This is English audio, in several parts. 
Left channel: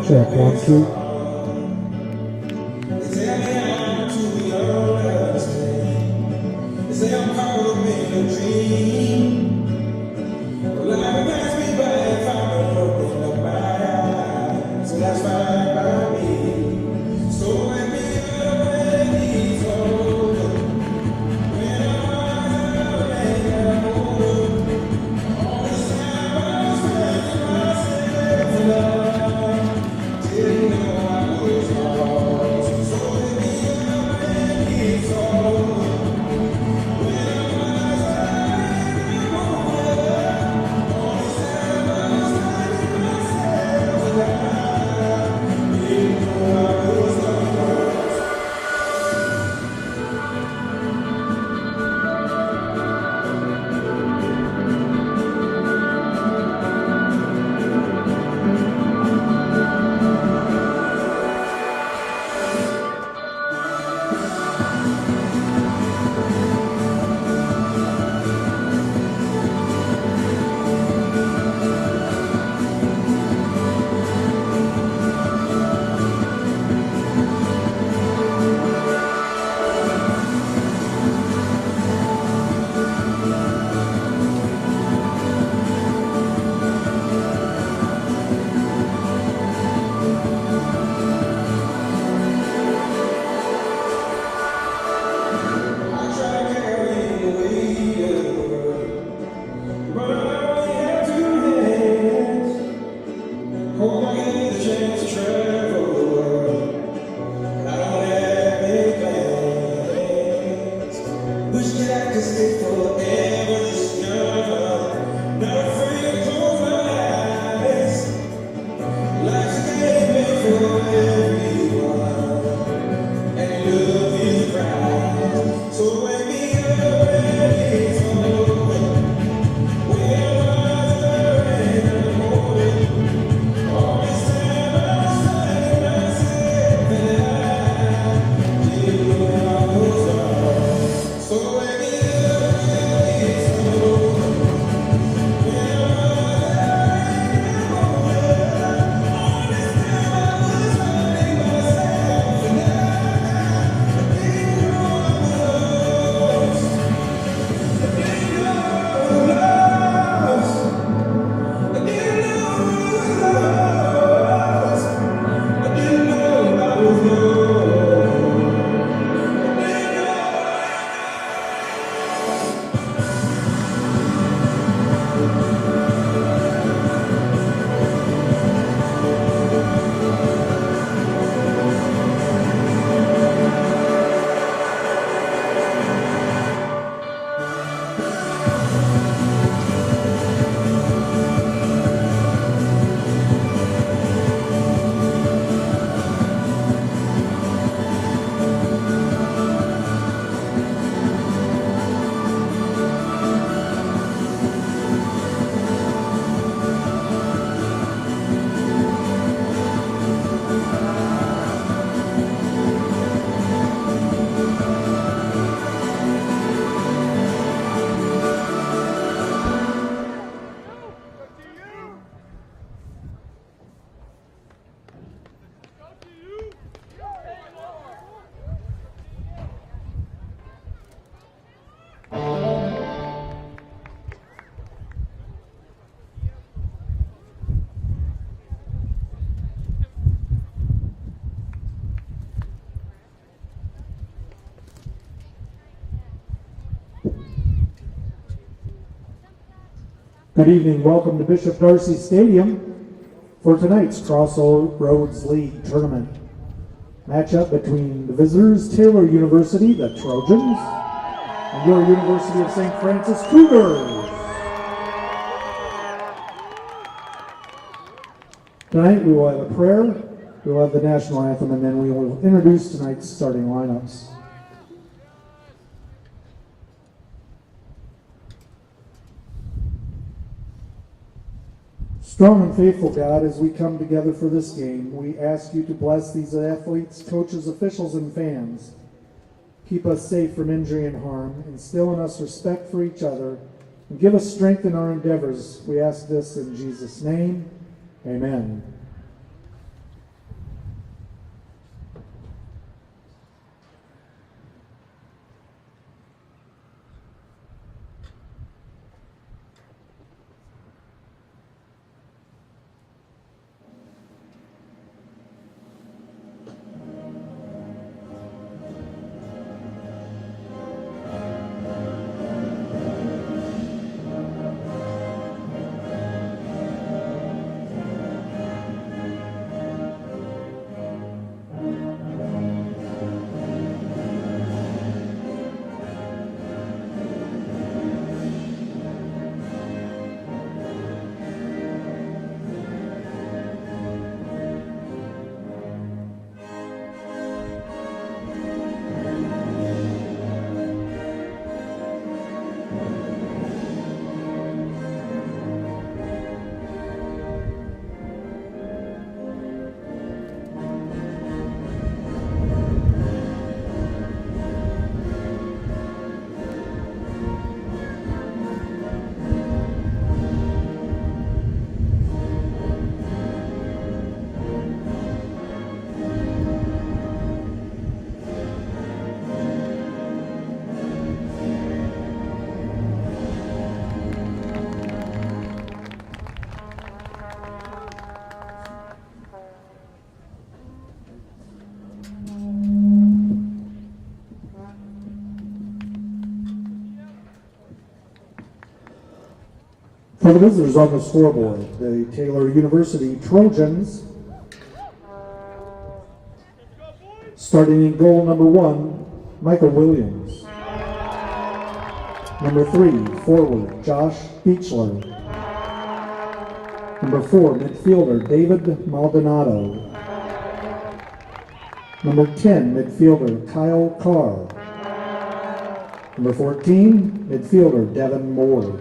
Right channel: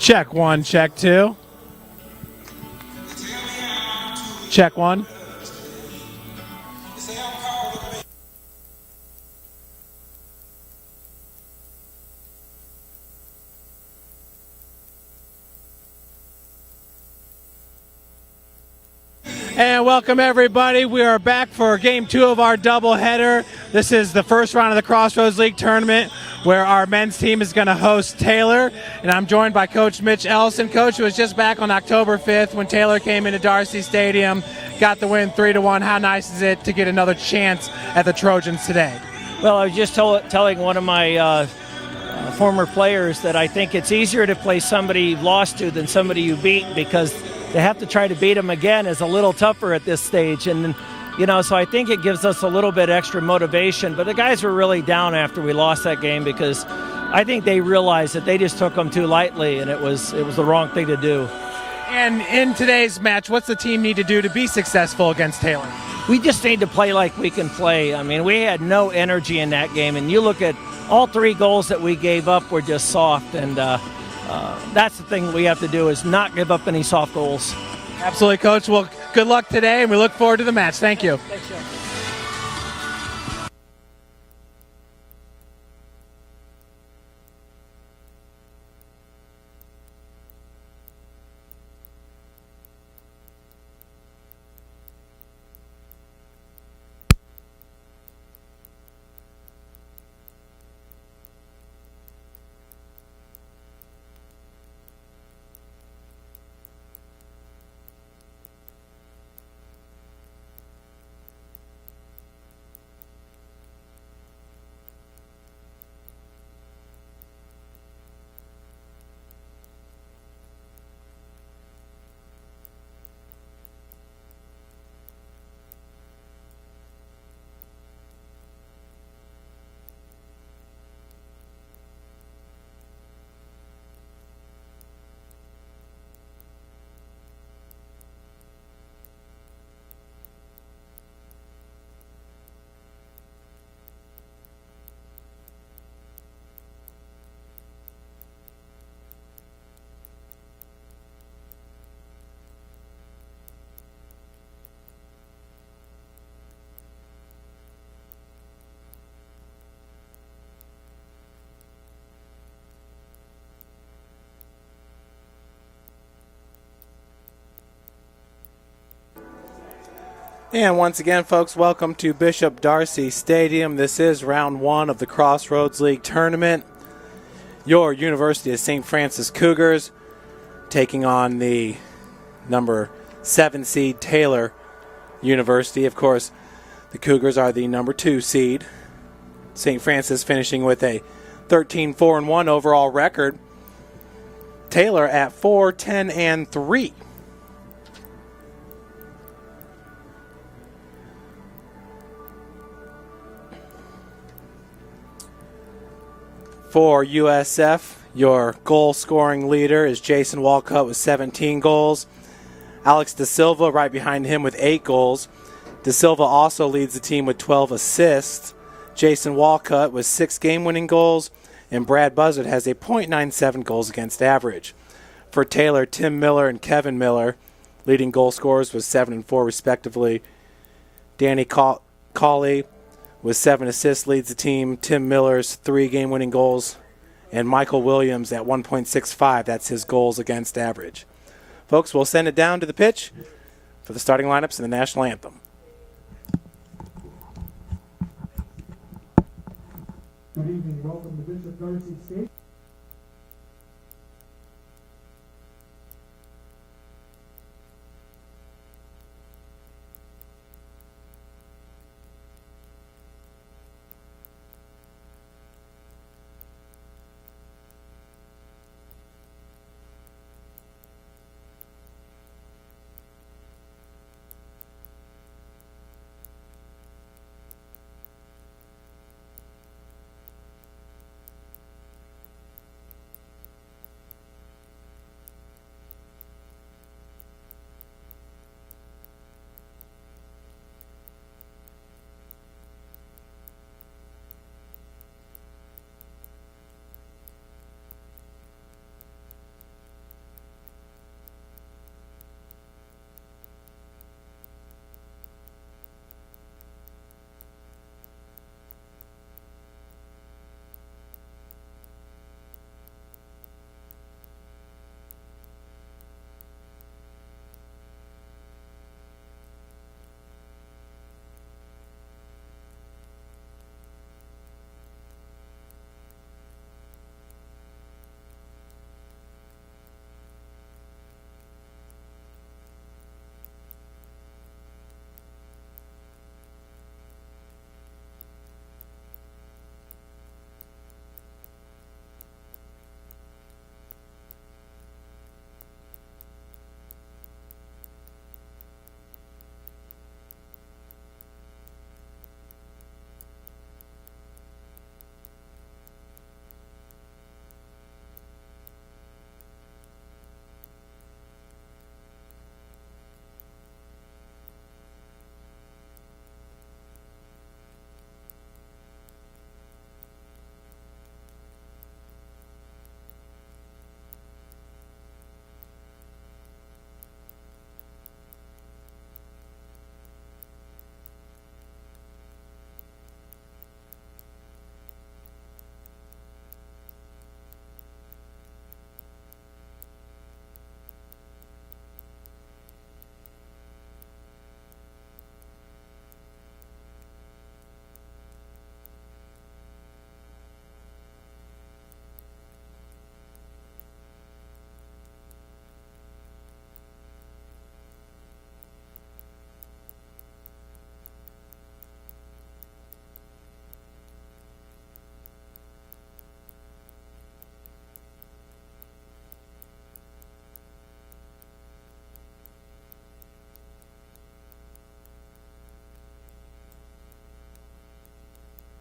Check one, check two. Check one. And welcome everybody. We are back for game 2 of our doubleheader. This is the first round of the Crossroads League tournament where our men's team is going to host Taylor. And I'm joined by Coach Mitch Ellison. Coach was just back on October 5th when Taylor came into Darcy Stadium, got the win 3-1. How nice is it to get another chance at the Trojans today? Well, I was just telling one of my former players that I think it's easier to play somebody you lost to than somebody you beat, because to have to try to beat them again is a little tougher at this stage. And you know, so I think it gives us a little bit extra motivation. But the guys were really down after we lost that game, because I think they realized that they just took them too lightly, and it was the wrong thing to do. And in today's match, what's the team need to do to be successful against Taylor? We just need to play like we can play. I mean, we had no energy in that game, and you look at all 3 goals that we gave up were just soft, and that's the thing we have to do, is not give up any soft goals. Absolutely, Coach. Well, good luck today, and we look forward to the match. Thank you. Once again, folks, welcome to Bishop Darcy Stadium. This is round 1 of the Crossroads League tournament. Your University of St. Francis Cougars taking on the number 7 seed Taylor University. Of course, the Cougars are the number 2 seed. St. Francis finishing with a 13-4-1 overall record. Taylor at 4-10-3. For USF, your goal-scoring leader is Jason Walcott with 17 goals. Alex De Silva right behind him with 8 goals. De Silva also leads the team with 12 assists. Jason Walcott with 6 game-winning goals. And Brad Buzzard has a .97 goals against average. For Taylor, Tim Miller and Kevin Miller, leading goal scorers with 7 and 4 respectively. Danny Cawley with 7 assists leads the team. Tim Miller's 3 game-winning goals. And Michael Williams at 1.65. That's his goals against average. Folks, we'll send it down to the pitch for the starting lineups and the national anthem. Good evening. Welcome to Bishop Darcy Stadium for tonight's Crossroads League tournament. Matchup between the visitors, Taylor University, the Trojans, and your University of St. Francis Cougars. Tonight we will have a prayer, we will have the national anthem, and then we will introduce tonight's starting lineups. Strong and faithful God, as we come together for this game, we ask you to bless these athletes, coaches, officials, and fans. Keep us safe from injury and harm, instill in us respect for each other, and give us strength in our endeavors. We ask this in Jesus' name. Amen. For the visitors on the scoreboard, the Taylor University Trojans, starting in goal number 1, Michael Williams. Number 3, forward, Josh Beechler. Number 4, midfielder, David Maldonado. Number 10, midfielder, Kyle Carr. Number 14, midfielder, Devin Moore.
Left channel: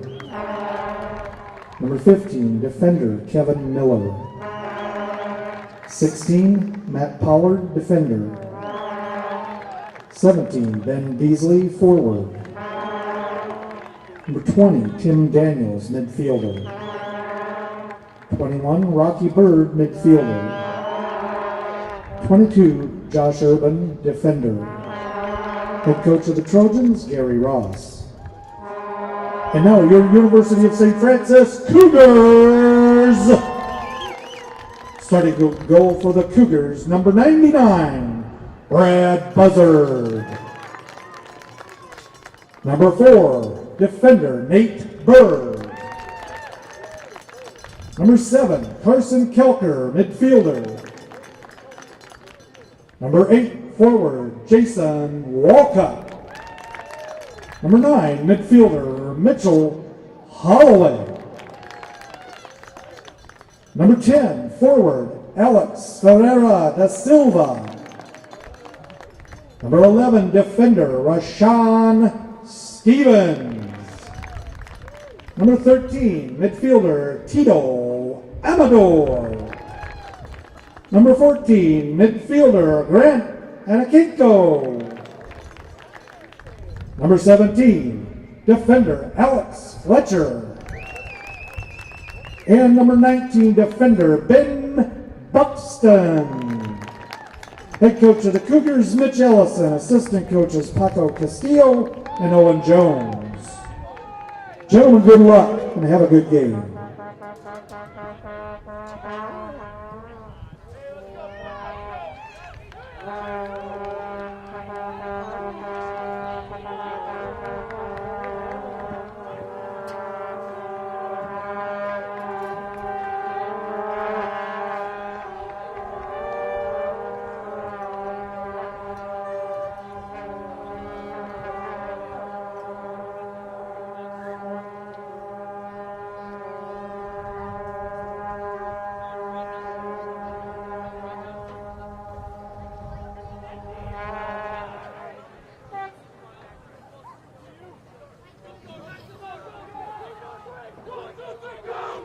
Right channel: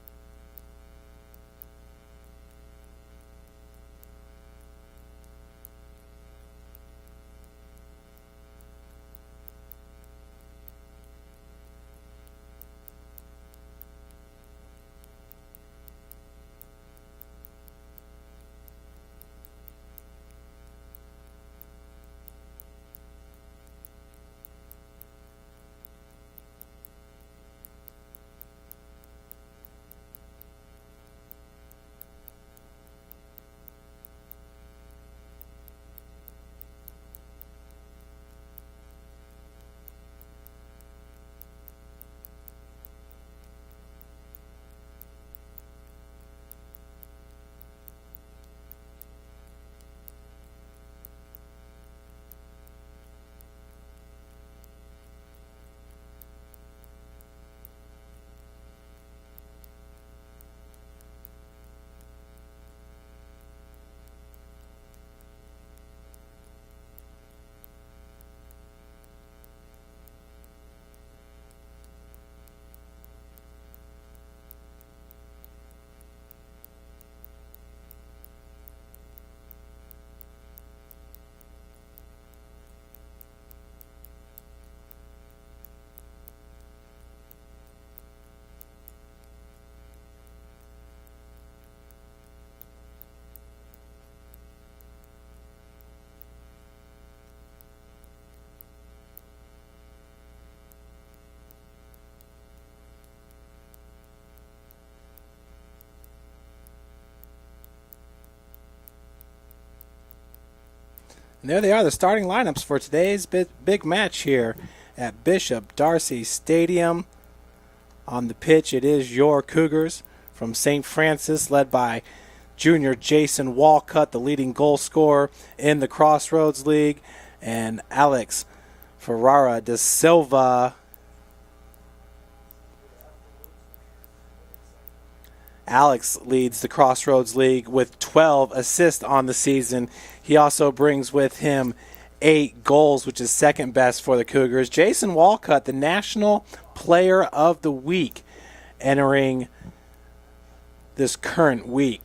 Number 15, defender, Kevin Miller. 16, Matt Pollard, defender. 17, Ben Beasley, forward. Number 20, Tim Daniels, midfielder. 21, Rocky Bird, midfielder. 22, Josh Urban, defender. Head coach of the Trojans, Gary Ross. And now your University of St. Francis Cougars. Starting to goal for the Cougars, number 99, Brad Buzzard. Number 4, defender, Nate Bird. Number 7, Carson Kelker, midfielder. Number 8, forward, Jason Walcott. Number 9, midfielder, Mitchell Holloway. Number 10, forward, Alex Ferreira da Silva. Number 11, defender, Rashawn Stevens. Number 13, midfielder, Tito Amador. Number 14, midfielder, Grant Anakinko. Number 17, defender, Alex Fletcher. And number 19, defender, Ben Buxton. Head coach of the Cougars, Mitch Ellison. Assistant coaches, Paco Castillo and Owen Jones. Gentlemen, good luck and have a good game. There they are, the starting lineups for today's big match here at Bishop Darcy Stadium. On the pitch, it is your Cougars from St. Francis, led by junior Jason Walcott, the leading goal scorer in the Crossroads League, and Alex Ferreira da Silva. Alex leads the Crossroads League with 12 assists on the season. He also brings with him 8 goals, which is second best for the Cougars. Jason Walcott, the National Player of the Week, entering this current week.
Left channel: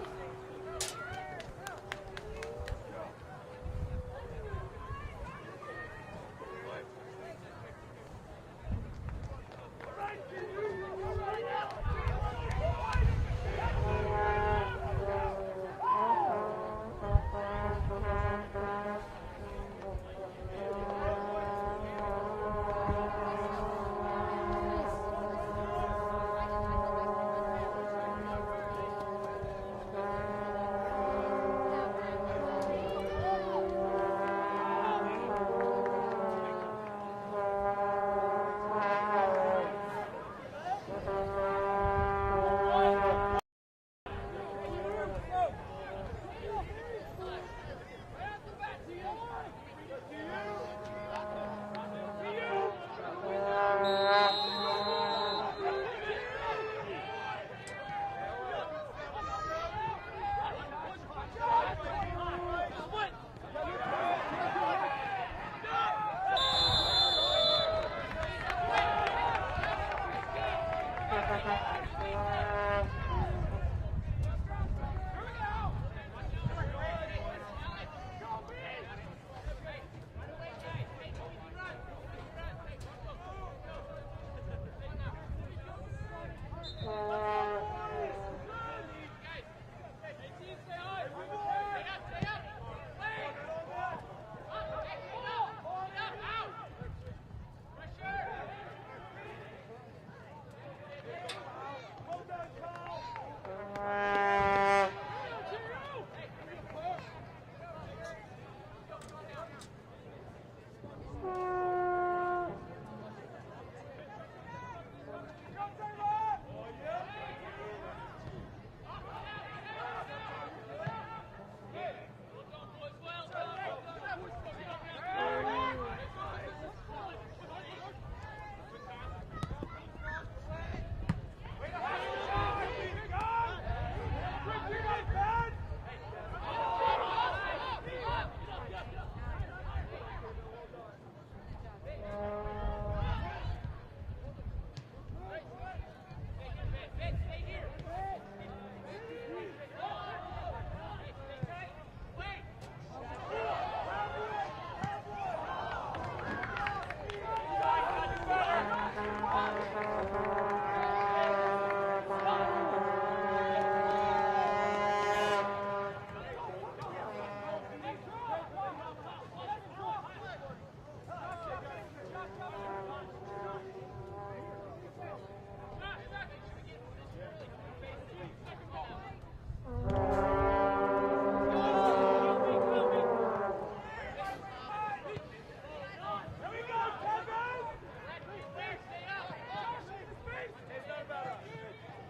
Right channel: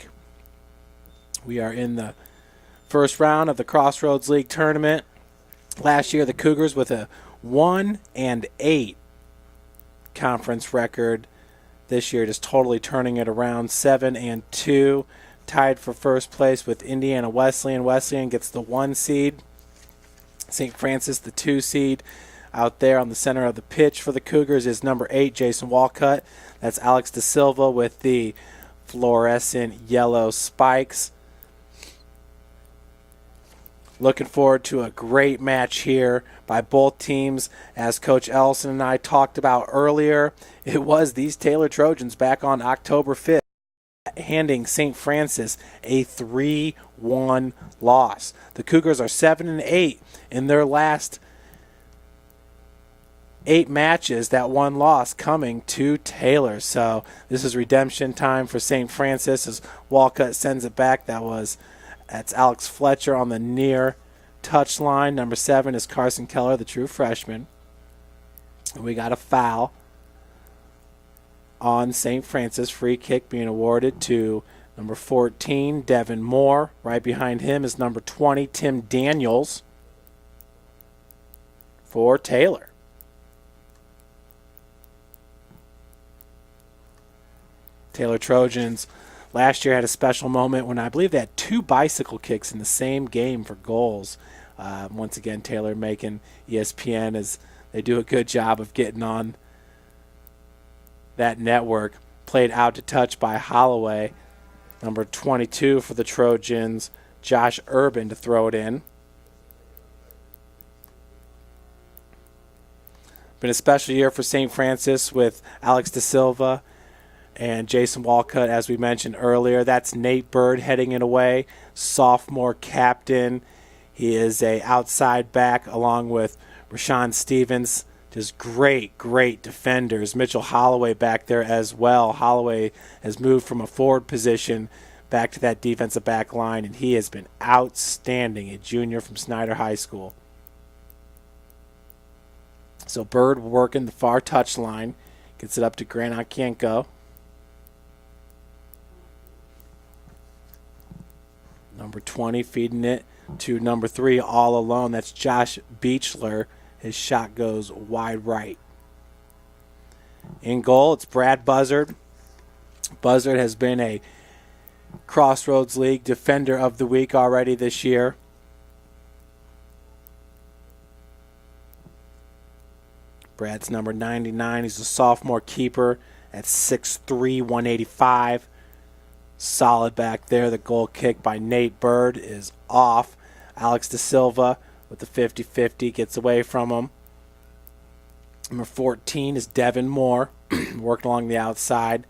We are in the first round of the Crossroads League tournament. Last year, the Cougars with a 1-8 conference record. This year, just totally turning it around, 7-2, tied for first place with Indiana Wesleyan. Wesleyan gets the 1 seed. St. Francis, the 2 seed. Out there on the center of the pitch for the Cougars is number 8, Jason Walcott. That's Alex De Silva with the fluorescent yellow spikes. Looking forward to a great match here by both teams. As Coach Ellison and I talked about earlier, it was these Taylor Trojans back on October 5th handing St. Francis a 3-1 loss. The Cougars are 7-8 in their last 8 matches, that 1 loss coming to Taylor. So this is redemption time for St. Francis as Walcott sends it back. That's Alex Fletcher on the near touch line. Number 7 is Carson Keller, the true freshman. And we got a foul on St. Francis. Free kick being awarded to number 14, Devin Moore. Right behind him is number 20, Tim Daniels for Taylor. Taylor Trojans last year had a special moment when I believe they had 2 bicycle kicks in the same game for goals. Once again, Taylor making ESPN as they do a good job of getting on that network. Played out to touch by Holloway. Number 22 for the Trojans, Josh Urban, to throw it in. Been a special year for St. Francis with Alex De Silva and Jason Walcott, as we mentioned earlier. That's Nate Bird heading it away, sophomore captain. He is a outside back along with Rashawn Stevens. Just great defenders. Mitchell Holloway back there as well. Holloway has moved from a forward position back to that defensive back line, and he has been outstanding, a junior from Snyder High School. So Bird working the far touch line. Gets it up to Grant Onkienko. Number 20 feeding it to number 3 all alone. That's Josh Beechler. His shot goes wide right. In goal, it's Brad Buzzard. Buzzard has been a Crossroads League Defender of the Week already this year. Brad's number 99. He's a sophomore keeper at 6'3", 185. Solid back there. The goal kick by Nate Bird is off. Alex De Silva with the 50-50 gets away from him. Number 14 is Devin Moore, working along the outside.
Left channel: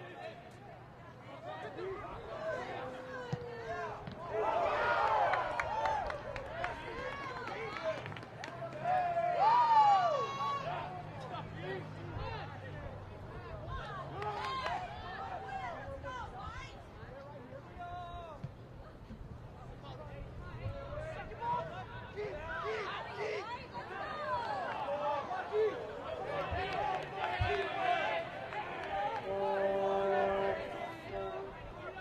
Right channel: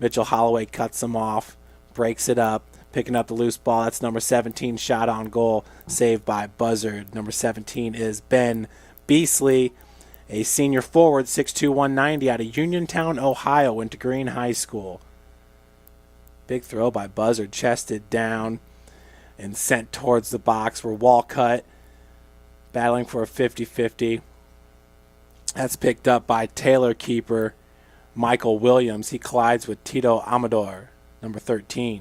Mitchell Holloway cuts him off, breaks it up, picking up the loose ball. That's number 17, shot on goal, saved by Buzzard. Number 17 is Ben Beasley, a senior forward, 6'2", 190, out of Uniontown, Ohio, went to Green High School. Big throw by Buzzard, chested down and sent towards the box where Walcott battling for a 50-50. That's picked up by Taylor keeper Michael Williams. He collides with Tito Amador, number 13.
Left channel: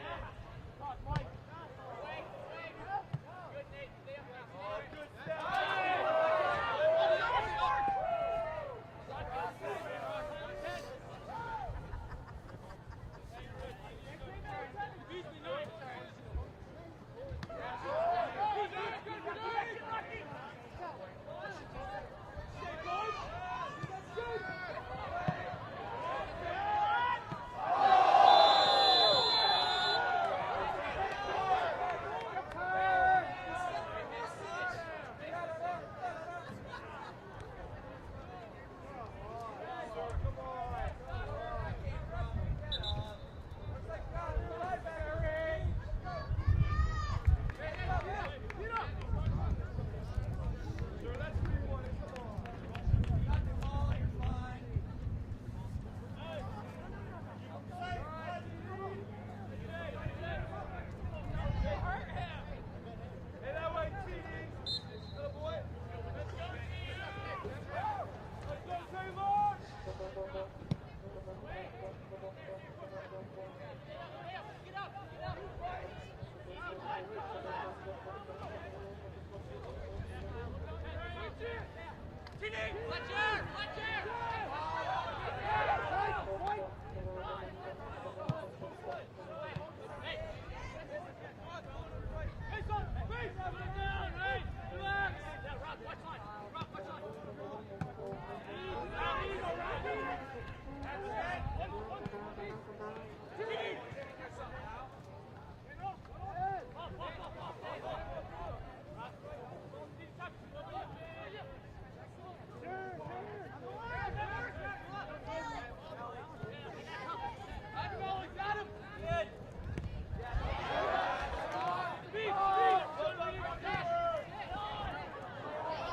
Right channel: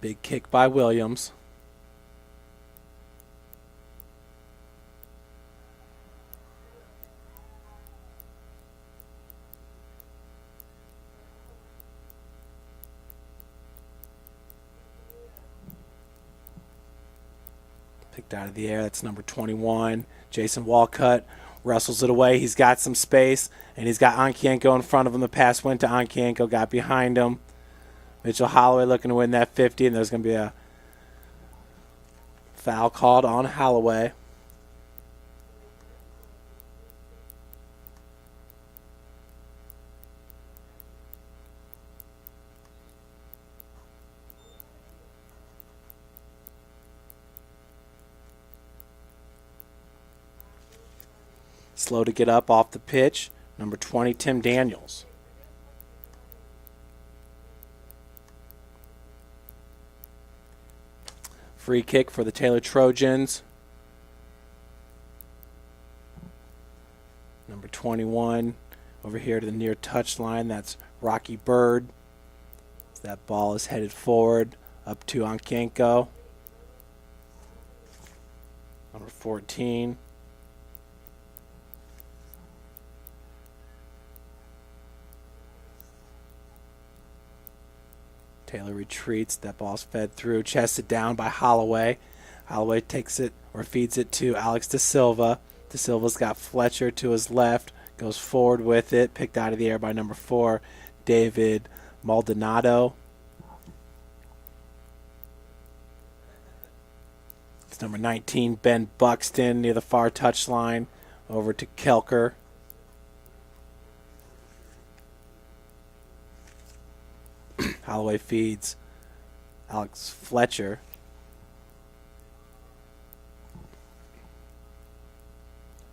Big kick by Williams. Out of the air, that's number 21. Jason Walcott wrestles it away. He's got some space, and he's got Onkienko in front of him. The pass went to Onkienko, got behind him. Mitchell Holloway looking to win that 50, and there's going to be a foul called on Holloway. Slow to get up off the pitch. number 20, Tim Daniels. Free kick for the Taylor Trojans. Number 21 over here to the near touchline. That's Rocky Bird. That ball is headed forward up to Onkienko. Number 14. Taylor retreats. That ball's fed through, chested down by Holloway. Holloway takes it or feeds it to Alex De Silva. De Silva's got Fletcher to his left, goes forward with it, picked out of the air by number 4, David Maldonado. It's number 19, Ben Buxton, near the far touchline, over to Kelker. Holloway feeds Alex Fletcher.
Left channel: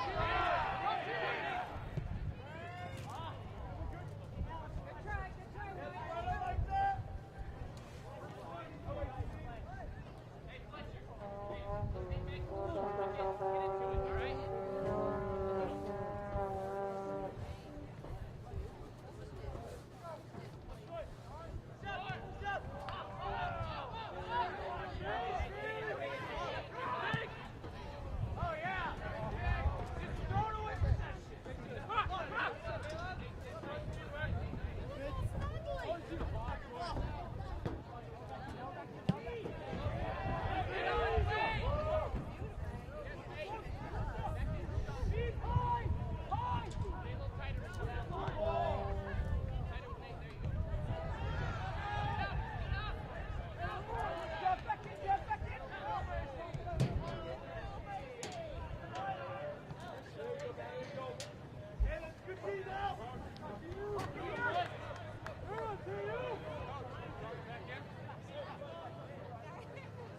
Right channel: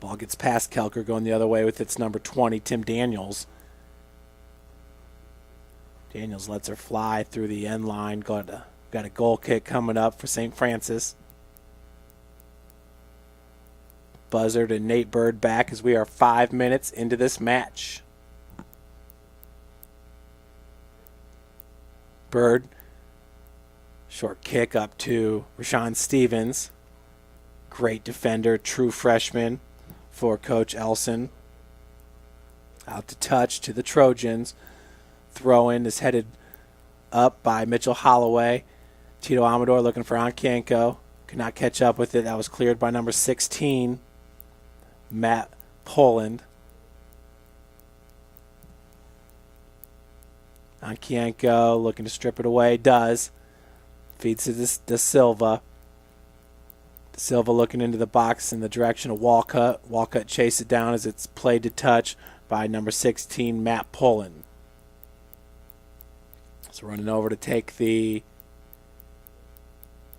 Ball gets past Kelker, going the other way with its number 20, Tim Daniels. Daniels lets her fly through the end line. Got a goal kick coming up for St. Francis. Buzzard and Nate Bird back as we are 5 minutes into this match. Bird, short kick up to Rashawn Stevens. Great defender, true freshman for Coach Elson. Out to touch to the Trojans. Throw in is headed up by Mitchell Holloway. Tito Amador looking for Onkienko. Could not catch up with it. That was cleared by number 16, Matt Poland. Onkienko looking to strip it away, does. Feeds to De Silva. De Silva looking into the box in the direction of Walcott. Walcott chases it down as it's played to touch by number 16, Matt Poland. So running over to take the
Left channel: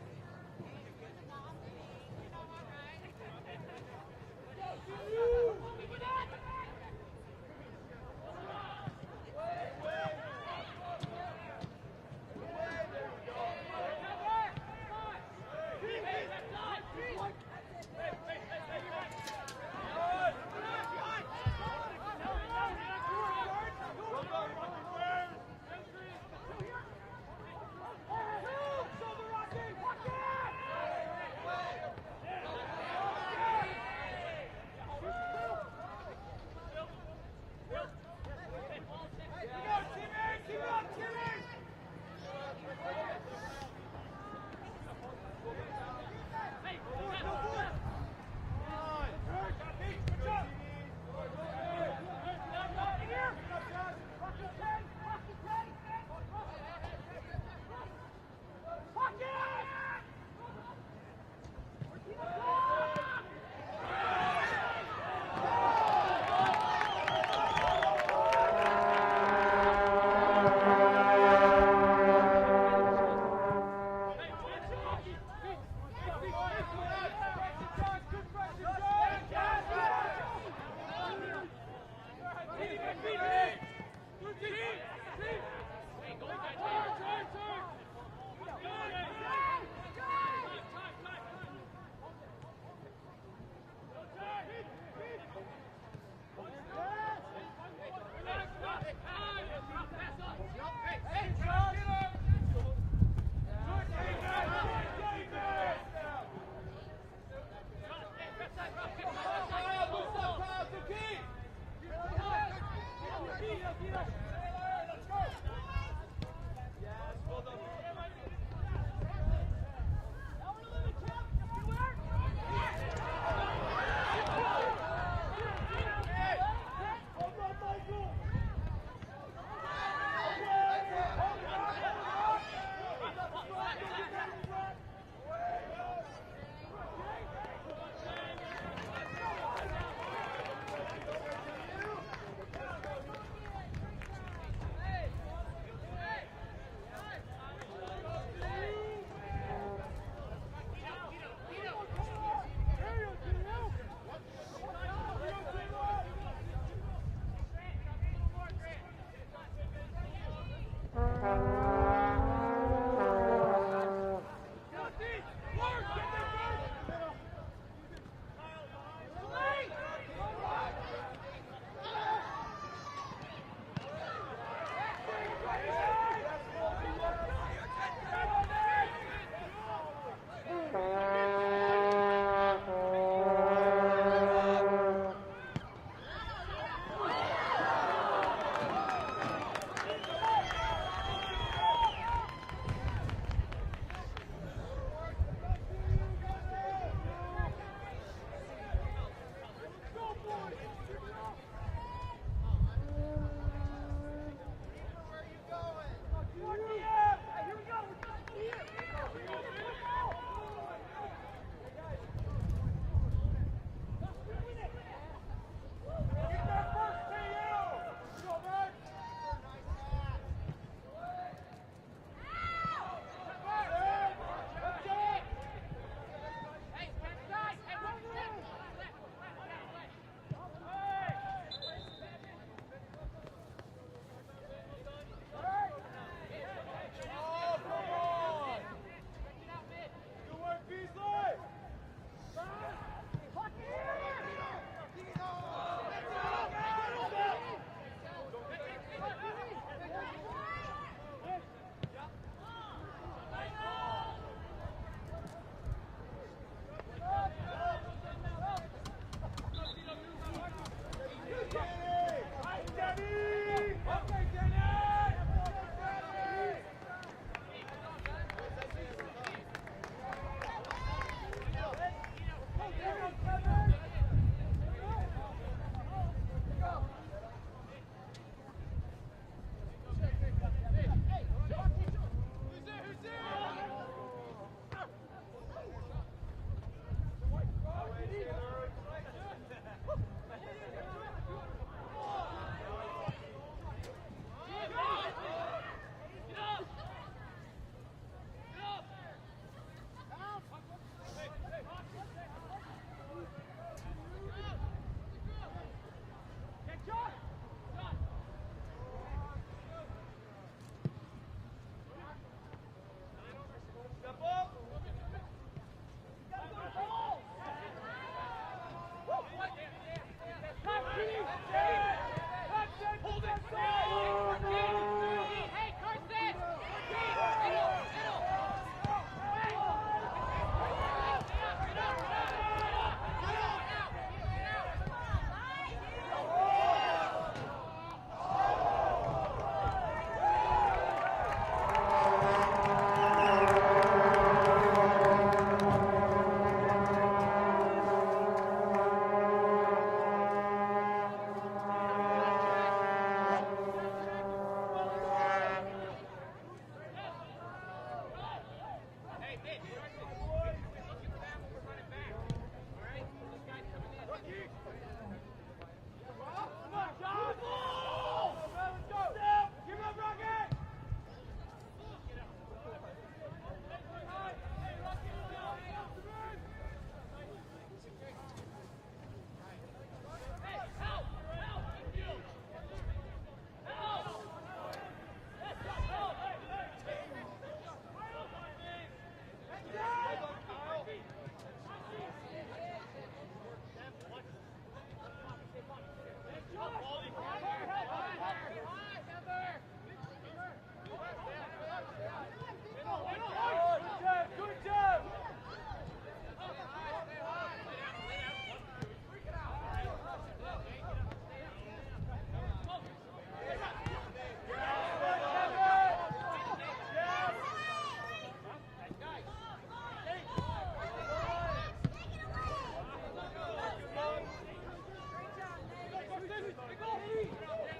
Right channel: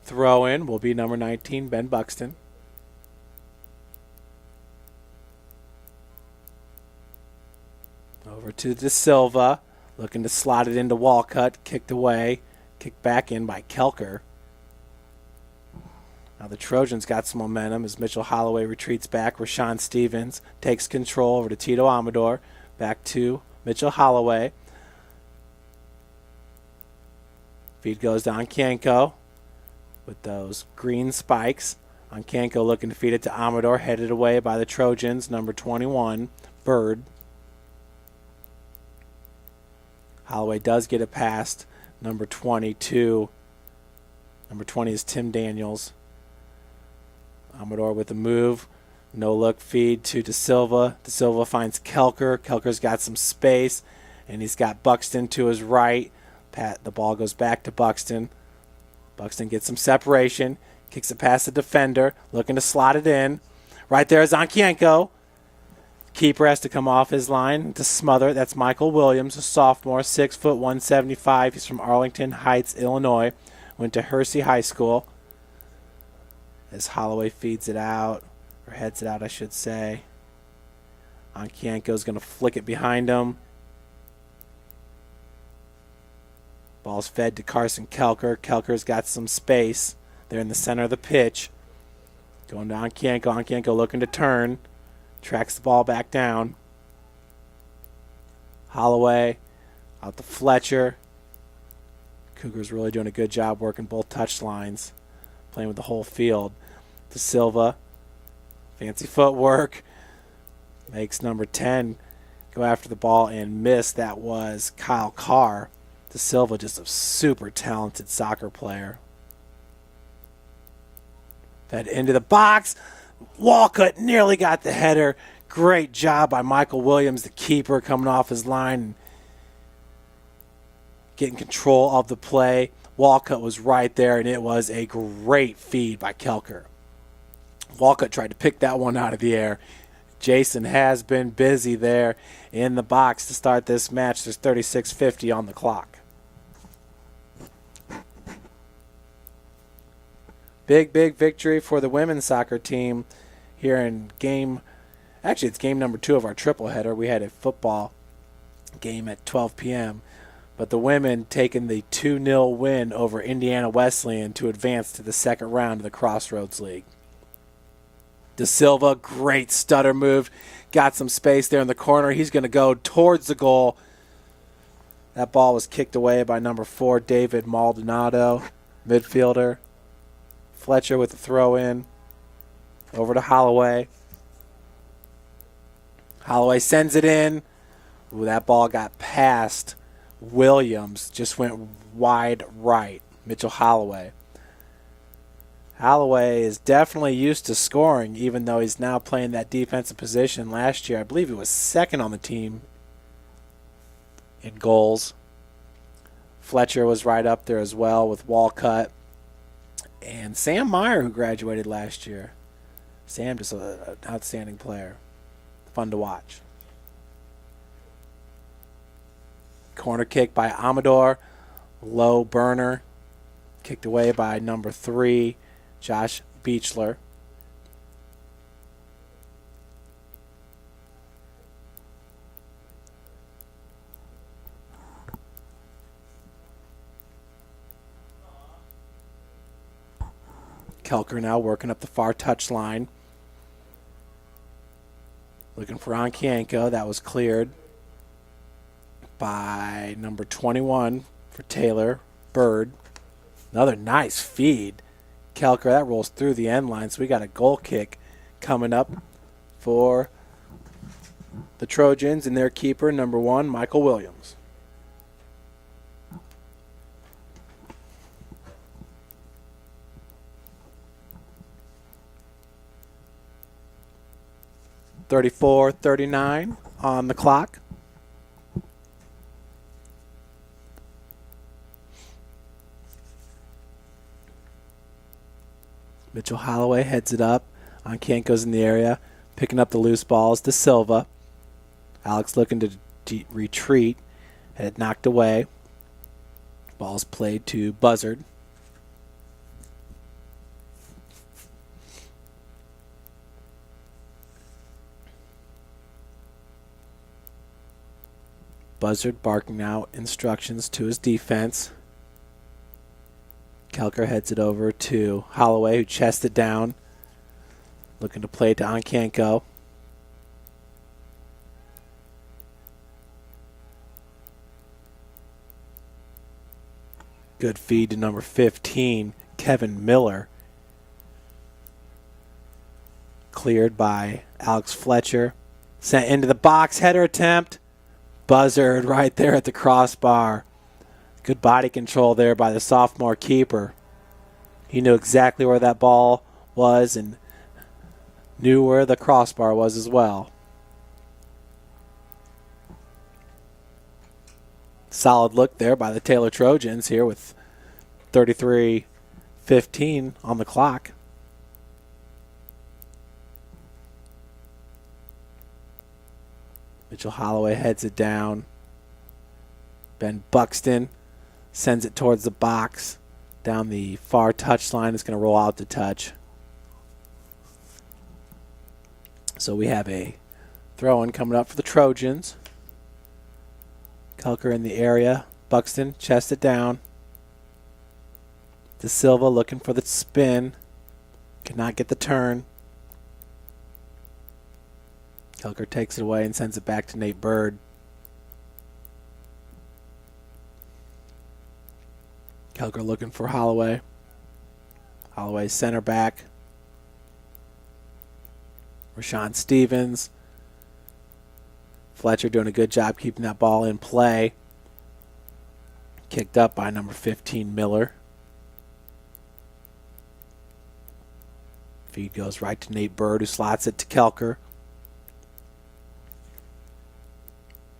throw in will be number 19, Ben Buxton. Over to De Silva. Looking to slot it into Walcott, kicked away, kicked back in by Kelker. Now the Trojans got some momentum as Mitchell Holloway retreats back. Rashawn Stevens takes control over to Tito Amador. Back to Mitchell Holloway. Feed goes to Onkienko with those green spikes. Onkienko looking to feed it to Amador, headed away by the Trojans, number 21, Bird. Holloway does get it past number 22. Number 20 is Tim Daniels. Amador with the move. No look feed to De Silva. De Silva finds Kelker. Kelker's got some space, and he's got Buxton to his right. The ball goes back to Buxton. Buxton gets some separation. Kicks it past the defender. Looking to slot it in. Right there is Onkienko. Keeper has to come off his line to smother it. That's Michael Williams, a sophomore, 6 foot 175. He's from Arlington Heights, Illinois. Went to Hersey High School. As Holloway feeds it out, or heads it out, I should say. Onkienko's going to flick it behind him. Ball's fed to Carson Kelker. Kelker's got some space. They're in the center of the pitch. Going to Onkienko. Onkienko looking to turn. Tracks the ball back down. Holloway out to Fletcher. Cougars really doing a good job working both touch lines, playing with the whole field. De Silva, fancy footwork. Makes number 10 go after the ball and miss. That was Kyle Carr. De Silva, just a super talented soccer player. Fed into the box. Walcott nearly got the header. Great job by Michael Williams, the keeper, coming off his line, getting control of the play. Walcott was right there, and it was a great feed by Kelker. Walcott tried to pick that one out of the air. Jason has been busy there in the box to start this match. There's 36:50 on the clock. Big victory for the women's soccer team here in game Actually, it's game number 2 of our triple header. We had a football game at 12 p.m. But the women taking the 2-0 win over Indiana Wesleyan to advance to the second round of the Crossroads League. De Silva, great stutter move. Got some space there in the corner. He's going to go towards the goal. That ball was kicked away by number 4, David Maldonado, midfielder. Fletcher with the throw in. Over to Holloway. Holloway sends it in. Ooh, that ball got past Williams. Just went wide right. Mitchell Holloway. Holloway is definitely used to scoring, even though he's now playing that defensive position. Last year, I believe he was second on the team in goals. Fletcher was right up there as well with Walcott. And Sam Meyer, who graduated last year. Sam, just an outstanding player. Fun to watch. Corner kick by Amador. Low burner. Kicked away by number 3, Josh Beechler. Kelker now working up the far touch line. Looking for Onkienko. That was cleared by number 21 for Taylor, Bird. Another nice feed. Kelker, that rolls through the end line, so we got a goal kick coming up for the Trojans and their keeper, number 1, Michael Williams. .34-39 on the clock. Mitchell Holloway heads it up. Onkienko's in the area, picking up the loose balls to Silva. Alex looking to retreat. Had it knocked away. Ball's played to Buzzard. Buzzard barking out instructions to his defense. Kelker heads it over to Holloway, who chests it down. Looking to play to Onkienko. Good feed to number 15, Kevin Miller. Cleared by Alex Fletcher. Sent into the box, header attempt. Buzzard right there at the crossbar. Good body control there by the sophomore keeper. He knew exactly where that ball was and knew where the crossbar was as well. Solid look there by the Taylor Trojans here with 33:15 on the clock. Mitchell Holloway heads it down. Ben Buxton sends it towards the box. Down the far touchline. It's going to roll out to touch. So we have a throw-in coming up for the Trojans. Kelker in the area. Buxton chests it down. De Silva looking for the spin. Could not get the turn. Kelker takes it away and sends it back to Nate Bird. Kelker looking for Holloway. Holloway center back. Rashawn Stevens. Fletcher doing a good job keeping that ball in play. Kicked up by number 15, Miller. Feed goes right to Nate Bird, who slots it to Kelker.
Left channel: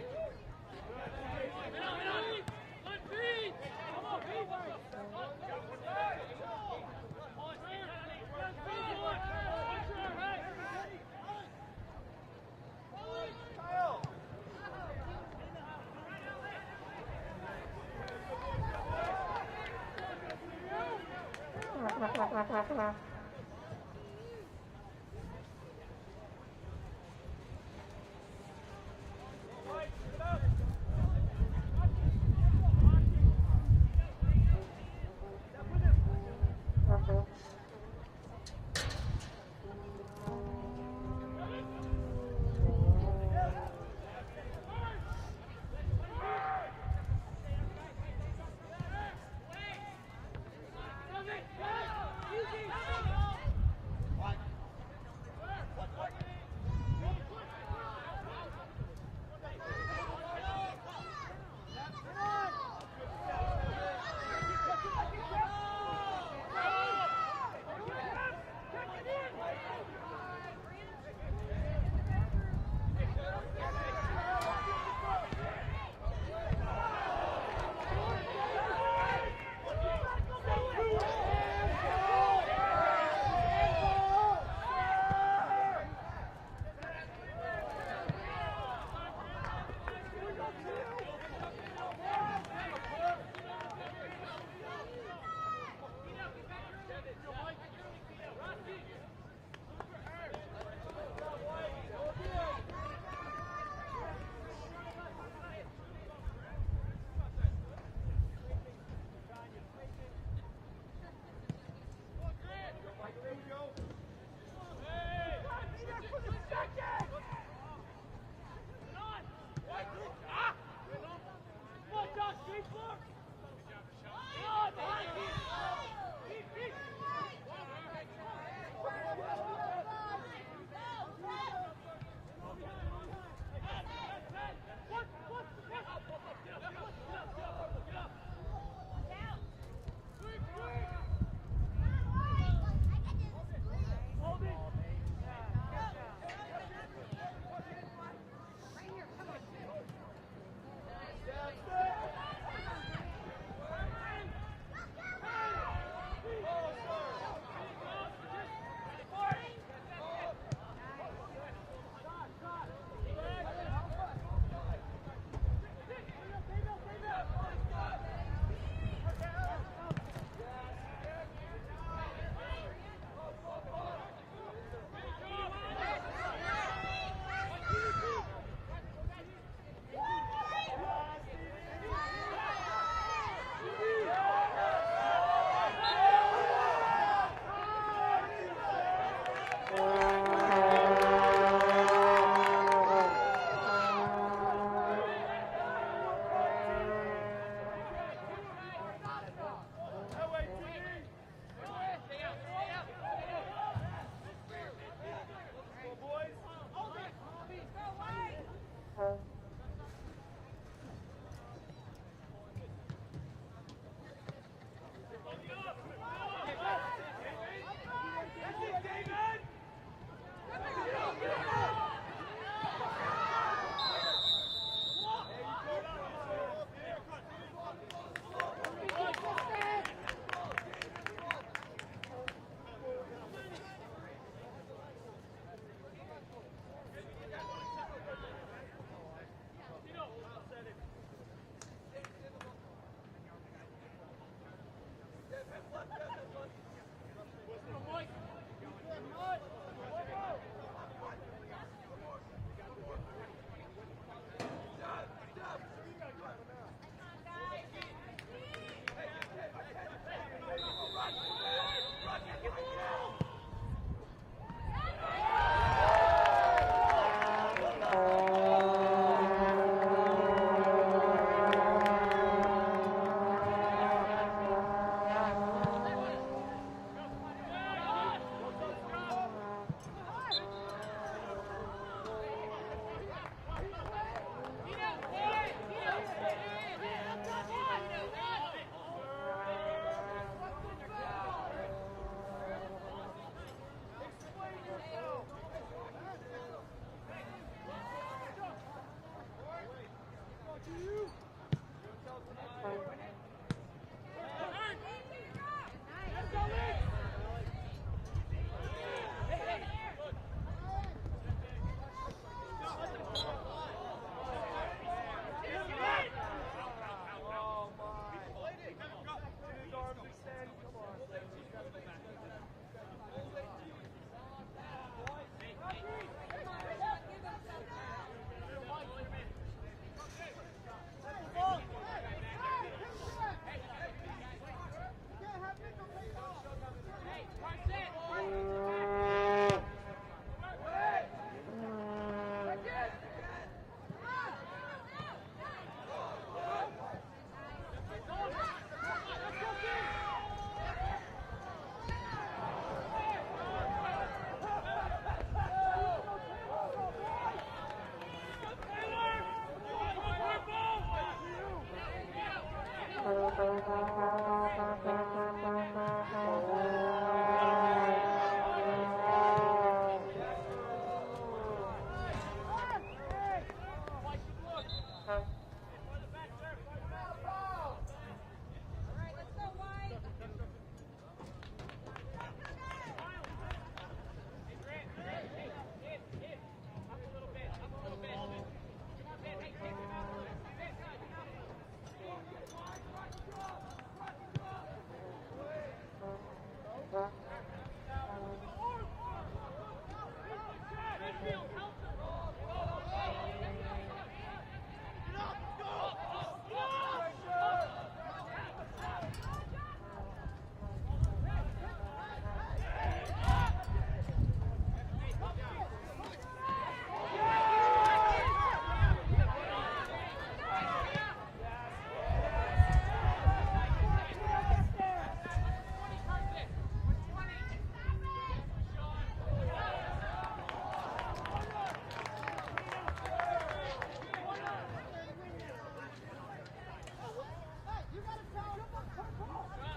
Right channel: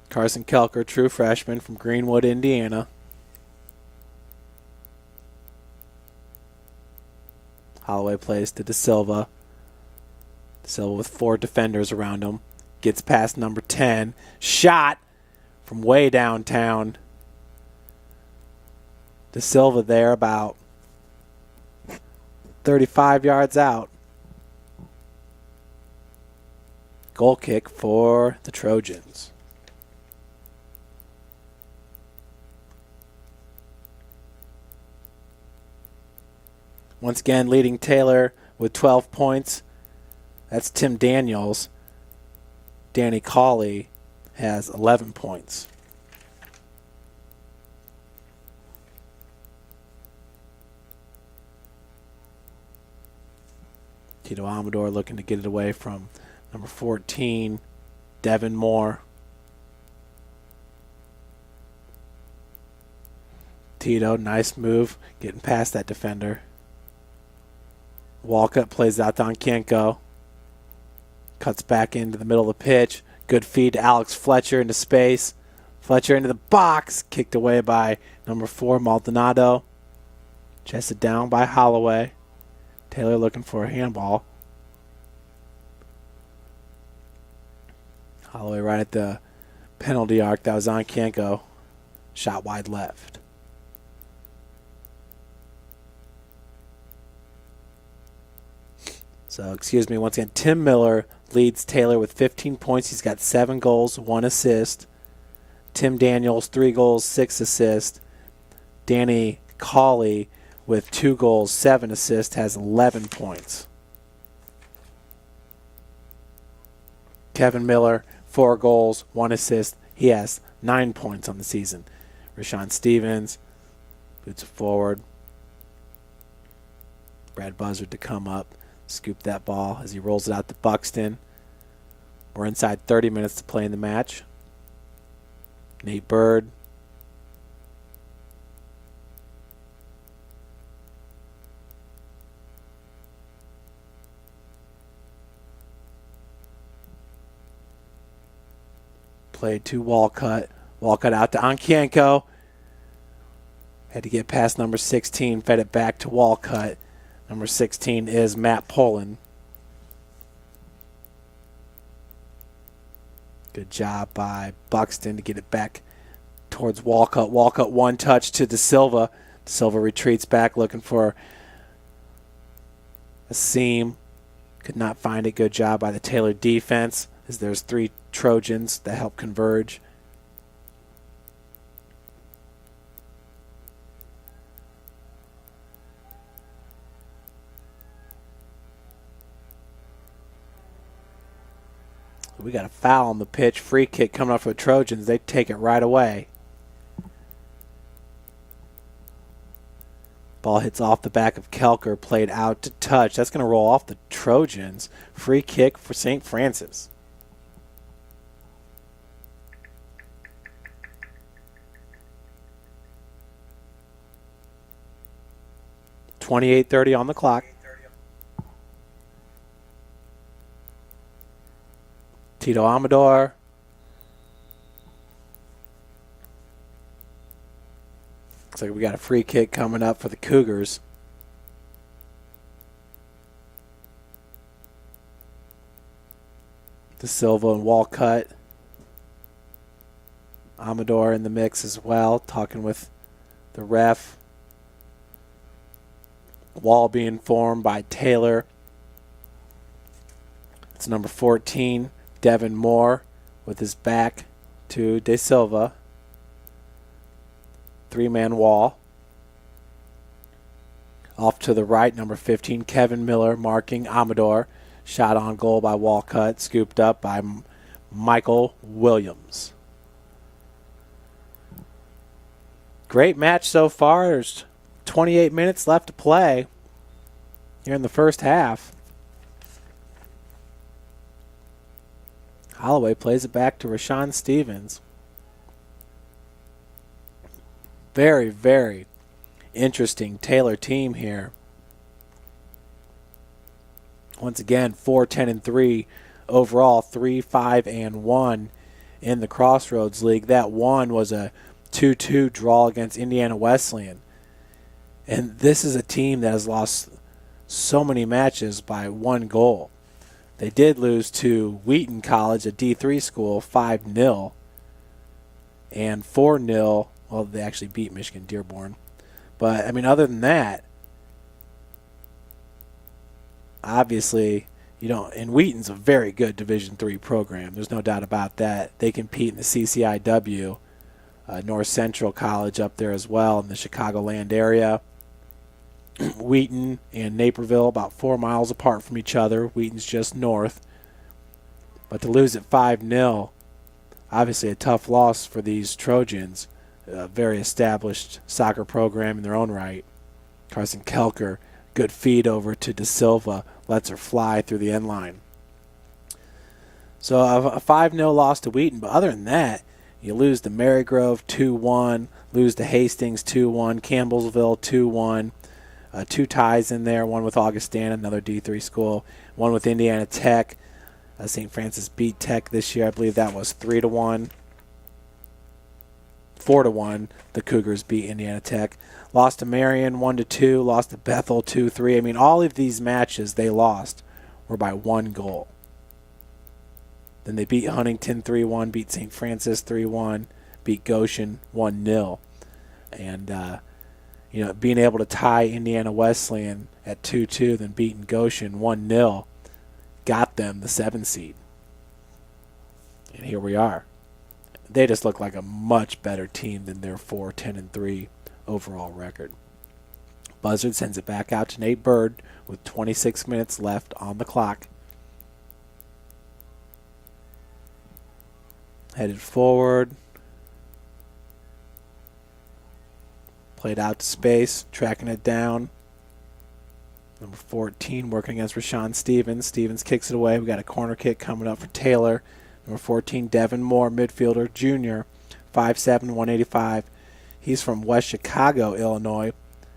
Carson Kelker, true freshman from Greenwood, Indiana. Holloway plays to De Silva. Silva with 4 defenders around him. Gets past number 10. Shot from way downtown. De Silva there about 35 yards out. Goal kick for the Trojans. Once again, leading Taylor with 12 points. That's Tim Daniels. Danny Cawley has 11 points. Tito Amador looking to get it away from number 14, Devin Moore. Tito, nice move, getting past that defender. Walcott plays out to Onkenko. Cuts back into the middle of the pitch. Good feed to Alex Fletcher into space. Fletcher into the box. Kicked away by number 4, Maldonado. Chested down by Holloway. Taylor looking for a handball. Holloway right at the penalty arc. That was Onkenko. Shot wide left. So, excuse me, once again, Tim Miller leads Taylor with 15 points. He's got 7 goals, 1 assist. Tim Daniels, 3 goals, 6 assists. Danny Cawley with 2 goals, 7 assists, has 11 points. Kevin Miller, 4 goals, 1 assist. He has 9 points on the season. Rashawn Stevens boots it forward. Brad Buzzard to come up. Scoop that ball as he rolls it out to Buxton. We're inside 30 minutes to play in the match. Nate Bird. Played to Walcott. Walcott out to Onkenko. Had to get past number 16, fed it back to Walcott. Number 16 is Matt Poland. Good job by Buxton to get it back towards Walcott. Walcott one touch to De Silva. Silva retreats back looking for a seam. Could not find it. Good job by the Taylor defense as there's 3 Trojans that help converge. We got a foul on the pitch. Free kick coming up for the Trojans. They take it right away. Ball hits off the back of Kelker, played out to touch. That's going to roll off the Trojans. Free kick for St. Francis. .28:30 on the clock. Tito Amador. Looks like we got a free kick coming up for the Cougars. De Silva and Walcott. Amador in the mix as well, talking with the ref. Wall being formed by Taylor. It's number 14. Devin Moore with his back to De Silva. 3-man wall. Off to the right, number 15, Kevin Miller marking Amador. Shot on goal by Walcott, scooped up by Michael Williams. Great match so far. There's 28 minutes left to play here in the first half. Holloway plays it back to Rashawn Stevens. Very, very interesting Taylor team here. Once again, 4-10-3 overall, 3-5-1 in the Crossroads League. That one was a 2-2 draw against Indiana Wesleyan. And this is a team that has lost so many matches by 1 goal. They did lose to Wheaton College, a D3 school, 5-0. And 4-0. Well, they actually beat Michigan Dearborn. But, I mean, other than that, obviously, And Wheaton's a very good Division III program. There's no doubt about that. They compete in the CCIW, North Central College up there as well in the Chicagoland area. Wheaton and Naperville about 4 miles apart from each other. Wheaton's just north. But to lose at 5-0, obviously a tough loss for these Trojans. A very established soccer program in their own right. Carson Kelker, good feed over to De Silva, lets her fly through the end line. So a 5-0 loss to Wheaton, but other than that, you lose to Marygrove 2-1, lose to Hastings 2-1, Campbellsville 2-1. 2 ties in there, one with Augustana, another D3 school, one with Indiana Tech. St. Francis beat Tech this year. I believe that was 3-1. 4-1, the Cougars beat Indiana Tech. Lost to Marion 1-2, lost to Bethel 2-3. I mean, all of these matches they lost were by 1 goal. Then they beat Huntington 3-1, beat St. Francis 3-1, beat Goshen 1-0. And, being able to tie Indiana Wesleyan at 2-2, then beating Goshen 1-0, got them the 7 seed. And here we are. They just look like a much better team than their 4-10-3 overall record. Buzzard sends it back out to Nate Bird with 26 minutes left on the clock. Headed forward. Played out to space, tracking it down. Number 14 working against Rashawn Stevens. Stevens kicks it away. We got a corner kick coming up for Taylor. Number 14, Devin Moore, midfielder, junior, 5'7", 185. He's from West Chicago, Illinois.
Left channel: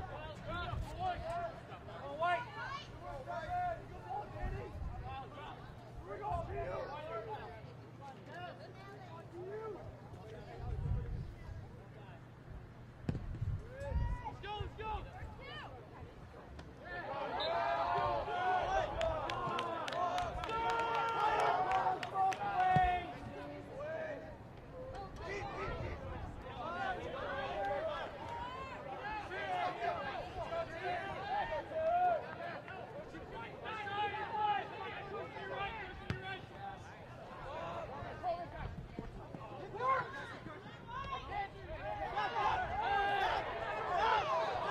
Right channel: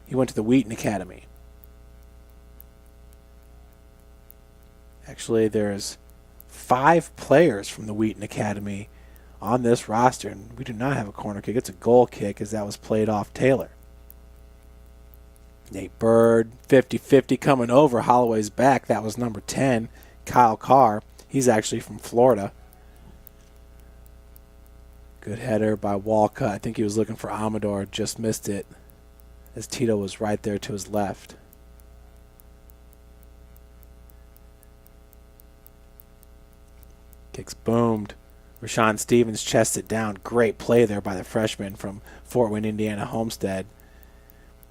He went to the Wheaton Academy. Actually, there's 5 players from the Wheaton Academy on this roster, and we do not have a corner kick. It's a goal kick, as that was played off Taylor. Nate Bird, 50-50 coming over. Holloway's back. That was number 10, Kyle Carr. He's actually from Florida. Good header by Walcott. I think he was looking for Amador, just missed it, as Tito was right there to his left. Kicks boomed. Rashawn Stevens chests it down. Great play there by the freshman from Fort Wayne, Indiana, Homestead.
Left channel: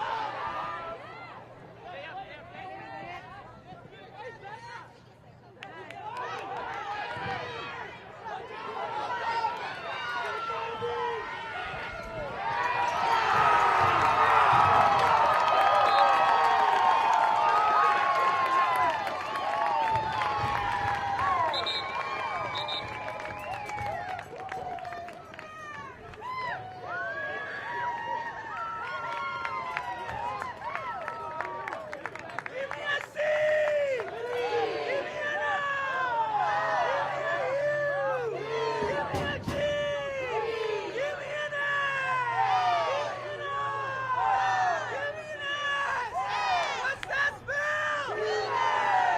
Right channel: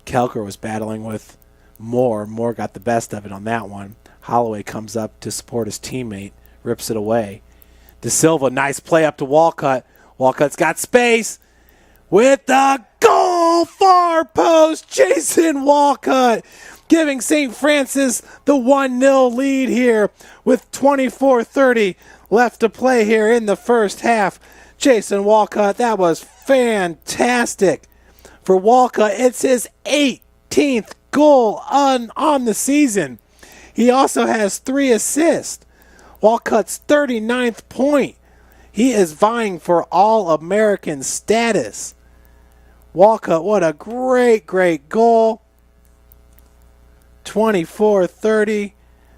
Kelker was battling with Moore. Moore got the best of it on that one. Holloway comes up to support his teammate, rips it away. De Silva, nice play up to Walcott. Walcott's got space with the goal, far post. Jason Walcott giving St. Francis the 1-0 lead here with 24:30 left to play here in the first half. Jason Walcott, that was fantastic. For Walcott, it's his 18th goal on the season. He also has 3 assists. Walcott's 39th point. He is vying for All-American status. Walcott, what a great, great goal. 24:30,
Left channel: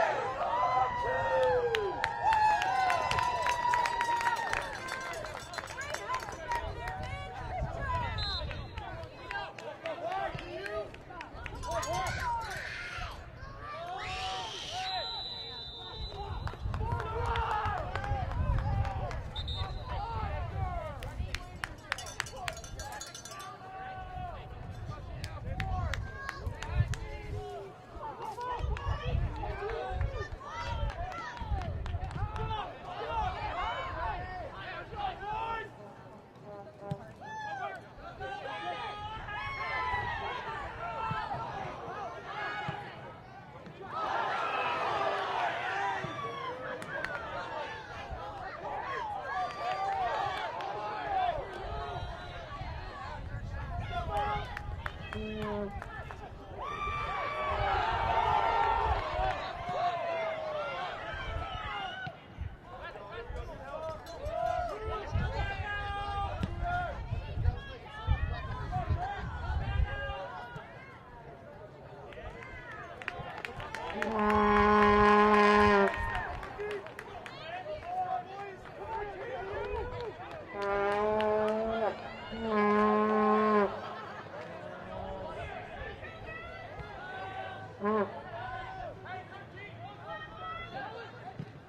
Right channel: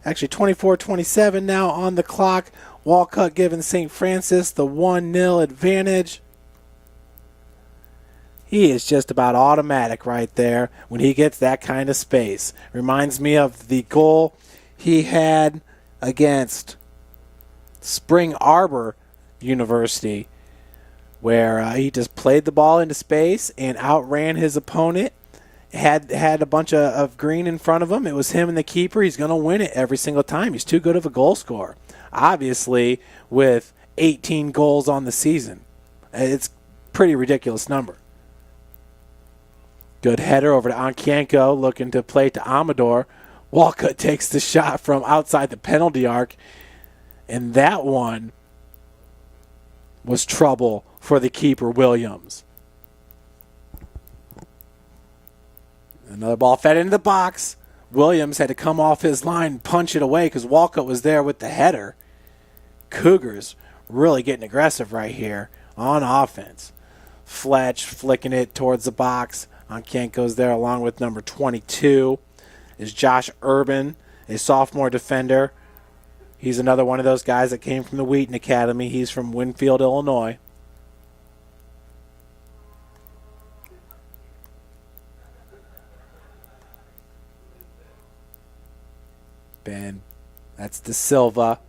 actually 24:27 now on the clock. Walcott giving St. Francis the 1-0 advantage. He is just about automatic right there when he gets that kind of space. Reminds me of the goal he had against Spring Arbor University, where he just played the ball into space and outran his opponent. Had a bunch of green in front of him. It was him and the keeper. He's going to win it every single time. He's too good of a goal scorer. Obviously, with 18 goals on the season, it's a pretty ridiculous number. Good header over to Ankienko, looking to play to Amador. Walcott takes the shot from outside the penalty arc, and that one was trouble for the keeper, Williams. Another ball fed into the box. Williams had to come off his line and punch it away because Walcott was there with the header. Cougars really getting aggressive right here on offense. Fletch flicking it towards the box. Ankienko's there along with number 22. There's Josh Urban, a sophomore defender. He's another one of those guys that came from the Wheaton Academy. He's from Winfield, Illinois. It's De Silva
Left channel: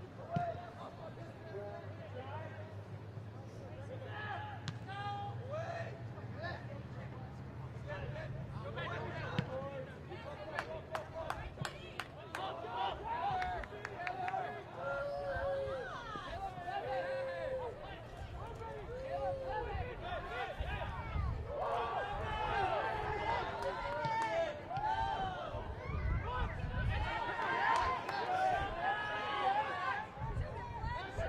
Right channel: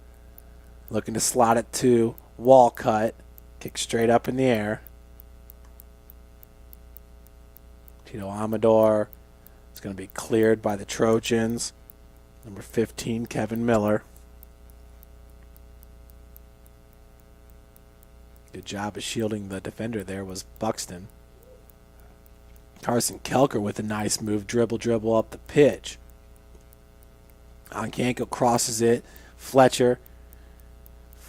looking to slot it to Walcott. Kick straight up in the air. Tito Amador. It's going to be cleared by the Trojans. Number 15, Kevin Miller. Good job of shielding the defender there was Buxton. Carson Kelker with a nice move, dribble up the pitch. Onkanko crosses it. Fletcher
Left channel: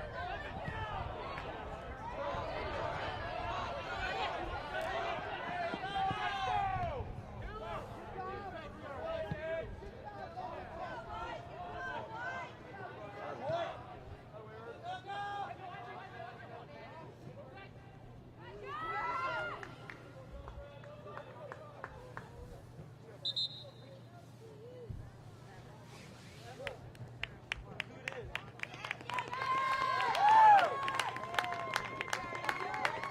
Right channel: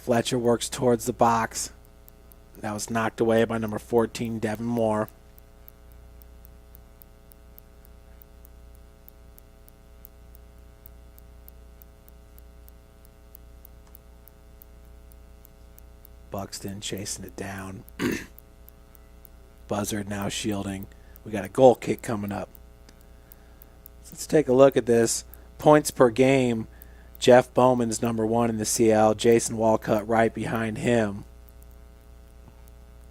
works towards the box. That was knocked away by number 14, Devin Moore. Buxton chasing it down. Buzzard now shielding. We got a goal kick coming up. Let's take a look at this. Points per game. Jeff Bowman's number 1 in the CL. Jason Walcott right behind him.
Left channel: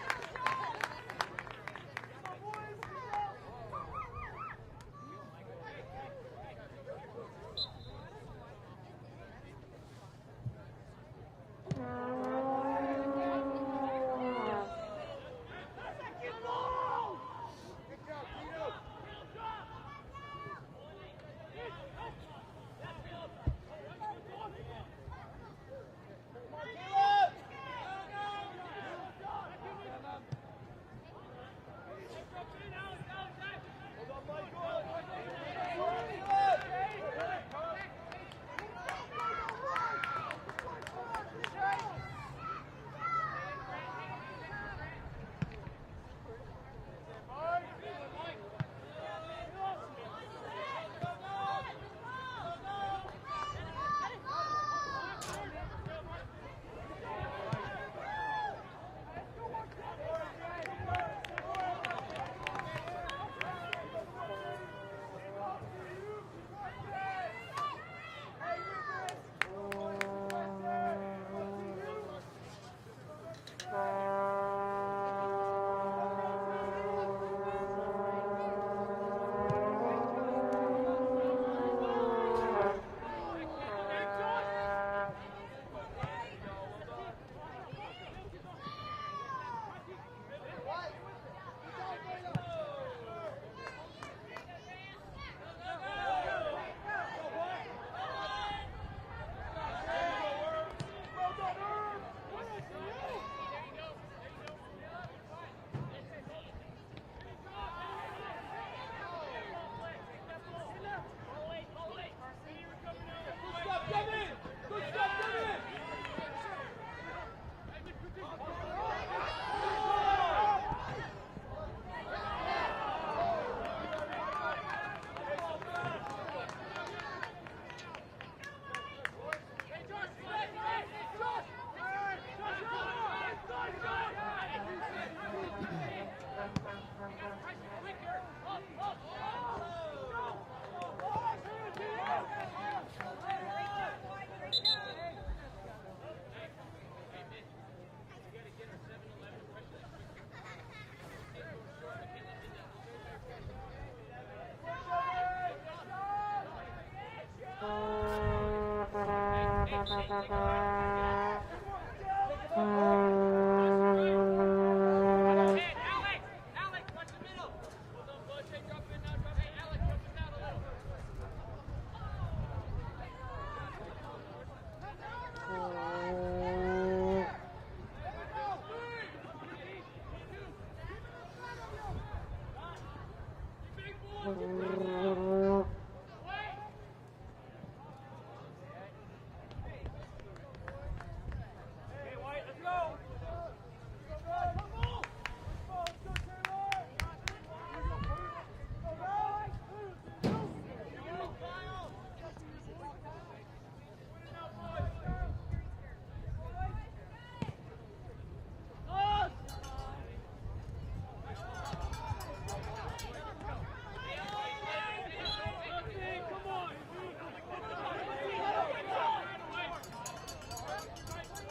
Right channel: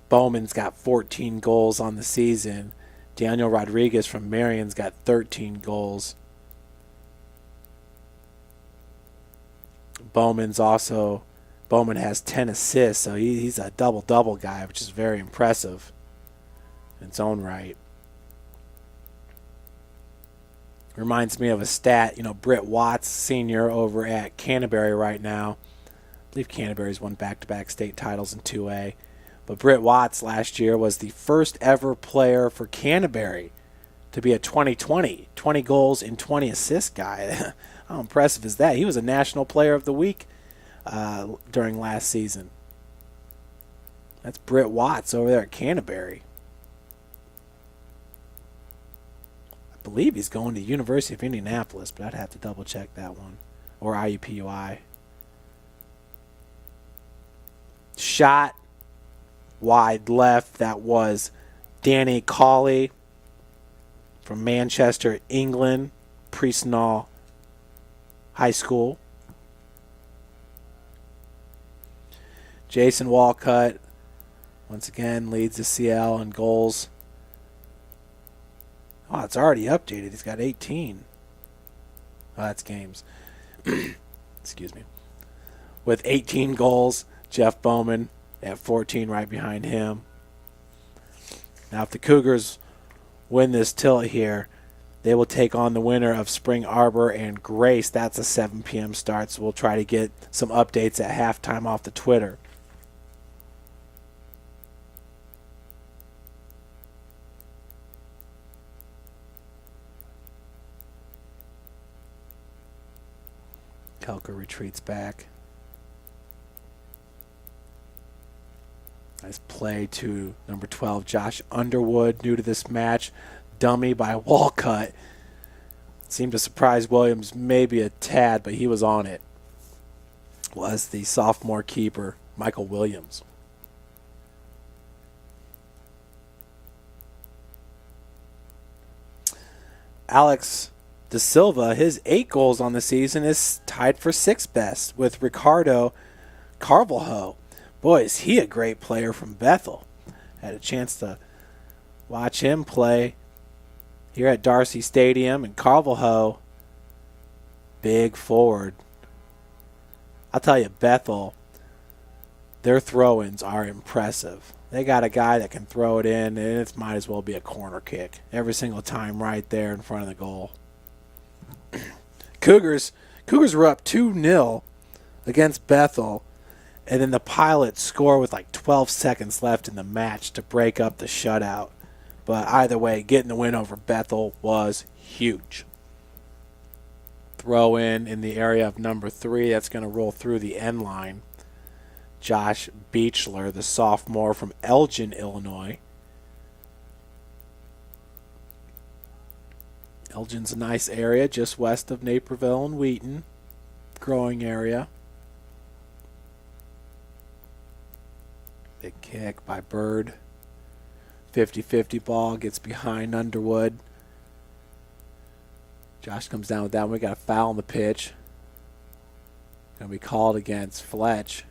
Bowman's got 14 goals on the season. Daniel Rodriguez from Marion's got 13 goals. Bowman has 10 assists, so he's a double-double guy, which is very impressive in its own right. Reminds me of a stat, Britt Watts, senior over at Canterbury right now. I believe Canterbury's won back-to-back state titles in 2A. But Britt Watts last year was the first ever player for Canterbury to be a 20-20, 20 goals and 20 assists guy. How impressive is that? He was a National Player of the Week during last season. That's Britt Watts over there at Canterbury. I believe he's going to the University of Indianapolis, but I'd have to double check that one. Or IUPUI. Shot wide left. That was Danny Cawley from Manchester, England, Priestnall High School. Jason Walcott once again leads the CL in goals. Oh, it's already updated. He's got 18. That's games. Excuse me. With 18 goals, Jeff Bowman at 14 right behind him. Now, if the Cougars win this tilt here, they will take on the winner of Spring Arbor and Grace. That's a 7 p.m. start, so we'll try to get some updates at halftime off the Twitter. Kelker retreats back. Nice play to number 12, Josh Underwood, new to this match. Dummy by Walcott. Seemed to surprise Williams maybe a tad, but he was on it. Was the sophomore keeper, Michael Williams. Alex De Silva, his 8 goals on the season, is tied for 6th best with Ricardo Carvalho. Boy, is he a great player from Bethel. Had a chance to watch him play here at Darcy Stadium, and Carvalho, big forward. I'll tell you, Bethel, their throw-ins are impressive. They got a guy that can throw it in, and it might as well be a corner kick every single time right there in front of the goal. Cougars were up 2-0 against Bethel, and then the Pilots score with like 12 seconds left in the match to break up the shutout. But either way, getting the win over Bethel was huge. Throw in the area of number 3. That's going to roll through the end line. Josh Beechler, the sophomore from Elgin, Illinois. Elgin's a nice area just west of Naperville and Wheaton. Growing area. Big kick by Bird. 50-50 ball, gets behind Underwood. Josh comes down with that one. We got a foul on the pitch. Going to be called against Fletch.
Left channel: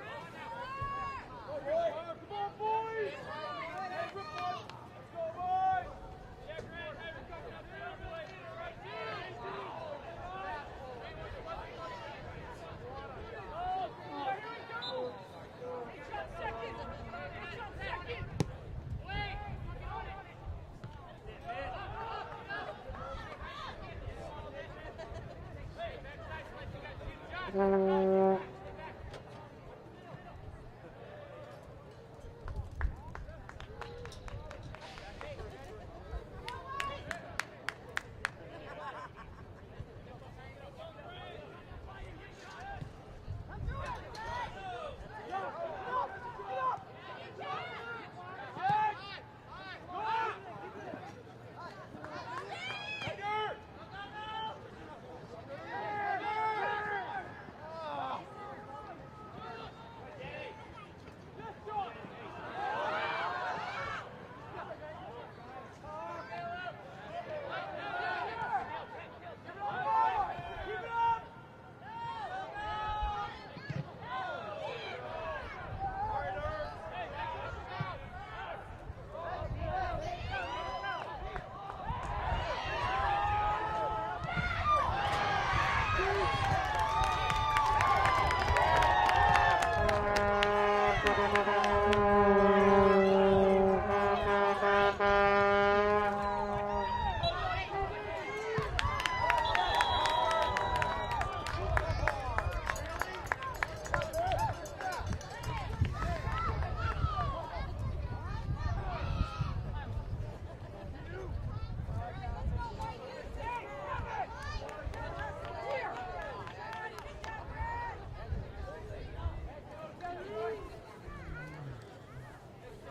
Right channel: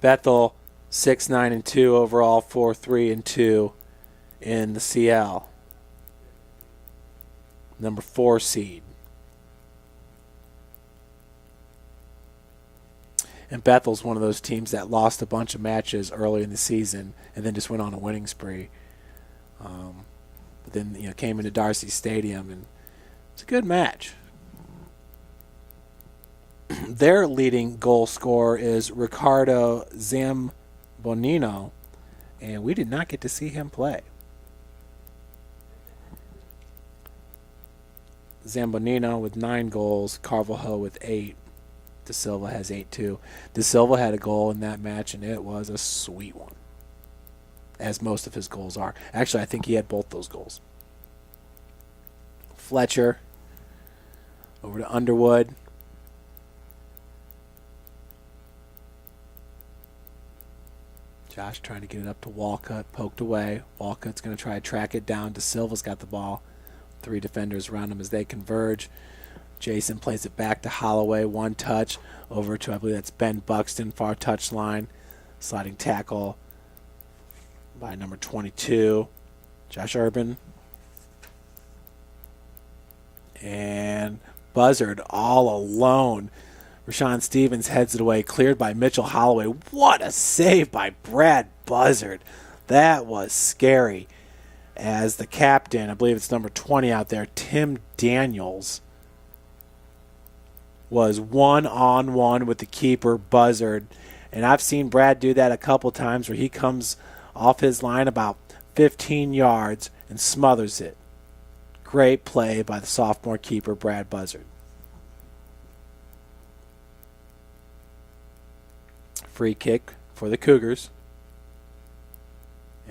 Bethel 6-9-2 overall, 4-3-2 in the CL. Number 4 seed. And Bethel's one of those teams that lost a bunch of matches early in the season and then just went on a winning spree. But then, came into Darcy Stadium, and it's a good match. Their leading goal scorer is Ricardo Zambonino, and we did not get to see him play. Zambonino with 9 goals, Carvalho with 8. De Silva has 8 too. De Silva had a goal in that match, and it was a sweet one, as most of his goals are. Actually, I think he had both those goals. Fletcher over to Underwood. Josh trying to get it up to Walcott, poked away. Walcott's going to try to track it down. De Silva's got the ball. 3 defenders around him as they converge. Jason plays it back to Holloway. 1 touch over to, I believe that's Ben Buxton, far touch line. Sliding tackle by number 22, Josh Urban. And Buzzard all alone. Rashawn Stevens heads it away, cleared by Mitchell Holloway. What a save by Brad Buzzard. That was scary. As the captain, I believe it's number 20 out there, Tim Daniels, was one-on-one with the keeper, Buzzard. And I've seen Brad do that a couple times where he comes off his line about 15 yards and smothers it. Great play by the sophomore keeper, Brad Buzzard. Free kick for the Cougars.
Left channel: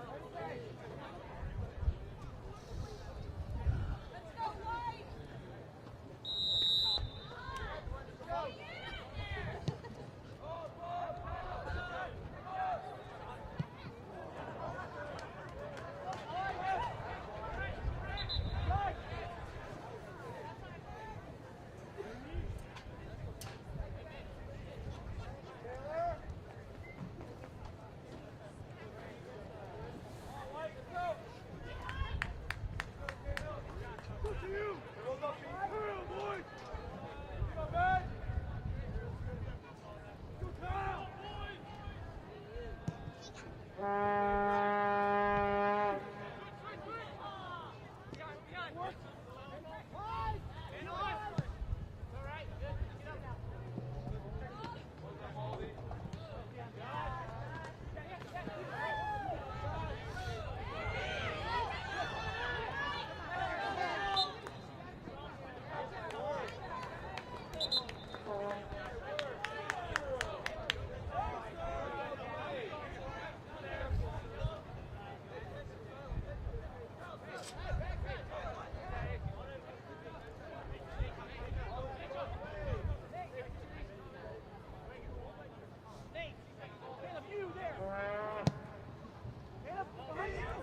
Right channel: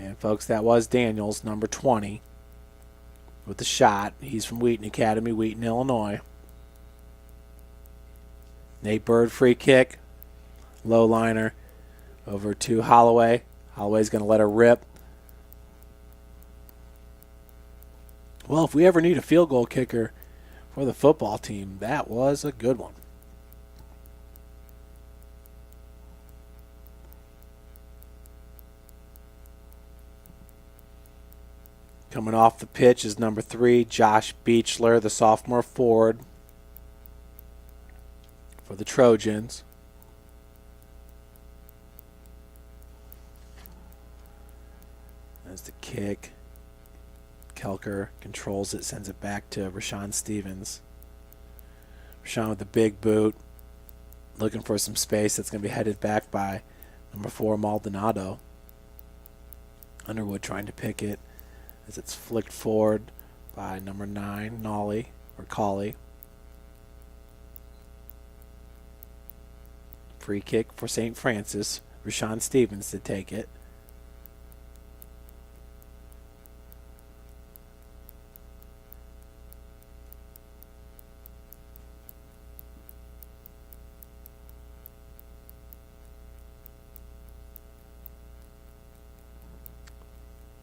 And folks, that was Daniels, number 20, with the shot. He's from Wheaton Academy, Wheaton, Illinois. Nate Bird, free kick. Low liner over to Holloway. Holloway's going to let her rip. Well, if we ever need a field goal kicker for the football team, that was a good one. Coming off the pitch is number 3, Josh Beechler, the sophomore forward for the Trojans. There's the kick. Kelker controls it, sends it back to Rashawn Stevens. Rashawn with the big boot, looking for some space. That's going to be headed back by number 4, Maldonado. Underwood trying to pick it as it's flicked forward by number 9, Nolly, or Colley. Free kick for St. Francis. Rashawn Stevens to take it.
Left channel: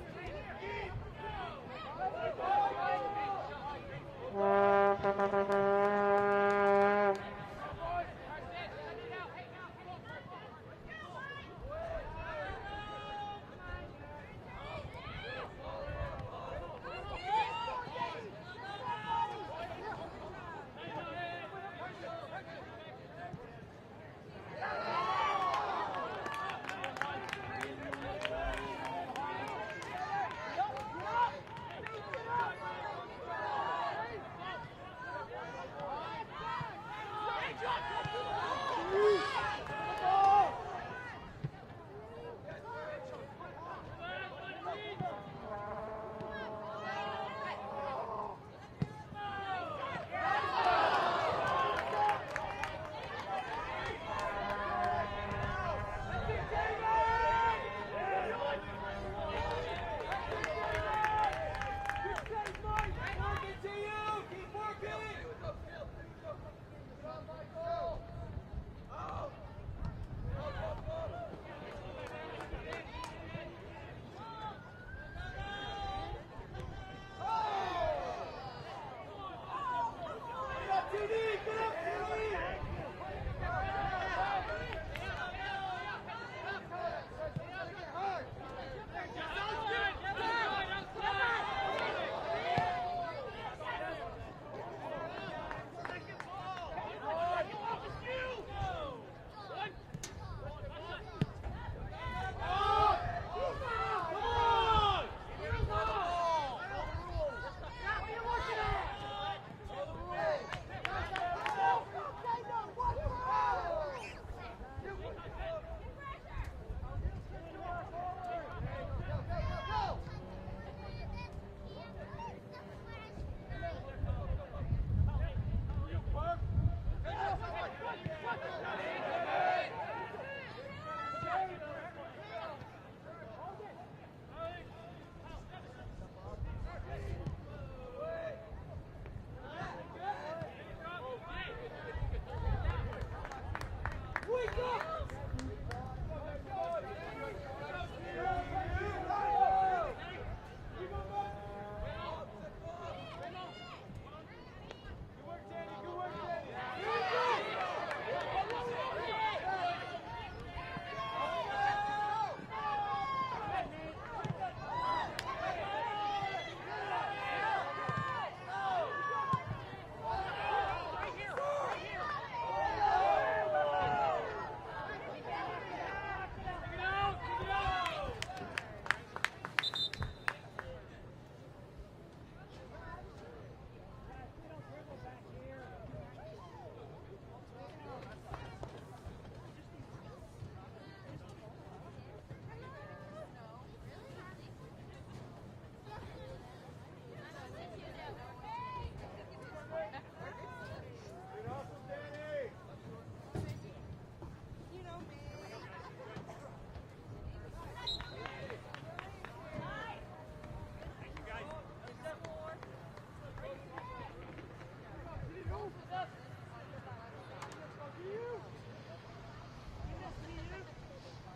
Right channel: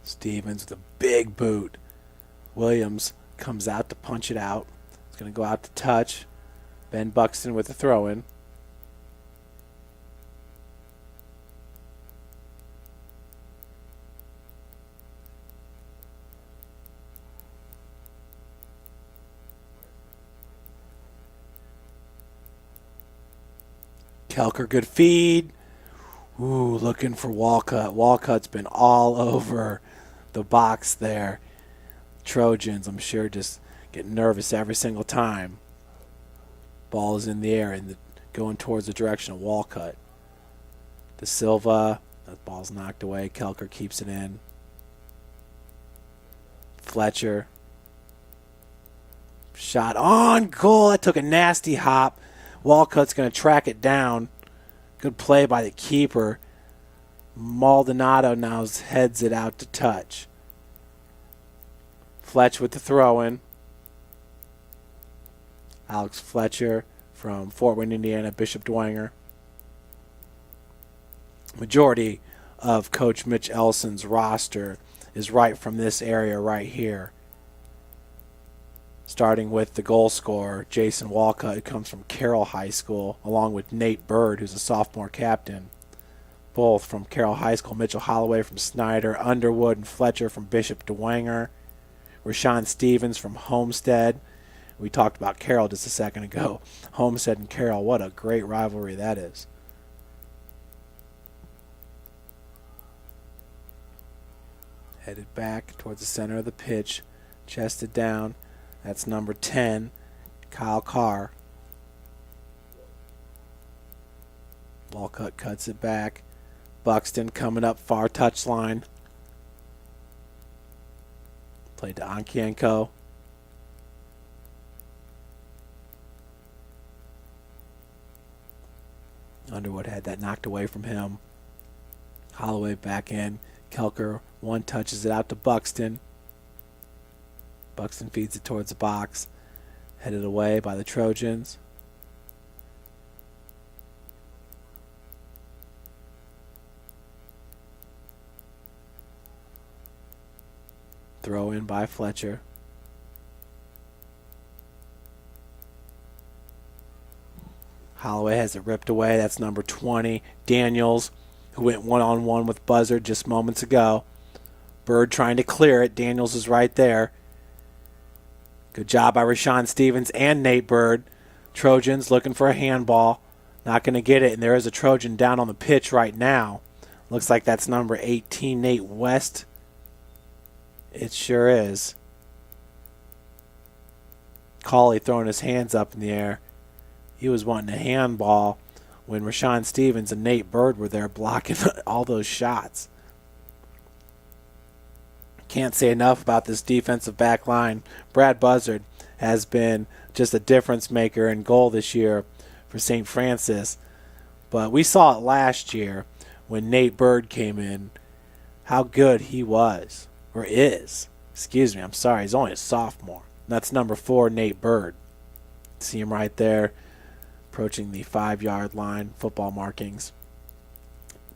Stevens, the big boot. Williams comes out to punch it out. He's going to go out to touch. Ben Buxton with a throw-in. Kelker, good feed. Ooh, looking for Walcott. Walcott's been all over the box there. Trojans, I'm sure, just get nervous every single time. Ball is in the air and going towards the direction of Walcott. De Silva, the ball's knocked away. Kelker keeps it in. Fletcher. Shot on goal. That took a nasty hop. Walcott's going to track it down. Good play by the keeper. Maldonado now heads it out to touch. Fletch with the throw-in. Alex Fletcher from Fort Wayne, Indiana, Bishop Dwenger. Majority of Coach Mitch Elson's roster is right from this area right here. Starting with the goal scorer, Jason Walcott, who comes from Carroll High School, along with Nate Bird, who's a sophomore captain. Both from Carroll High School. Mitchell Holloway from Snyder, Underwood and Fletcher from Bishop Dwenger. Rashawn Stevens from Homestead. We talked about Carroll just a second ago. Homestead and Carroll, what a great rivalry that is. back towards the center of the pitch, chested down. That's number 10, Kyle Carr. Walcott cuts it back. Buxton coming up far touchline. Played to Onkienko. Underwood had that knocked away from him. Holloway back in. Kelker one touches it out to Buxton. Buxton feeds it towards the box. Headed away by the Trojans. Throw in by Fletcher. Holloway has it ripped away. That's number 20, Daniels, who went one-on-one with Buzzard just moments ago. Bird trying to clear it. Daniels is right there. Good job by Rashawn Stevens and Nate Bird. Trojans looking for a handball. Not going to get it, and there is a Trojan down on the pitch right now. Looks like that's number 18, Nate West. It sure is. Cauley throwing his hands up in the air. He was wanting a handball when Rashawn Stevens and Nate Bird were there blocking all those shots. Can't say enough about this defensive back line. Brad Buzzard has been just a difference maker in goal this year for St. Francis. But we saw it last year when Nate Bird came in, how good he was, or is. Excuse me, I'm sorry, he's only a sophomore. That's number 4, Nate Bird. See him right there, approaching the 5-yard line, football markings.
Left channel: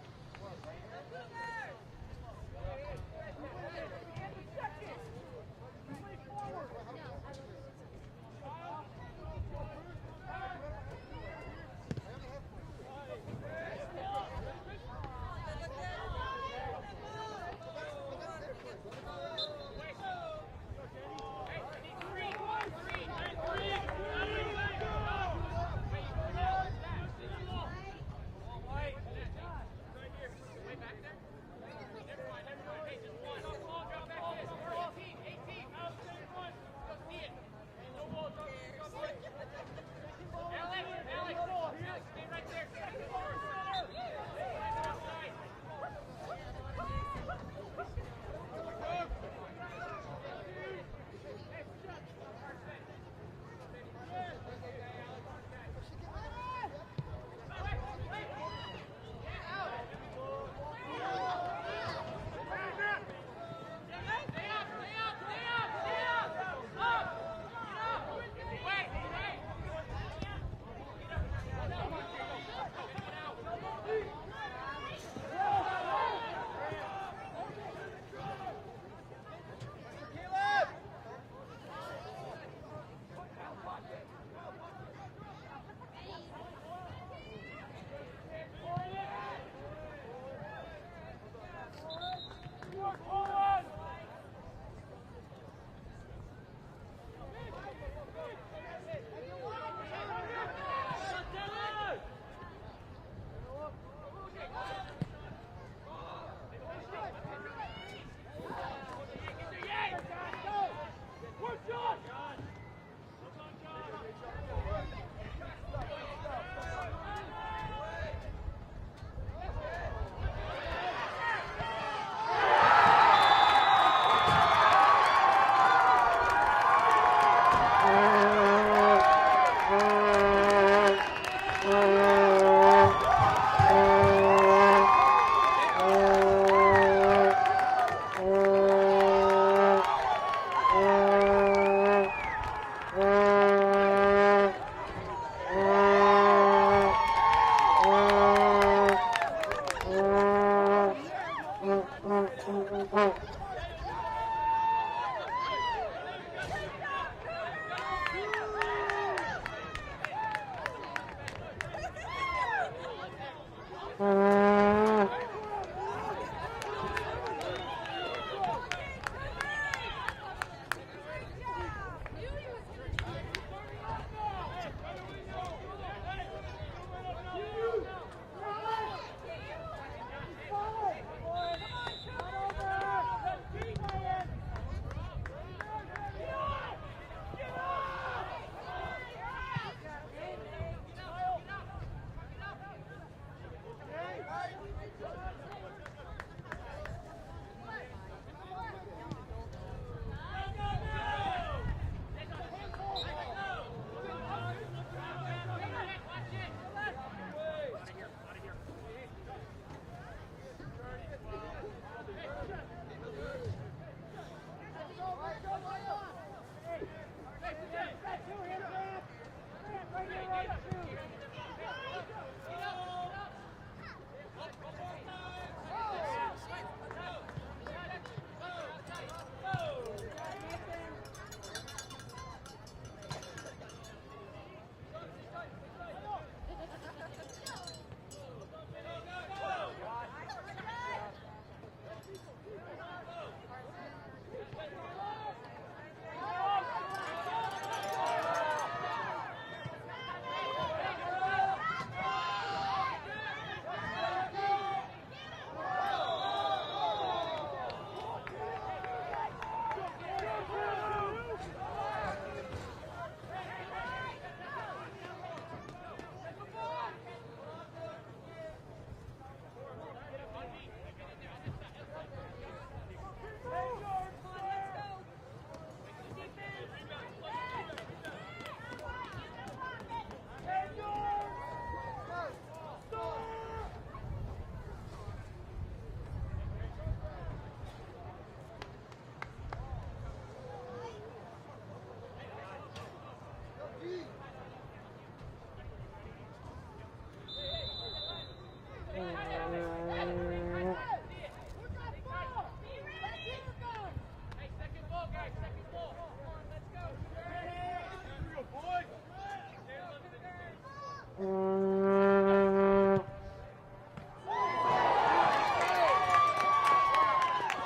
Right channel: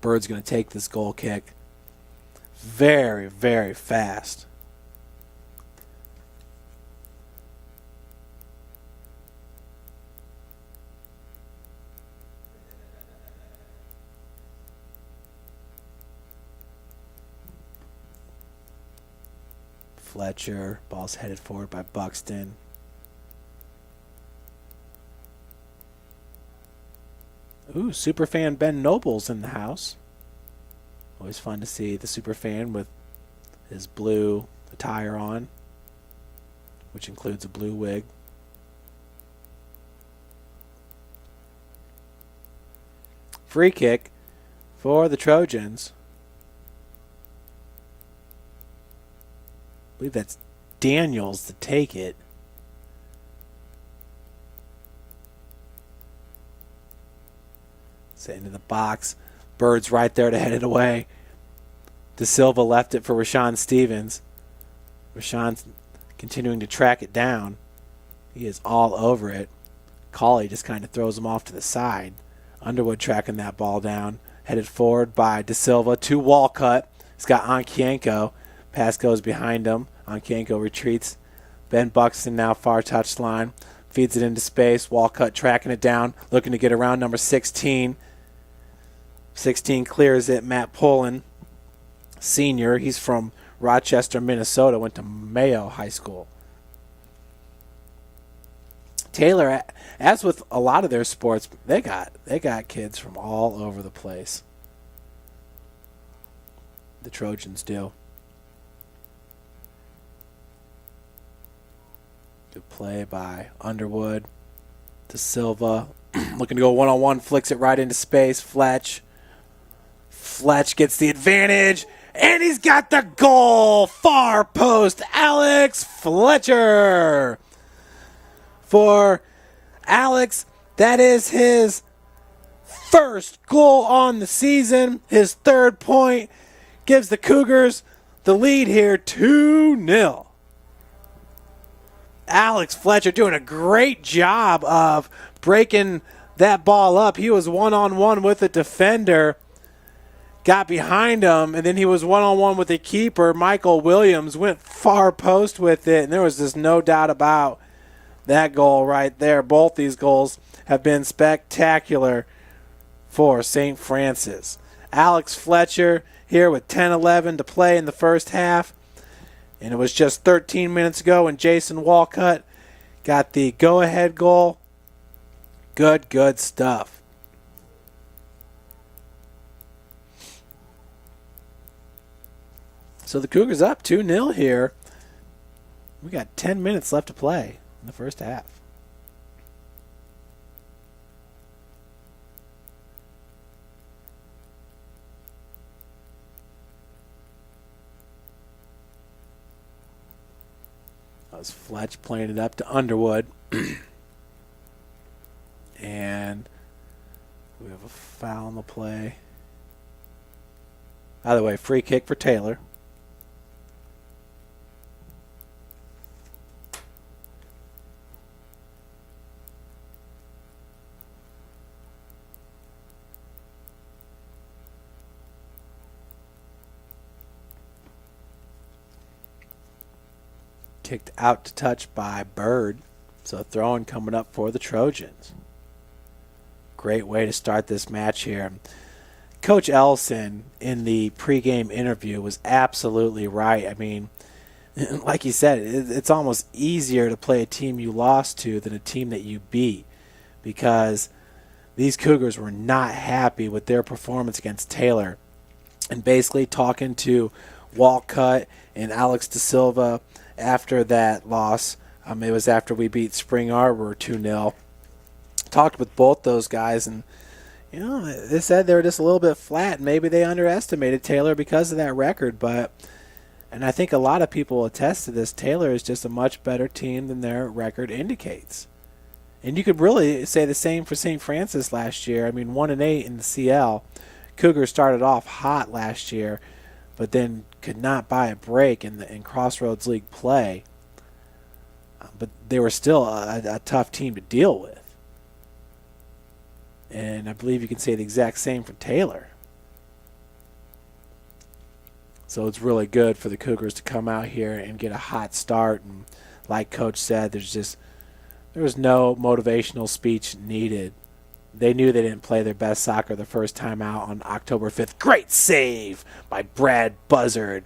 Bird's going to take this goal kick. Very, very fast. Fletcher, ball's headed forward by Buxton. Ooh, superfan Ben Noble's in the house. Always fun to see the superfan with his blue attire on, which includes a blue wig. Free kick for the Trojans. I believe that's Daniels to take it. Set into the box. Bird's right there to head it away. De Silva left it for Rashawn Stevens. Rashawn's continuing to track it down. He is all over it. Cauley just kind of throws him off to the side. Underwood tracking that ball down. Headed forward by De Silva to Walcott. He's got Onkienko. Pass goes behind him. Onkienko retreats. Ben Buxton now far touchline. Feeds it into space. Walcott tracking it down. Looking to get around number 16. 16 clears it. Matt Pullen, senior. He's from Rochester, Minnesota. Went to Mayo High School. Taylor, as with a lot of their sports, they got kids from all over the place. The Trojans do. Good play by Underwood. De Silva looking to go one-on-one, flicks it right into space. Fletch gets the advantage, and he's got the goal. Far post, Alex Fletcher. For Alex, that is his first goal on the season. His 3rd point gives the Cougars the lead here, 2-0. Alex Fletcher doing a great job of breaking that ball up. He was one-on-one with the defender, got behind him, and then he was one-on-one with the keeper. Michael Williams went far post with it, and there was just no doubt about that goal right there. Both these goals have been spectacular for St. Francis. Alex Fletcher here with 10-11 to play in the first half. And it was just 13 minutes ago when Jason Walcott got the go-ahead goal. Good stuff. So the Cougars up 2-0 here. We got 10 minutes left to play in the first half. As Fletch playing it up to Underwood. And we have a foul on the play. By the way, free kick for Taylor. Kicked out to touch by Bird. So throwing coming up for the Trojans. Great way to start this match here. Coach Ellison in the pregame interview was absolutely right. I mean, like you said, it's almost easier to play a team you lost to than a team that you beat, because these Cougars were not happy with their performance against Taylor. And basically talking to Walcott and Alex Da Silva after that loss, it was after we beat Spring Arbor 2-0. Talked with both those guys, and you know, they said they were just a little bit flat. Maybe they underestimated Taylor because of that record, and I think a lot of people attest to this. Taylor is just a much better team than their record indicates. And you could really say the same for St. Francis last year. I mean, 1-8 in the CL. Cougars started off hot last year, but then could not buy a break in Crossroads League play. But they were still a tough team to deal with. And I believe you could say the exact same for Taylor. So it's really good for the Cougars to come out here and get a hot start. And like Coach said, there was no motivational speech needed. They knew they didn't play their best soccer the first time out on October 5th. Great save by Brad Buzzard,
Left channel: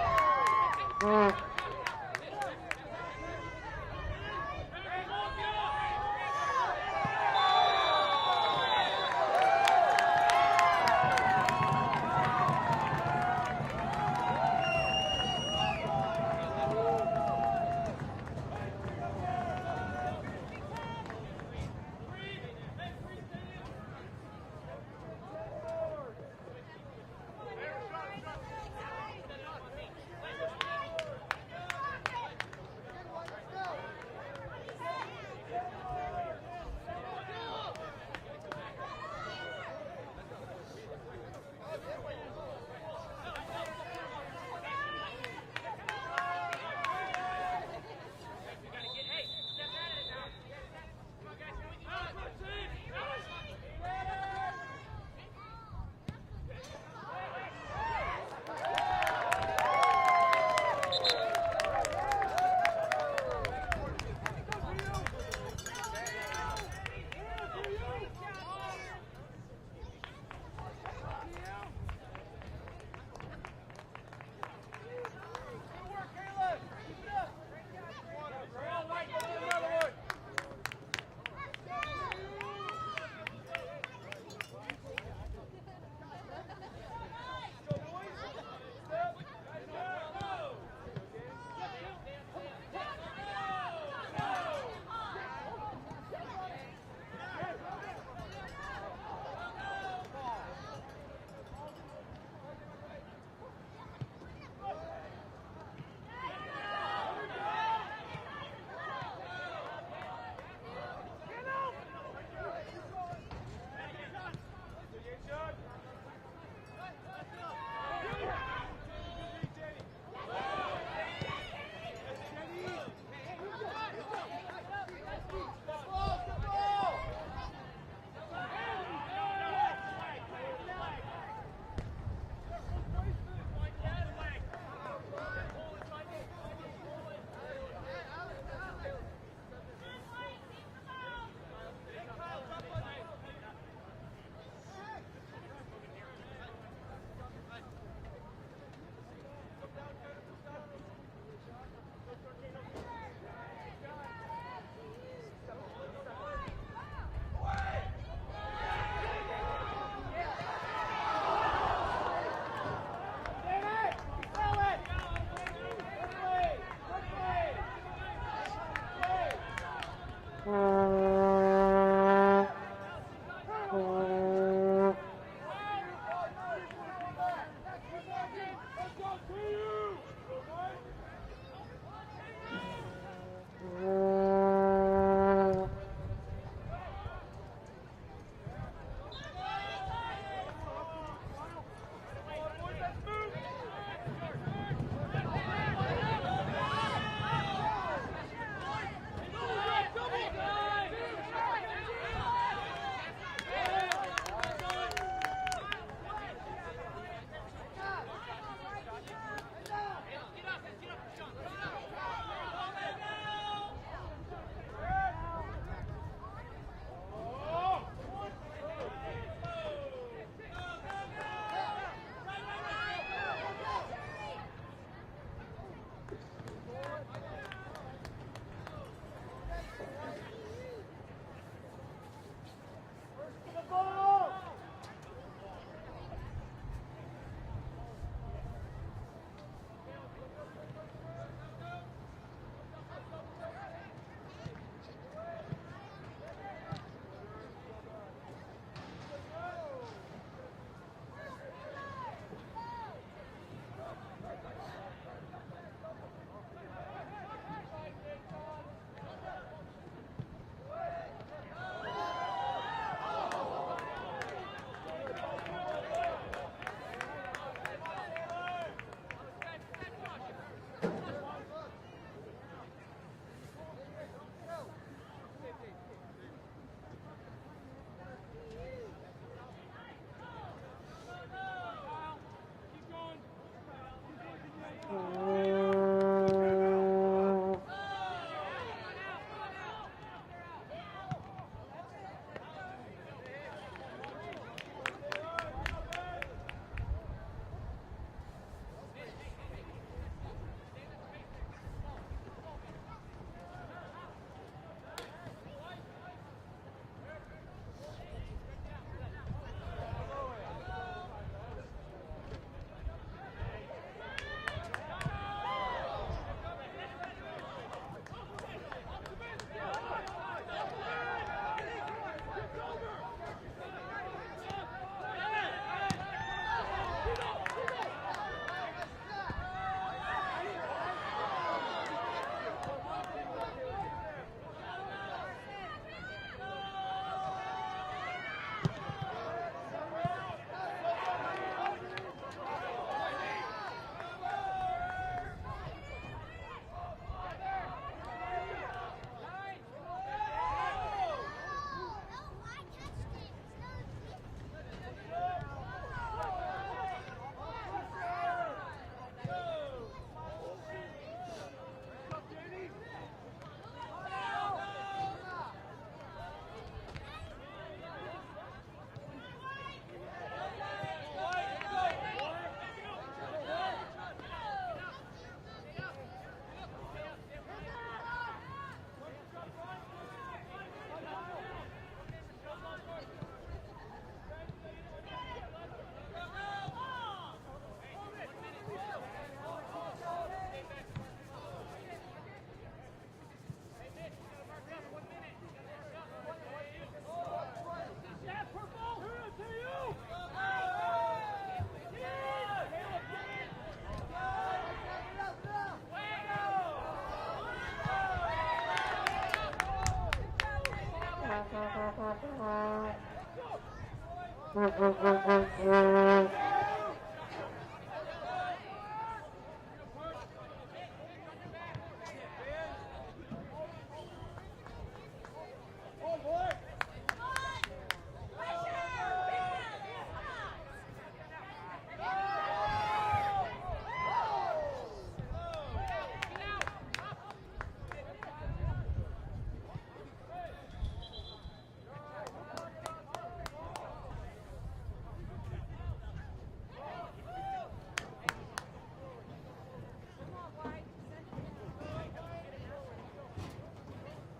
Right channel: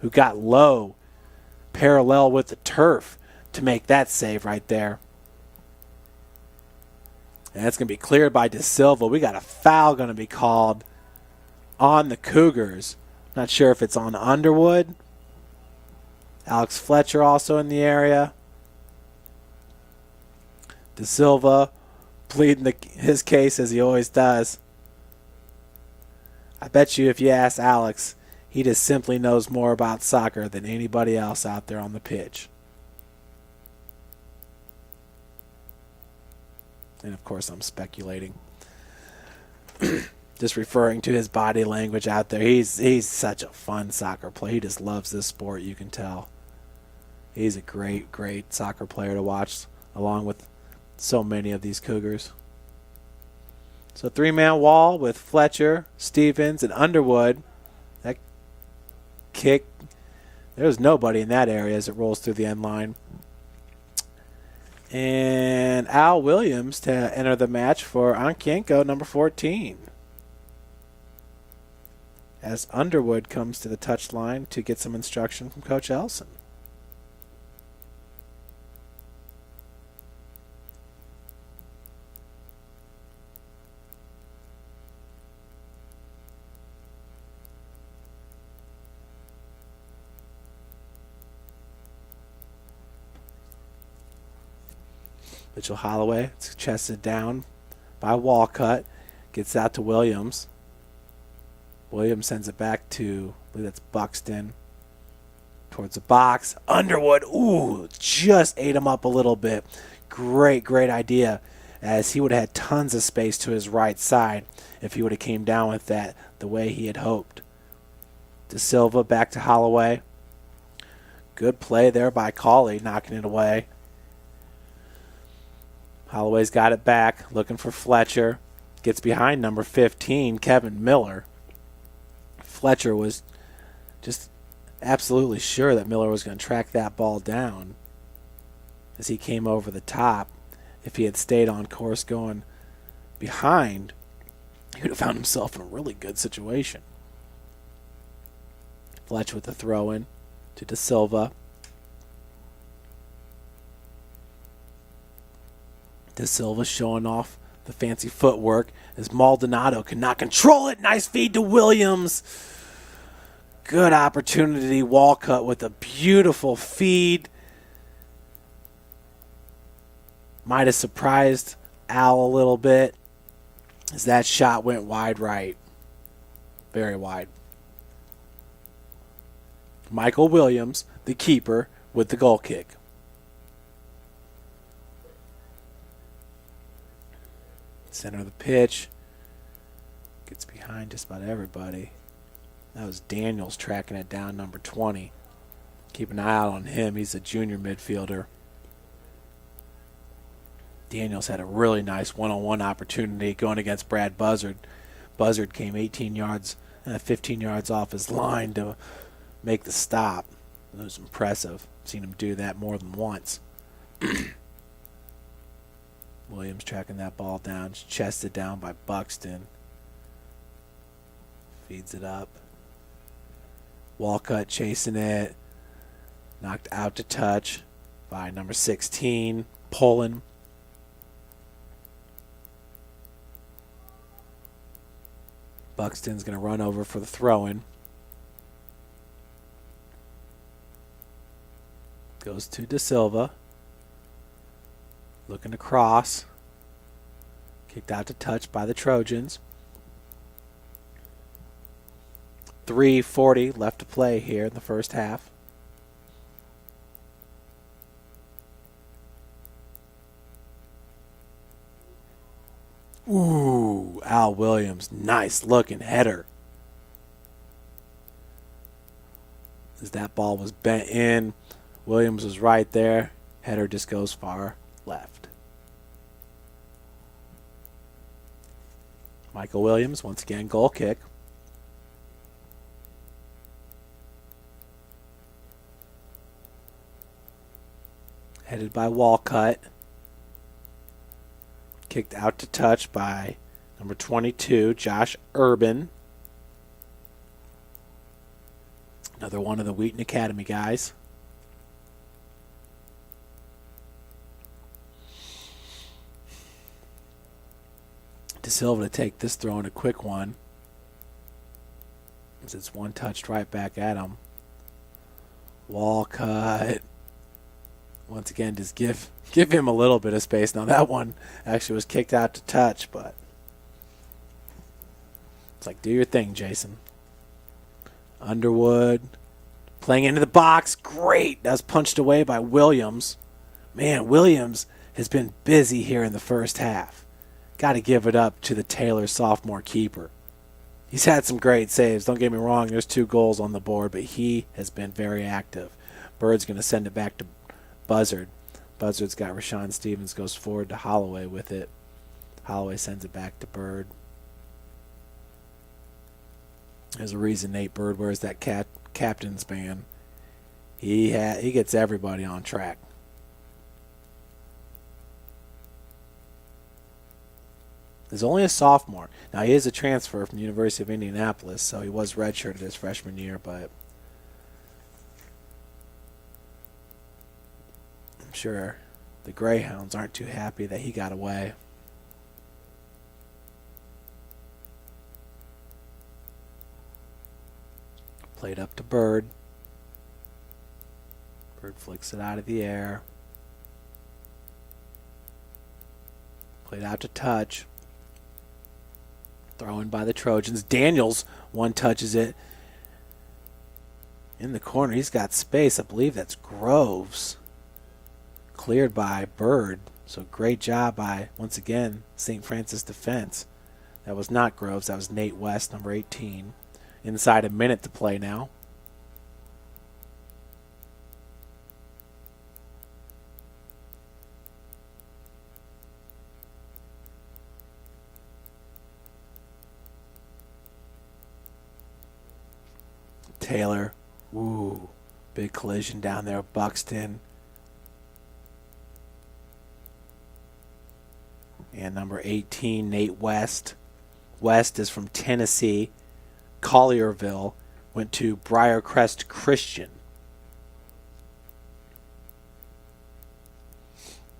who got low, parallel with the turf to make that save right there. And that's going to be cleared by Da Silva. We got a foul going to be called on the Cougars. Not sure if it's on Underwood. Alex Fletcher also in the area. Da Silva pleading his case as he always does. I bet you if you ask Alex, he just simply knows more about soccer than anybody else out there on the pitch. And of course I'm speculating. Just referring to his body language out there. He's such a fun soccer player. He just loves this sport, you can tell. He's a great, great soccer player to watch, along with so many of these Cougars. So three-man wall with Fletcher, Stevens, and Underwood. That kick, there's nobody in that area as it rolls through the end line. And Al Williams to enter the match for Ankienko, number 14. As Underwood comes to the touch line to get some instruction from Coach Ellison. Mitchell Holloway is chested down by Walcott. Gets out to Williams. Williams sends it back to, I believe that's Buxton. Towards the box. Underwood, ooh, just ate him up a little bit. Great, great idea, as he would have had tons of space to his right side if he would have came down with that the way he had hoped. Da Silva back to Holloway. Good play there by Cauley, knocking it away. Holloway's got it back, looking for Fletcher. Gets behind number 15, Kevin Miller. Fletcher was just absolutely sure that Miller was going to track that ball down as he came over the top. If he had stayed on course going behind, he would have found himself in a really good situation. Fletcher with the throw-in to Da Silva. Da Silva showing off the fancy footwork as Maldonado cannot control it. Nice feed to Williams. Good opportunity. Walcott with a beautiful feed. Might have surprised Al a little bit as that shot went wide right. Very wide. Michael Williams, the keeper, with the goal kick. Center of the pitch. Gets behind just about everybody. That was Daniels tracking it down, number 20. Keep an eye out on him. He's a junior midfielder. Daniels had a really nice one-on-one opportunity going against Brad Buzzard. Buzzard came 18 yards, 15 yards off his line to make the stop. It was impressive. Seen him do that more than once. Williams tracking that ball down, chested down by Buxton. Feeds it up. Walcott chasing it. Knocked out to touch by number 16, Poland. Buxton's going to run over for the throw-in. Goes to De Silva. Looking to cross. Kicked out to touch by the Trojans. 3:40 left to play here in the first half. Ooh, Al Williams, nice looking header. As that ball was bent in, Williams was right there. Header just goes far left. Michael Williams, once again, goal kick. Headed by Walcott. Kicked out to touch by number 22, Josh Urban. Another one of the Wheaton Academy guys. De Silva to take this throw in a quick one. As it's one touched right back at him. Walcott. Once again, just give him a little bit of space. Now that one actually was kicked out to touch, but it's like, do your thing, Jason. Underwood playing into the box. Great. That was punched away by Williams. Man, Williams has been busy here in the first half. Got to give it up to the Taylor sophomore keeper. He's had some great saves. Don't get me wrong, there's 2 goals on the board, but he has been very active. Bird's going to send it back to Buzzard. Buzzard's got Rashawn Stevens, goes forward to Holloway with it. Holloway sends it back to Bird. There's a reason Nate Bird wears that captain's band. He gets everybody on track. He's only a sophomore. Now, he is a transfer from the University of Indianapolis, so he was redshirted his freshman year, but I'm sure the Greyhounds aren't too happy that he got away. Played up to Bird. Bird flicks it out of the air. Played out to touch. Thrown by the Trojans. Daniels one touches it. In the corner, he's got space. I believe that's Groves. Cleared by Bird. So great job by, once again, St. Francis defense. That was not Groves. That was Nate West, number 18. Inside a minute to play now. Taylor. Ooh, big collision down there. Buxton. And number 18, Nate West. West is from Tennessee. Collierville. Went to Briarcrest Christian.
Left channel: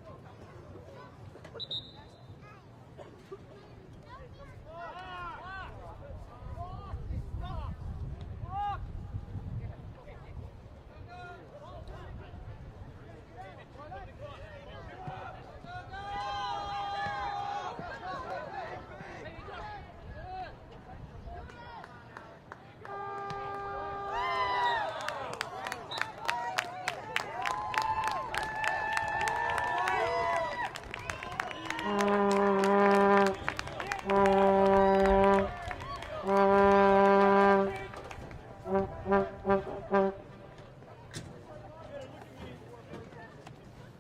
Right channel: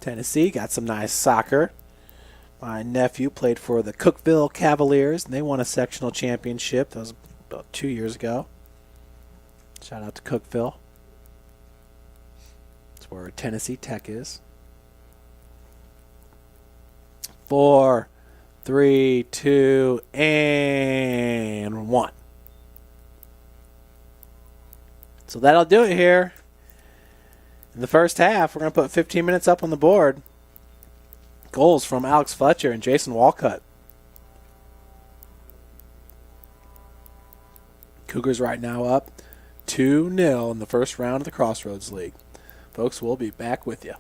Tennessee got some nice soccer. My nephew played for the Cookeville Cavaliers, and they won a sectional championship. That was about 2 years ago. Shout out to Cookeville. That's where Tennessee Tech is. 4, 3, 2, and 1. So that'll do it here. In the first half, we're going to put 15 minutes up on the board. Goals from Alex Fletcher and Jason Walcott. Cougars right now up 2-0 in the first round of the Crossroads League. Folks, we'll be back with you.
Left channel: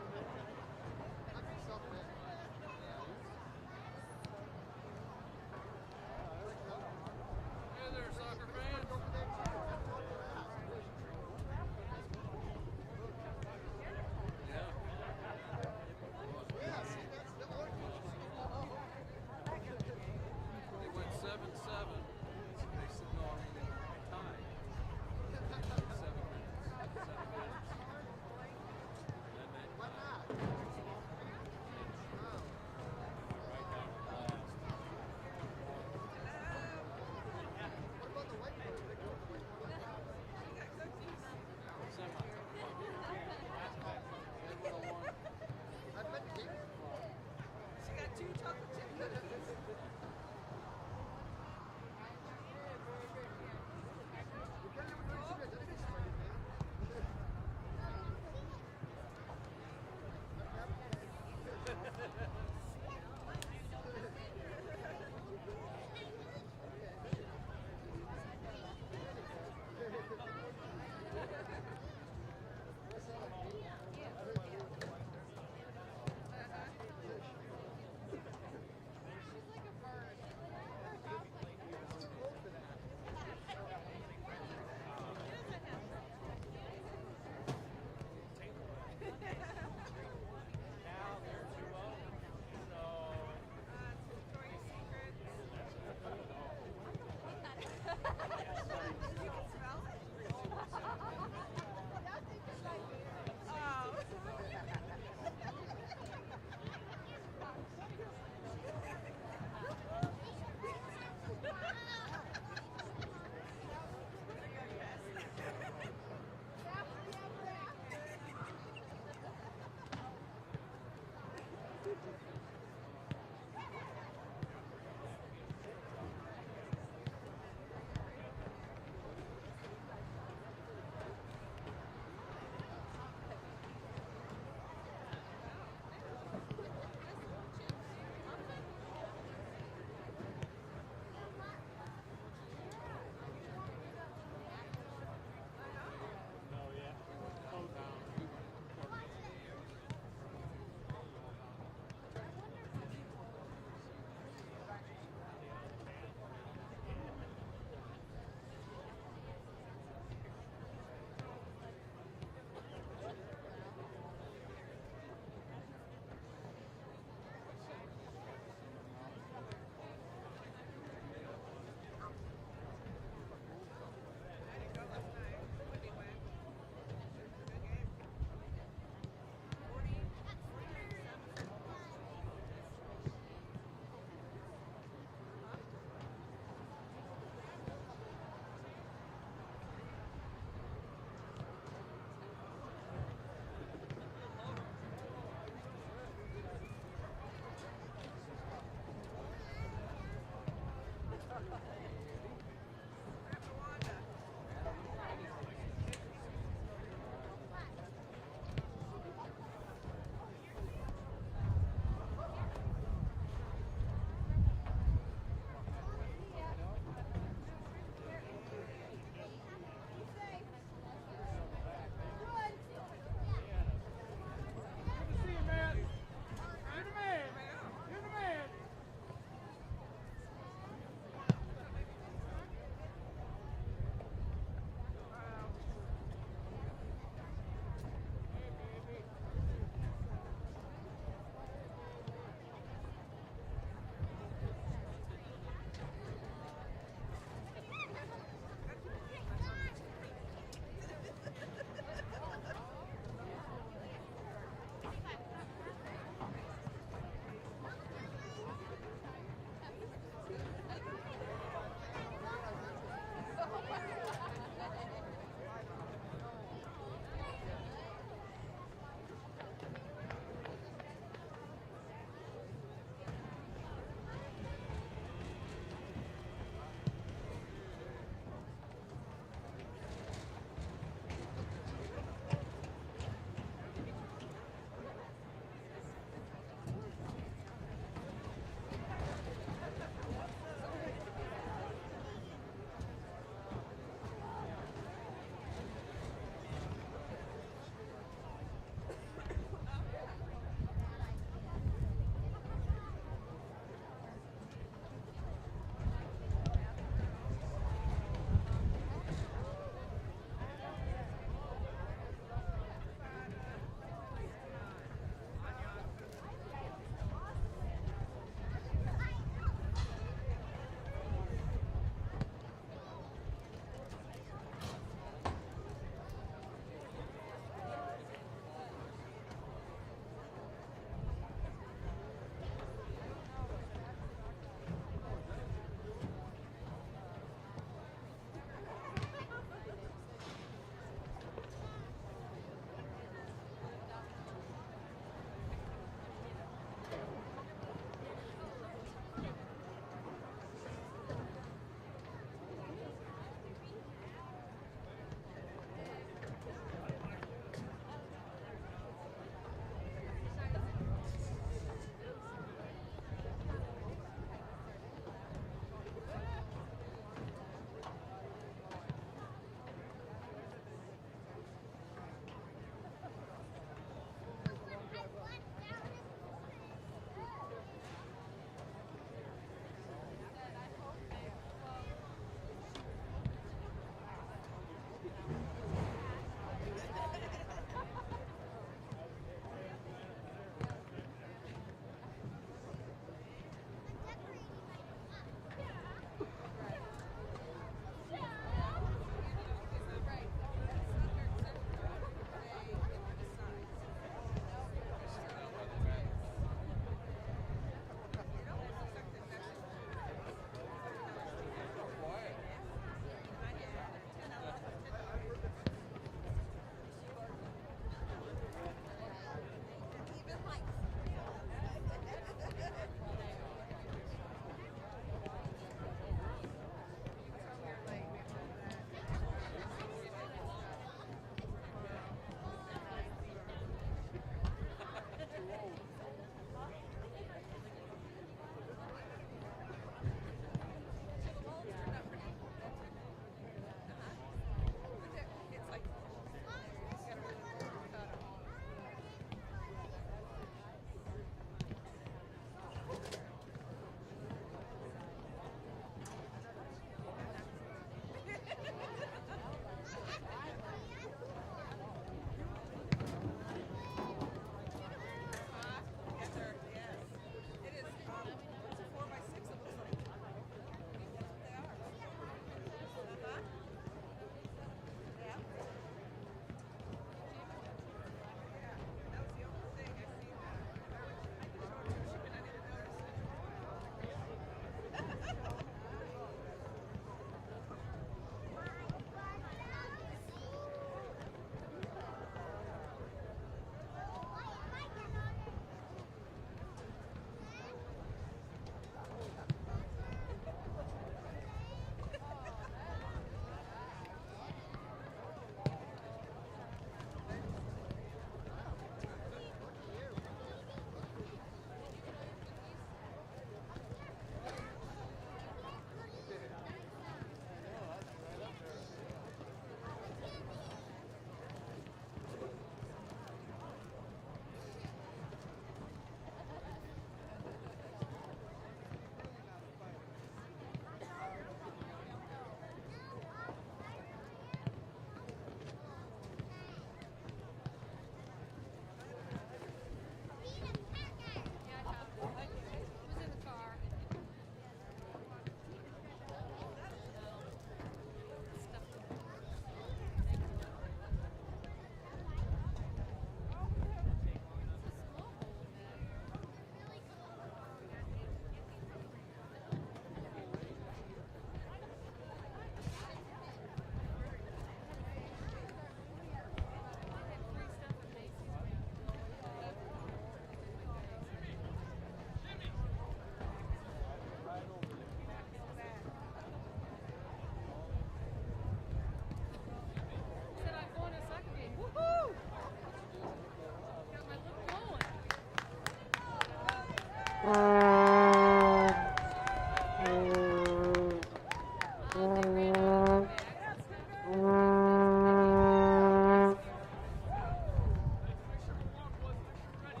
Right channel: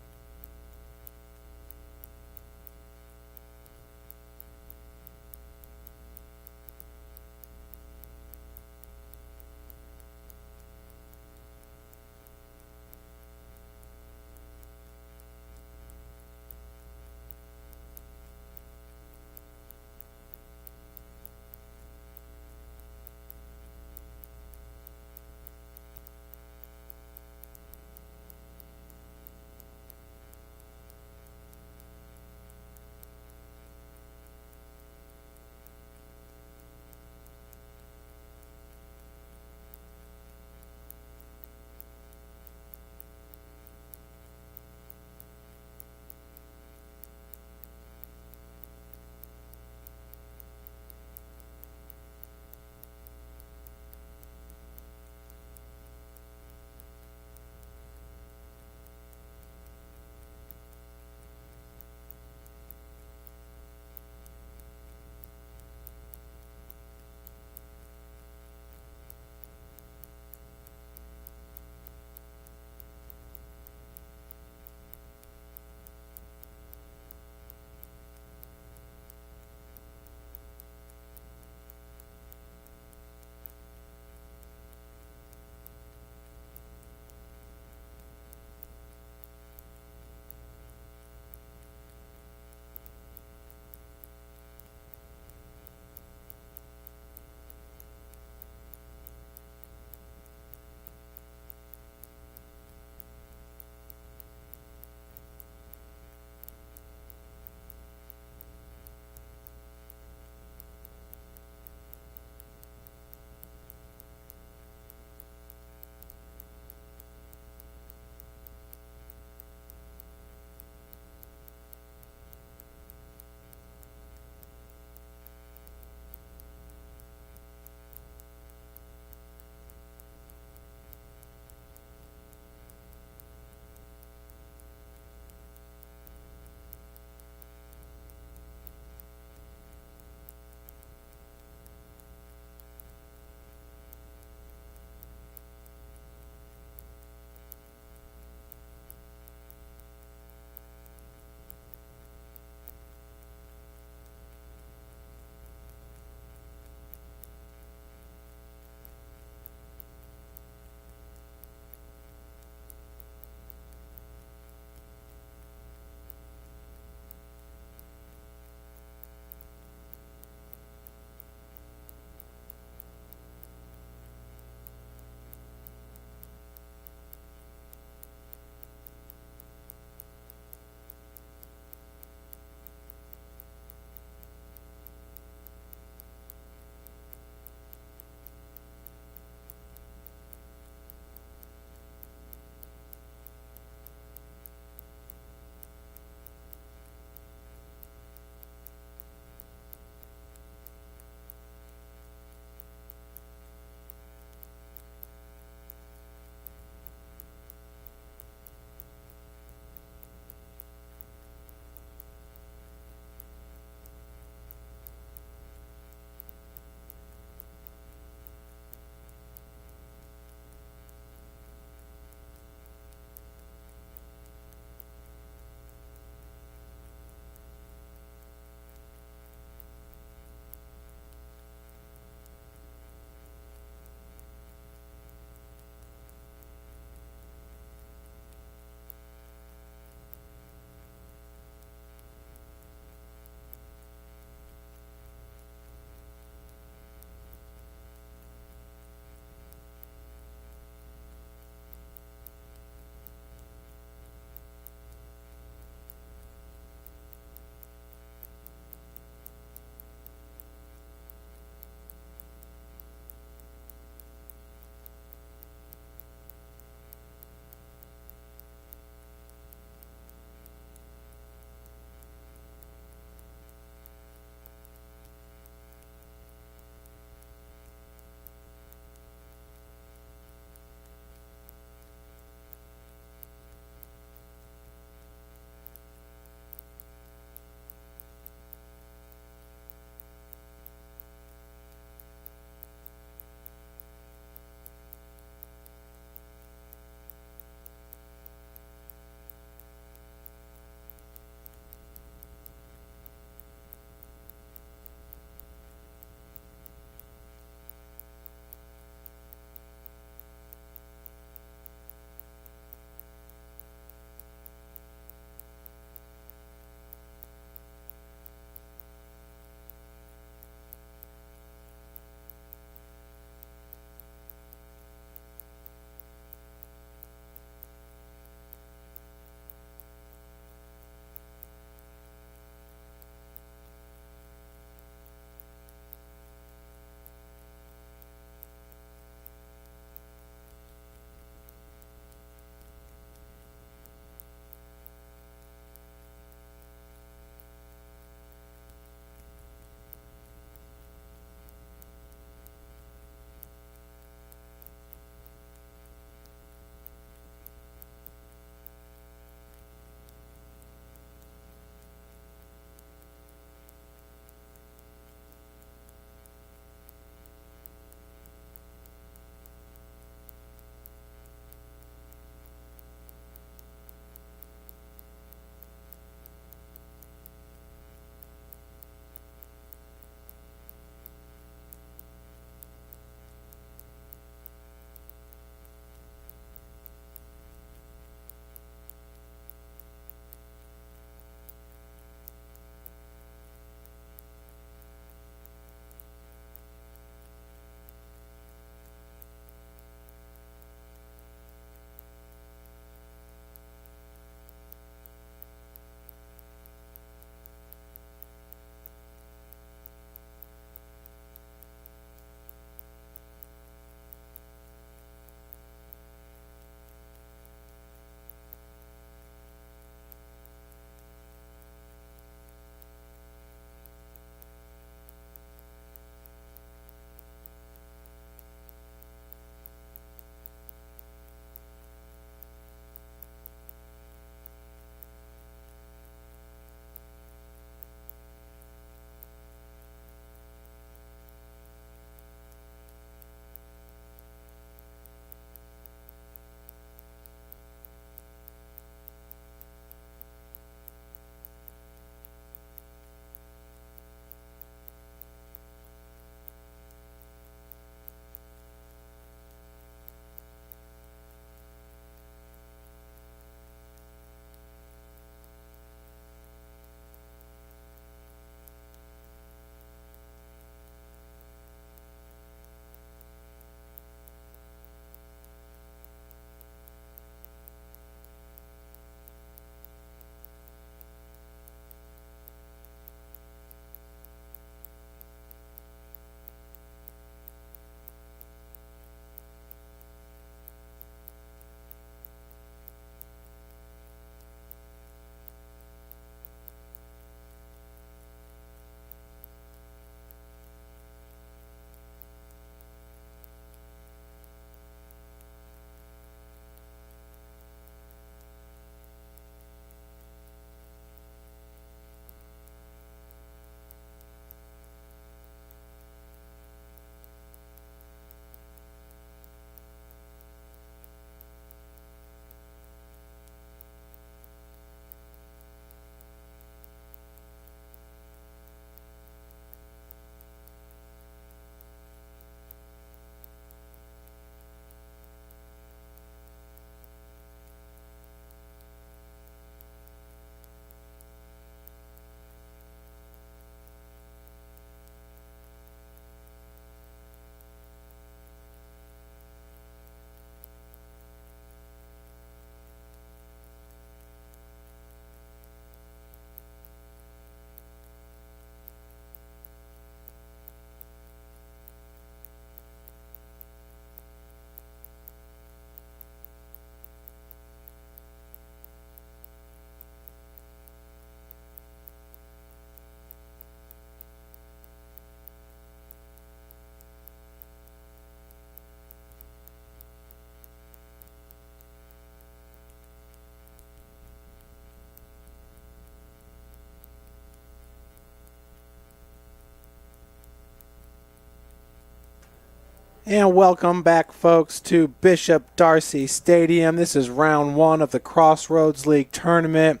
And welcome back, folks, to Bishop Darcy Stadium. This is round one of the Crossroads League tournament.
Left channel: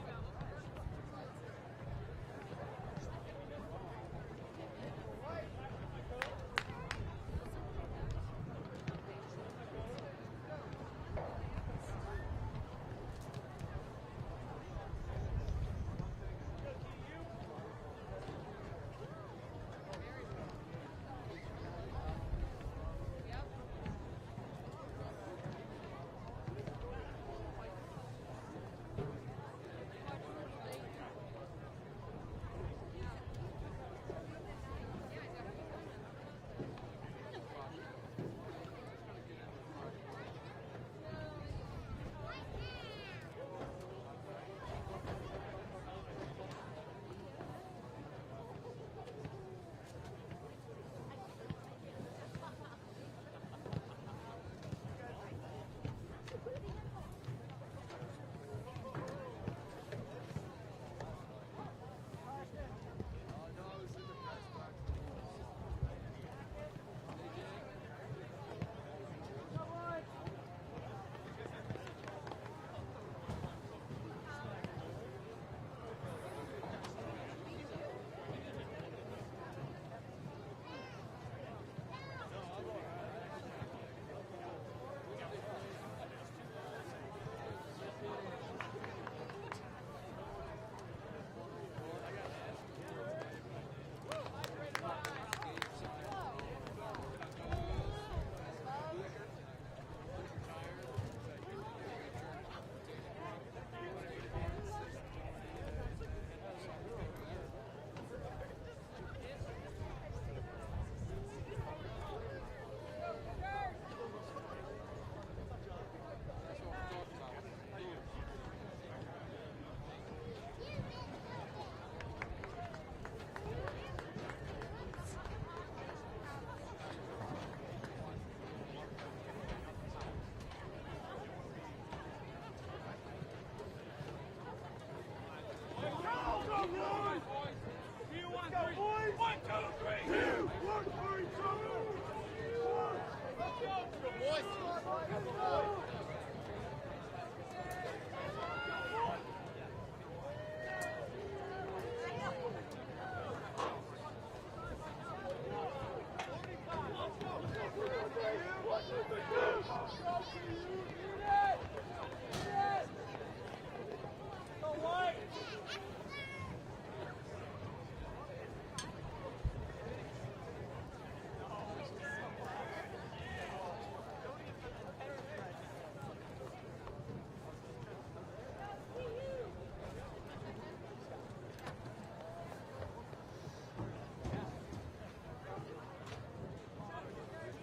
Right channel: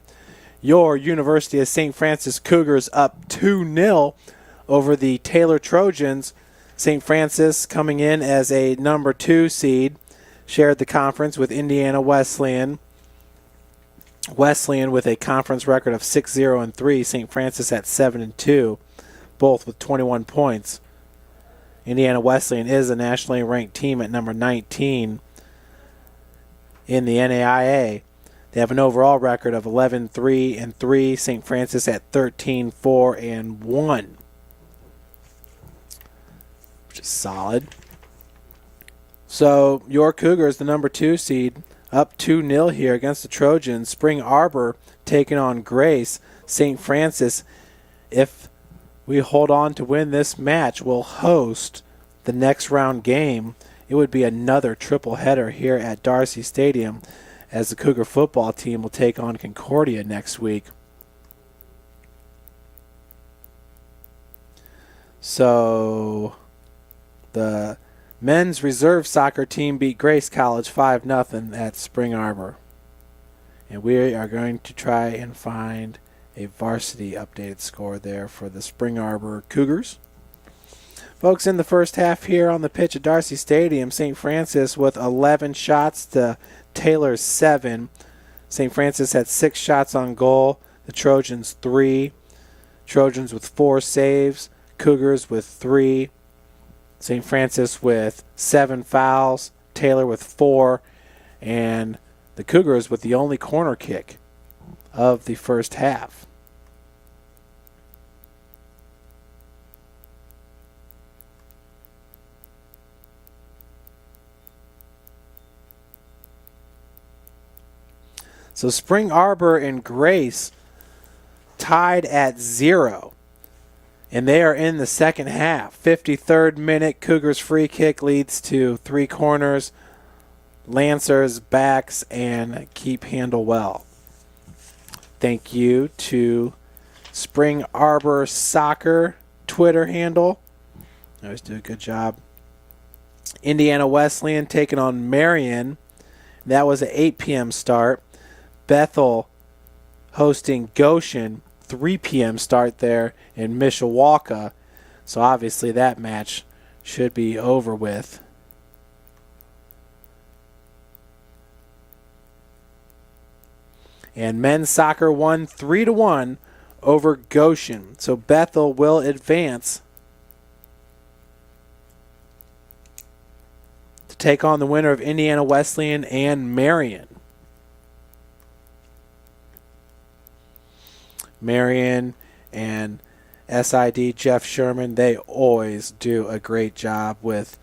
Your University of St. Francis Cougars up 2-0 over the Taylor Trojans. St. Francis coming in as a number 2 seed, shared the conference with Indiana Wesleyan. Wesleyan with a conference record of 6-0-3. St. Francis at 7-2, both with 21 points. Indiana Wesleyan is a nationally ranked team at number 19 in the NAIA. They have an overall record of 11-3-3. St. Francis at 13-4-1, which is solid. So your Cougars, the number 2 seed, up 2-0 here against the Trojans. Spring Arbor taking on Grace. St. Francis, if we hold on to win this match, will host the next round game. It would be another triple header here at Darcy Stadium, as the Cougar football team will take on Concordia next week. So the men's reserve soccer team beat Grace College 5-0 at Spring Arbor. And we are going to try and find a varsity updated score there for the Spring Arbor Cougars. Folks, in the first half here on the pitch at Darcy Stadium, St. Francis with 11 shots to Taylor's 7. St. Francis had 6 shots on goal. The Trojans 3. Trojans with 4 saves. Cougars with 3. St. Francis with 7 fouls. Taylor with 4. And the Cougars with the only corner kick of the first half. So Spring Arbor and Grace tied at 0. And they are in the second half. 53rd minute, Cougars free kick leads to 3 corners. Lancers, backs, and keep handle well. Thank you to Spring Arbor Soccer Twitter handle. They always do a good job. Indiana Wesleyan taking on Marion. That was an 8 p.m. start. Bethel hosting Goshen, 3 p.m. start there in Mishawaka. So obviously that match should be over with. And men's soccer won 3-1 over Goshen. So Bethel will advance to take on the winner of Indiana Wesleyan and Marion. Marion and SID Jeff Sherman, they always do a great job with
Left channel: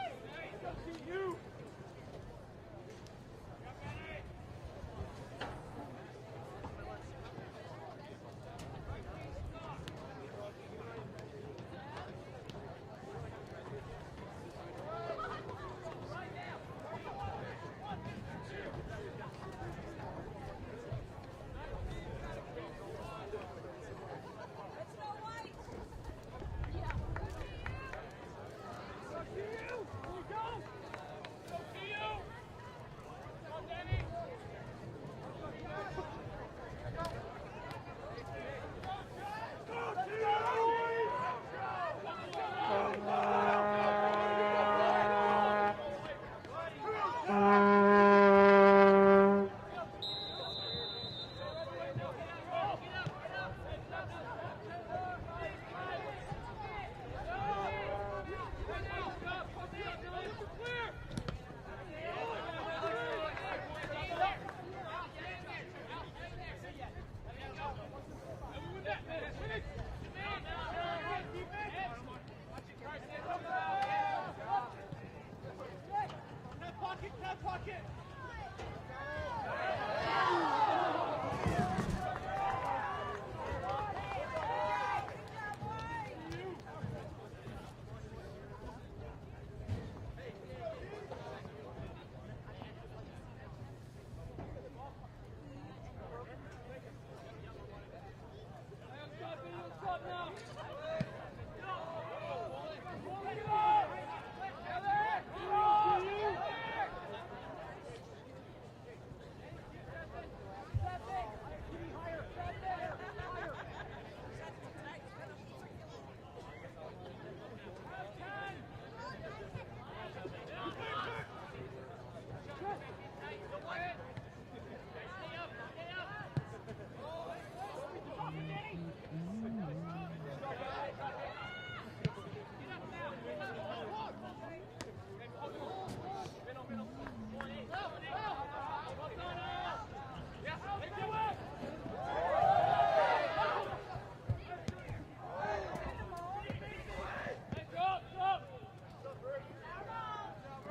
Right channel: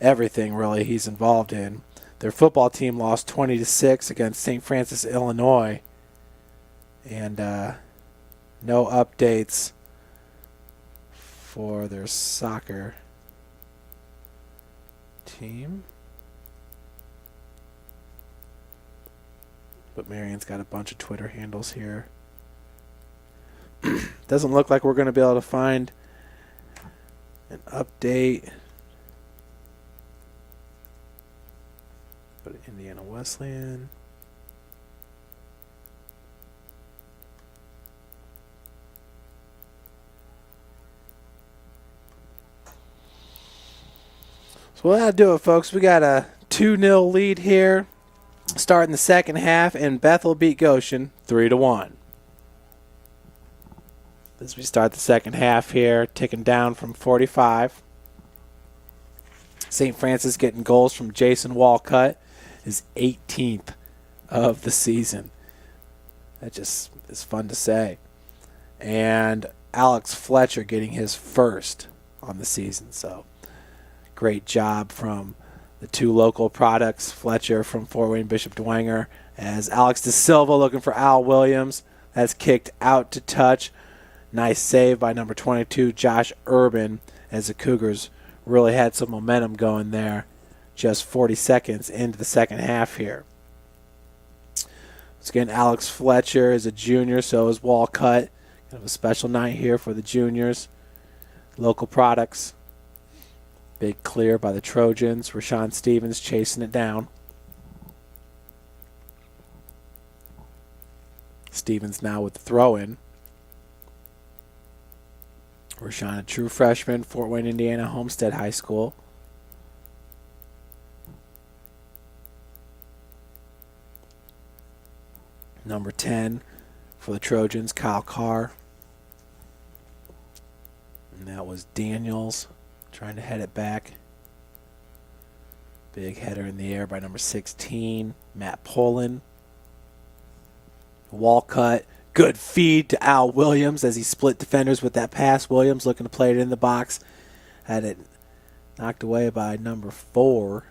everything really he's involved in. Their football team lost 20-6 against St. Francis, Illinois. And no updates for their soccer team. But Marion's got a bunch of Twitter handles here. Doesn't look like we're going to be able to find an update. But Indiana Wesleyan. So that'll do it, folks. We got a 2-0 lead here starting the second half, and Bethel beat Goshen 3-1. As we start the second half here, ticking down from 45. St. Francis getting goals from Jason Walcott, his 18th of the season. That just is fun to say. And Alex Fletcher getting his first on the season. So great job from the 2 local products. Fletcher from Fort Wayne Bishop Dwenger, as Alex De Silva looking for Al Williams. That's kicked out to touch. Nice save by number 22, Josh Urban, as the Cougars really had some momentum going there just 40 seconds into the second half here. Once again, Alex Fletcher is a junior, so is Walcott. A special night here for the juniors. Local products. Big clear by the Trojans. Rashawn Stevens chasing it down. Stevens now with the throw-in. Rashawn, a true freshman, Fort Wayne, Indiana, Homestead High School. Number 10 for the Trojans, Kyle Carr. And that was Daniels trying to head it back. Big header in the air by number 16, Matt Poland. Walcott, good feed to Al Williams as he split defenders with that pass. Williams looking to play it in the box. Had it knocked away by number 4,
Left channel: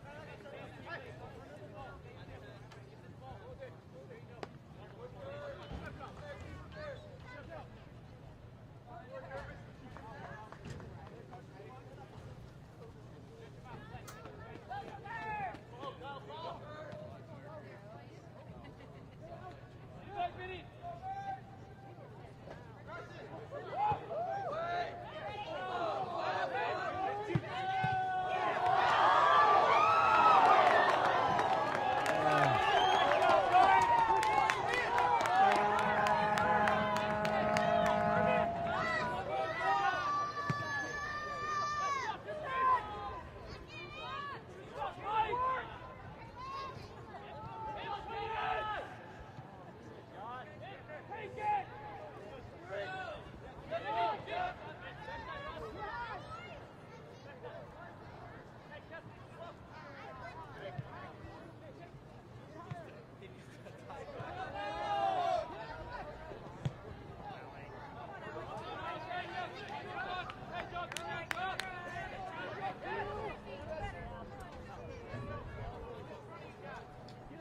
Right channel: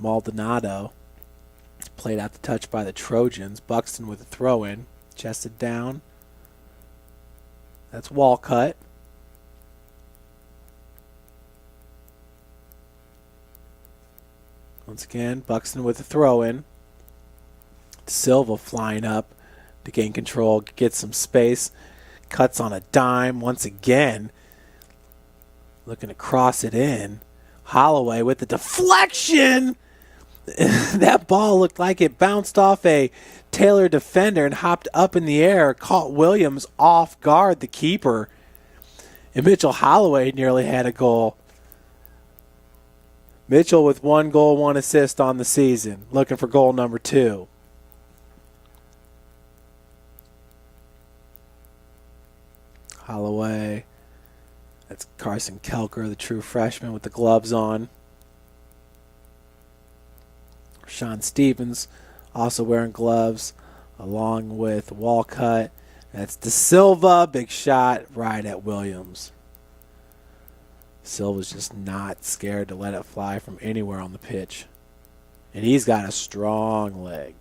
Maldonado. Played out the touch by the Trojans. Buxton with a throw-in. Chested down. That's Walcott. Once again, Buxton with a throw-in. Silva flying up to gain control, get some space. Cuts on a dime once again. Looking to cross it in. Holloway with the deflection. That ball looked like it bounced off a Taylor defender and hopped up in the air, caught Williams off guard, the keeper. And Mitchell Holloway nearly had a goal. Mitchell with 1 goal, 1 assist on the season, looking for goal number 2. Holloway, that's Carson Kelker, the true freshman with the gloves on. Sean Stevens also wearing gloves along with Walcott. That's De Silva, big shot right at Williams. Silva's just not scared to let it fly from anywhere on the pitch. And he's got a strong leg.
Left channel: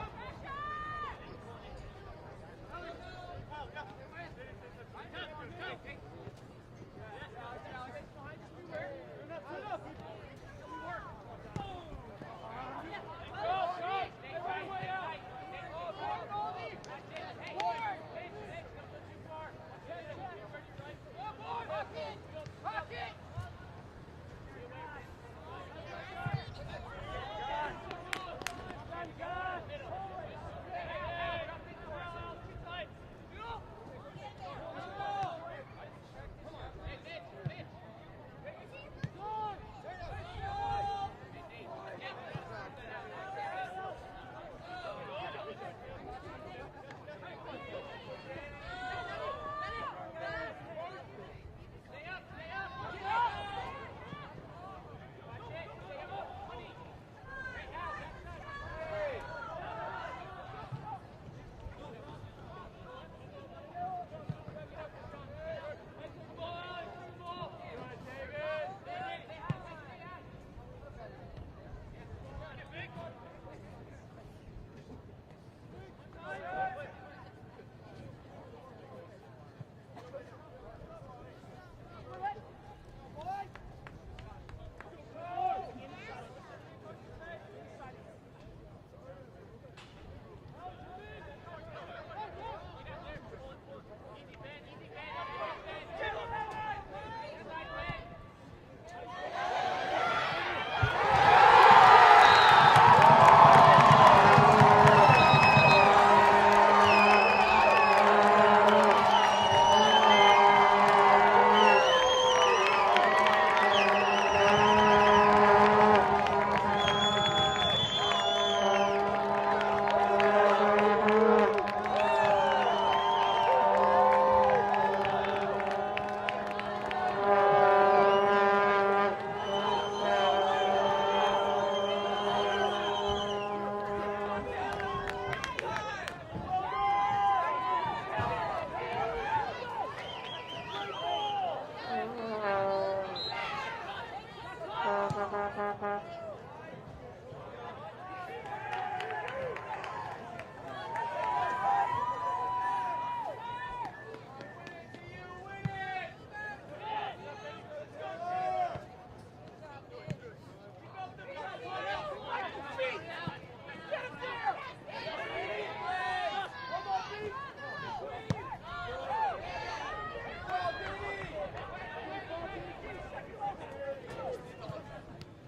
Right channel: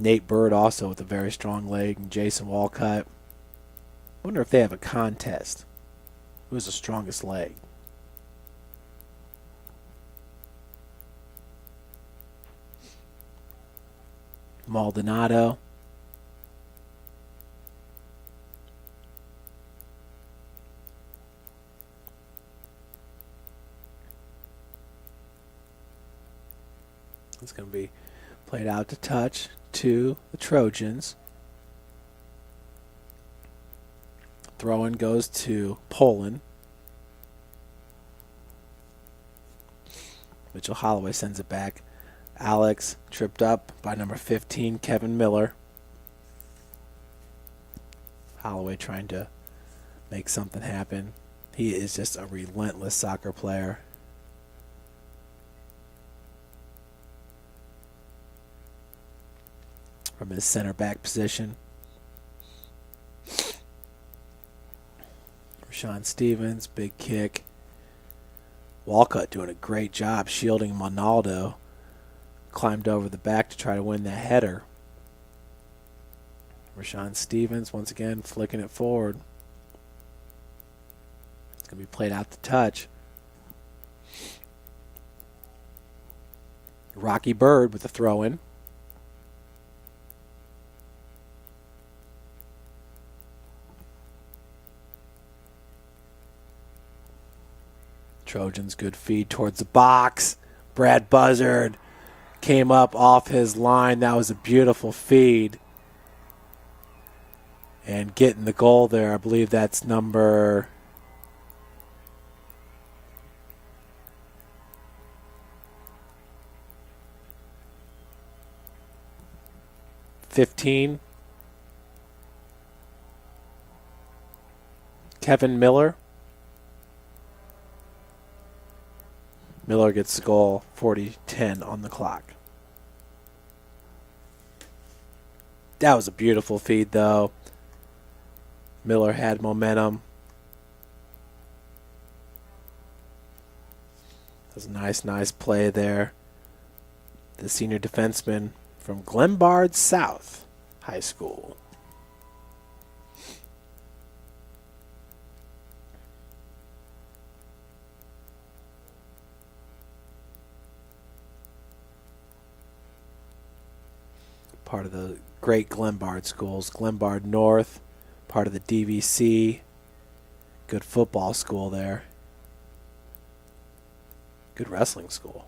Nate Bird also with a very strong leg, and Jason Walcott. I wonder if they have a contest. Who's the strongest leg? Maldonado. It's going to be played out to touch to the Trojans. Throw-in goes to Poland. Mitchell Holloway sends it back. Alex tripped up by number 15, Kevin Miller. Holloway trying to make something happen. He is just a relentless soccer player. From his center back position. Sean Stevens, big kick. Walcott doing a great job shielding Monaldo. Climbed over the back to try to win the header. Rashawn Stevens once again flicking it forward. It's going to be played out to touch. Rocky Bird with the throw-in. Trojans, good feed towards the box. Brad Buzzard came up off his line. That was a beautiful feed. And getting the goal there, I believe that's number 15. Kevin Miller. Miller gets the goal, 40-10 on the clock. That was a beautiful feed, though. Miller had momentum. It was a nice play there. The senior defenseman from Glenbard South High School. Part of the great Glenbard schools. Glenbard North, part of the DVC. Good football school there. Good wrestling school.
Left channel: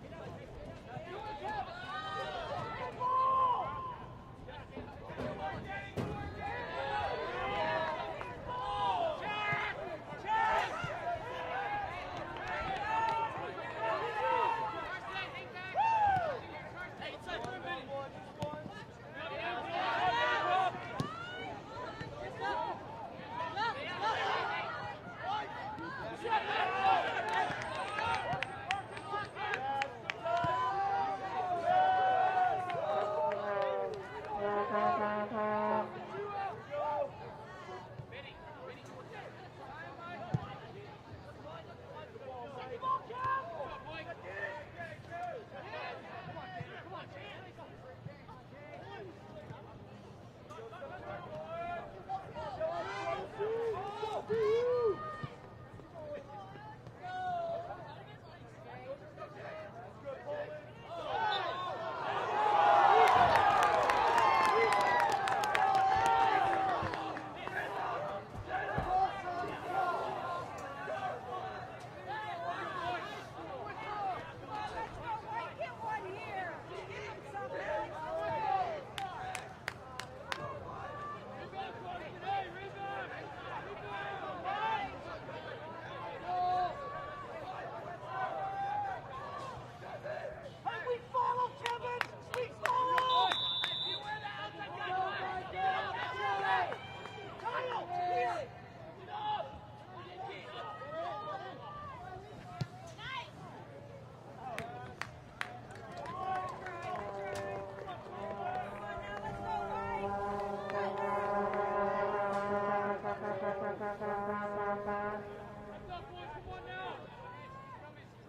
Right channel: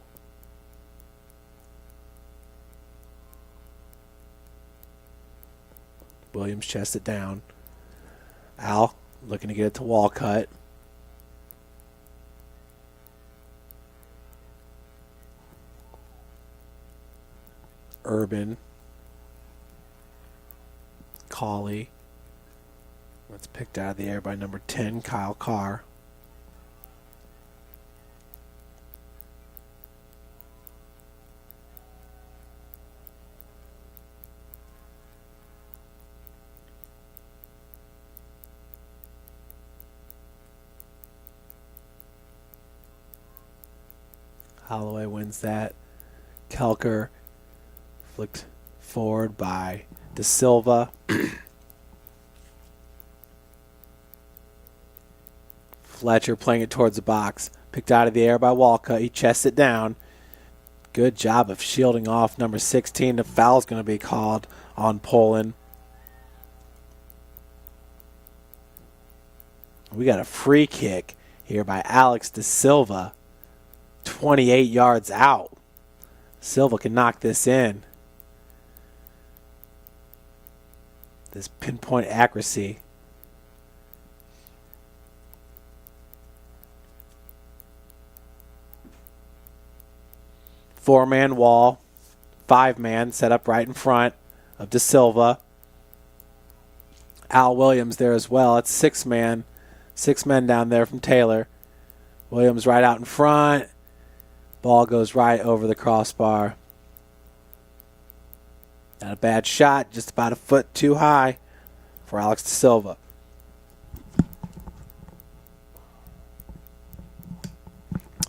Williams chests it down. Al looking to get it to Walcott. Urban. Cauley. That's picked out of the air by number 10, Kyle Carr. Holloway wins that. Kelker flicked forward by De Silva. Fletcher playing it towards the box. Picked out of the air by Walcott. He chests it down. Good job of shielding off number 16. The foul's going to be called on Poland. We got a free kick here by Alex De Silva. 28 yards out. Silva can knock this in. This pinpoint accuracy. Four-man wall, five-man set up right in front of De Silva. Al Williams there as well. It's six-man, 6 men down there from Taylor. Williams right out in front. Ball goes right over the crossbar. Not a bad shot, just about a foot too high for Alex De Silva.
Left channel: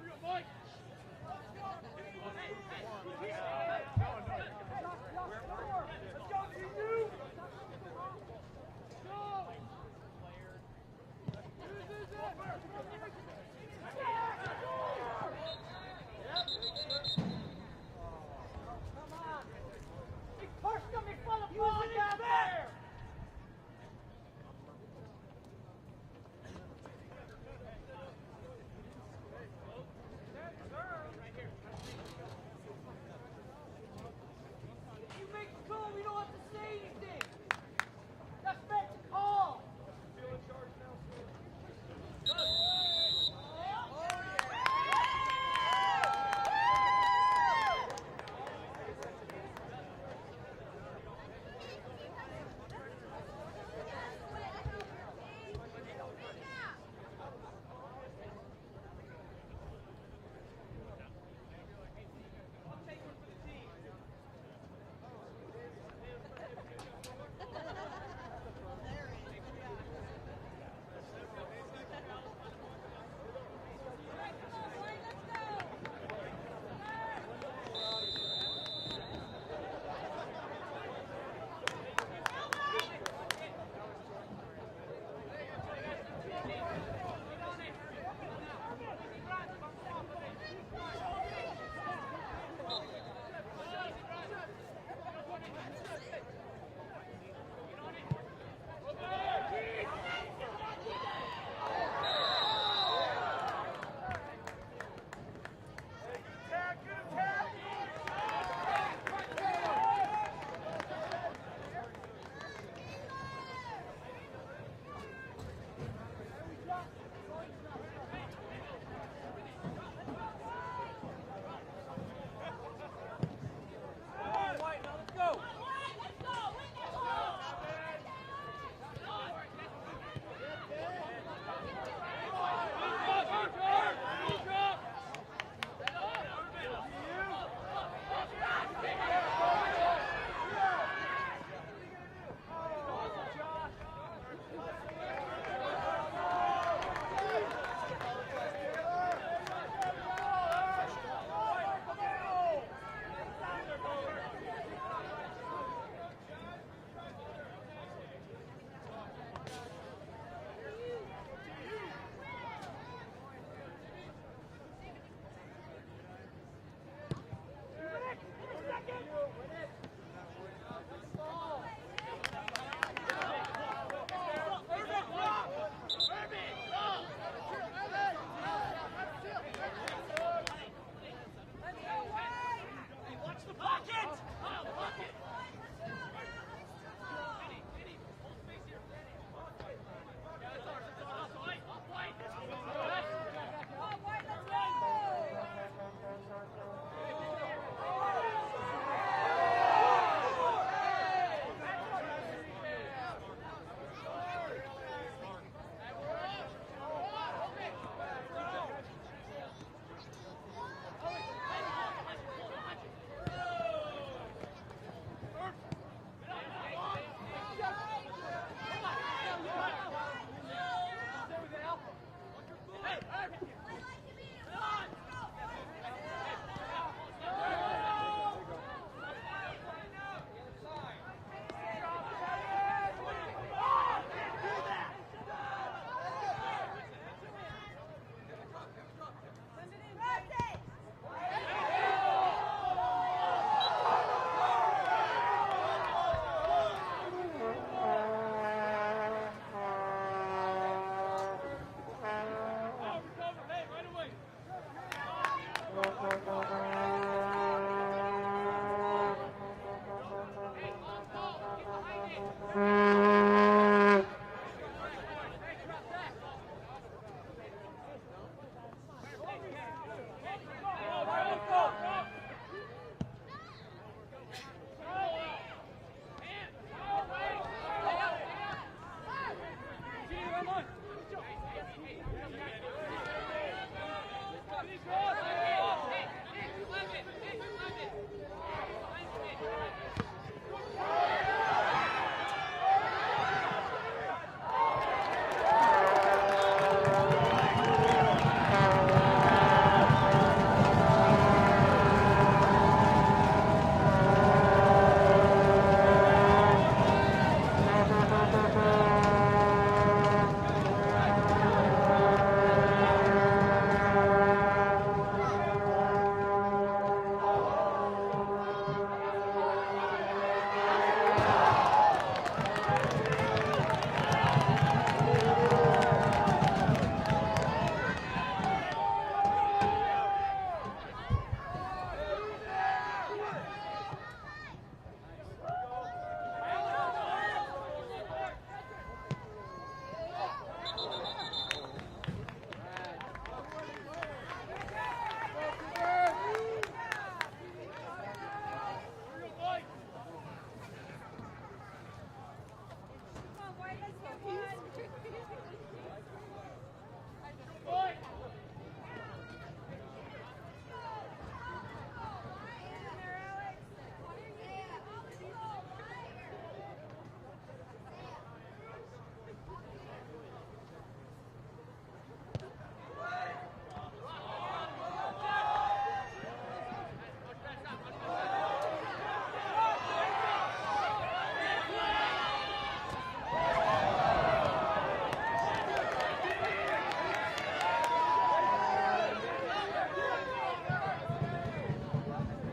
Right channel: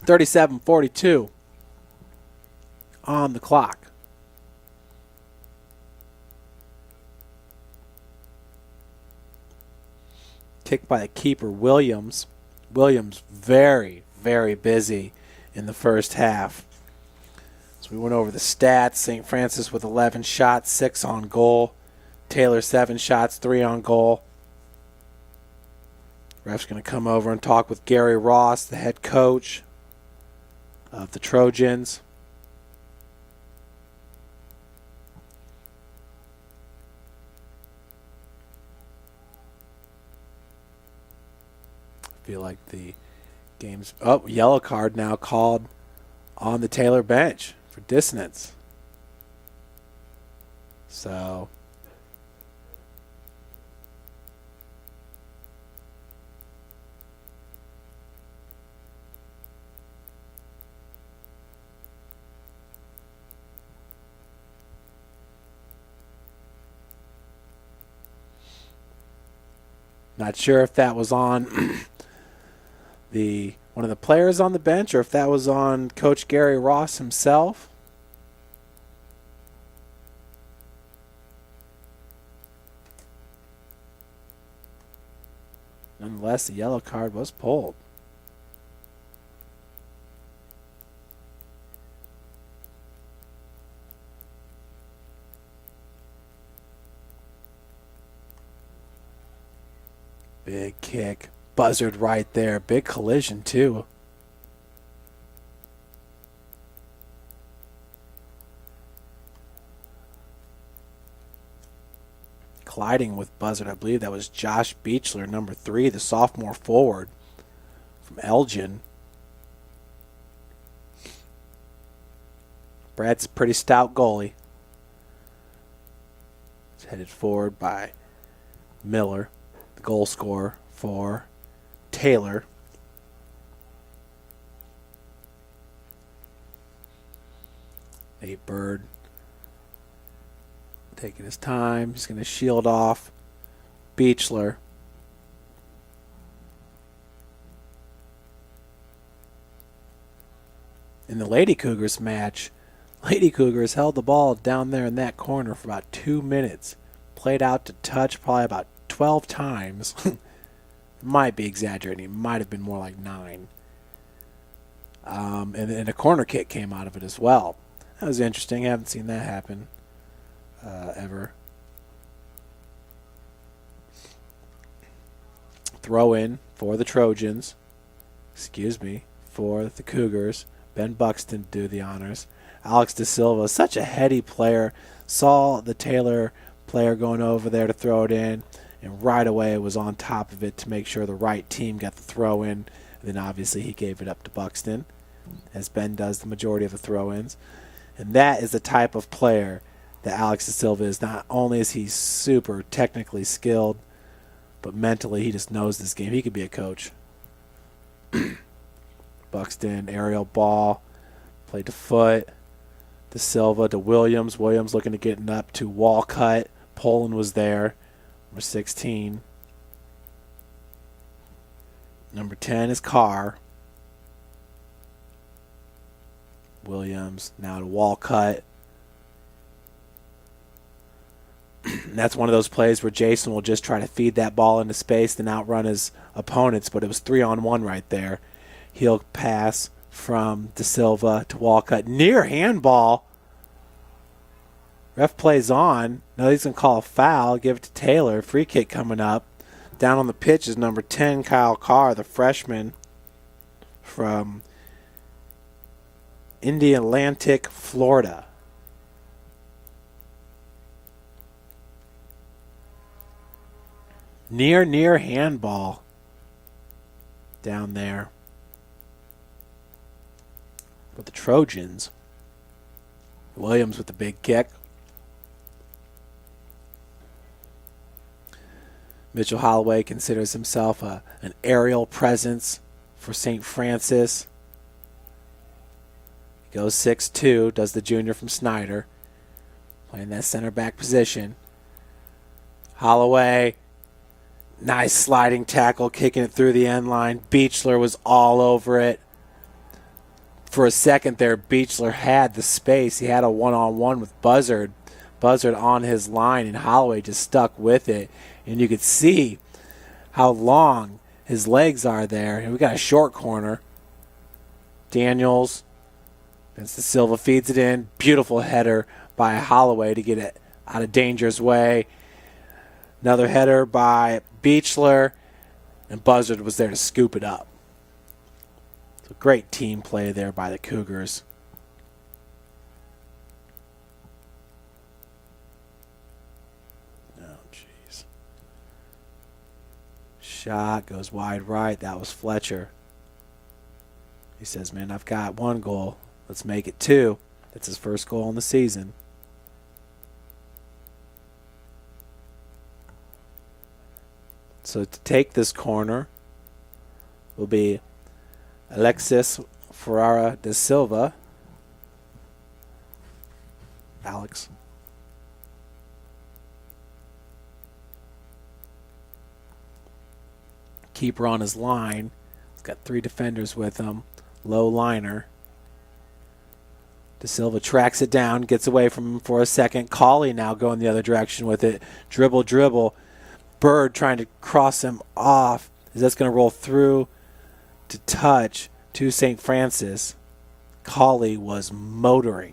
.37-42 on the clock. Kicked by the keeper, Williams. Williams very, very busy in the first half. So we went over the stats. St. Francis with 11 shots, 6 on goal. Taylor 7 shots, 3 on goal. Ref's going to come over and talk with Gary Ross, the head coach of the Trojans. Feel like the game's yellow card now called on the Taylor bench for dissonance. So not sure if that was on one of the players on the bench or if that was on Coach Gary Ross himself. Nonetheless, the yellow card was pulled. Big kick, buzzard right there. Big collision too. Colliding with buzzard, I believe that was Josh Beechler, number 3, the sophomore forward from Elgin. Brad's a pretty stout goalie. He's headed forward by Miller, the goal scorer for Taylor. A Bird taking his time. He's going to shield off Beechler. In the Lady Cougars match, Lady Cougars held the ball down there in that corner for about 2 minutes. Played out to touch probably about 12 times. Might be exaggerating. Might have been more like 9. And a corner kick came out of it as well. That was interesting. I haven't seen that happen ever. throw in for the Trojans. For the Cougars. Ben Buxton do the honors. Alex De Silva, such a heady player, saw the Taylor player going over there to throw it in, and right away was on top of it to make sure the right team got the throw in. Then obviously he gave it up to Buxton, as Ben does the majority of the throw-ins. And that is the type of player that Alex De Silva is. Not only is he super technically skilled, but mentally he just knows this game. He could be a coach. Buxton, aerial ball, played to foot. De Silva to Williams. Williams looking to get it up to Walcott. Poland was there, number 16. Number 10 is Carr. Williams, now to Walcott. And that's one of those plays where Jason will just try to feed that ball into space and outrun his opponents, but it was 3-on-1 right there. He'll pass from De Silva to Walcott. Near handball. Ref plays on. No, he's going to call a foul. Give it to Taylor. Free kick coming up. Down on the pitch is number 10, Kyle Carr, the freshman from Indialantic, Florida. Near handball down there. With the Trojans. Williams with the big kick. Mitchell Holloway considers himself an aerial presence for St. Francis. Goes 6'2", does the junior from Snyder. In that center back position. Holloway, nice sliding tackle, kicking it through the end line. Beechler was all over it. For a second there, Beechler had the space. He had a one-on-one with Buzzard. Buzzard on his line, and Holloway just stuck with it. And you could see how long his legs are there. We got a short corner. Daniels, as De Silva feeds it in. Beautiful header by Holloway to get it out of danger's way. Another header by Beechler. And Buzzard was there to scoop it up. Great team play there by the Cougars. Shot goes wide right. That was Fletcher. He says, man, I've got one goal. Let's make it two. That's his first goal in the season. So to take this corner will be Alexis Ferrara de Silva. Alex. Keeper on his line. He's got three defenders with him. Low liner. De Silva tracks it down, gets away from him for a second. Cauley now going the other direction with it. Dribble. Bird trying to cross him off. That's going to roll through to touch to St. Francis. Cauley was motoring.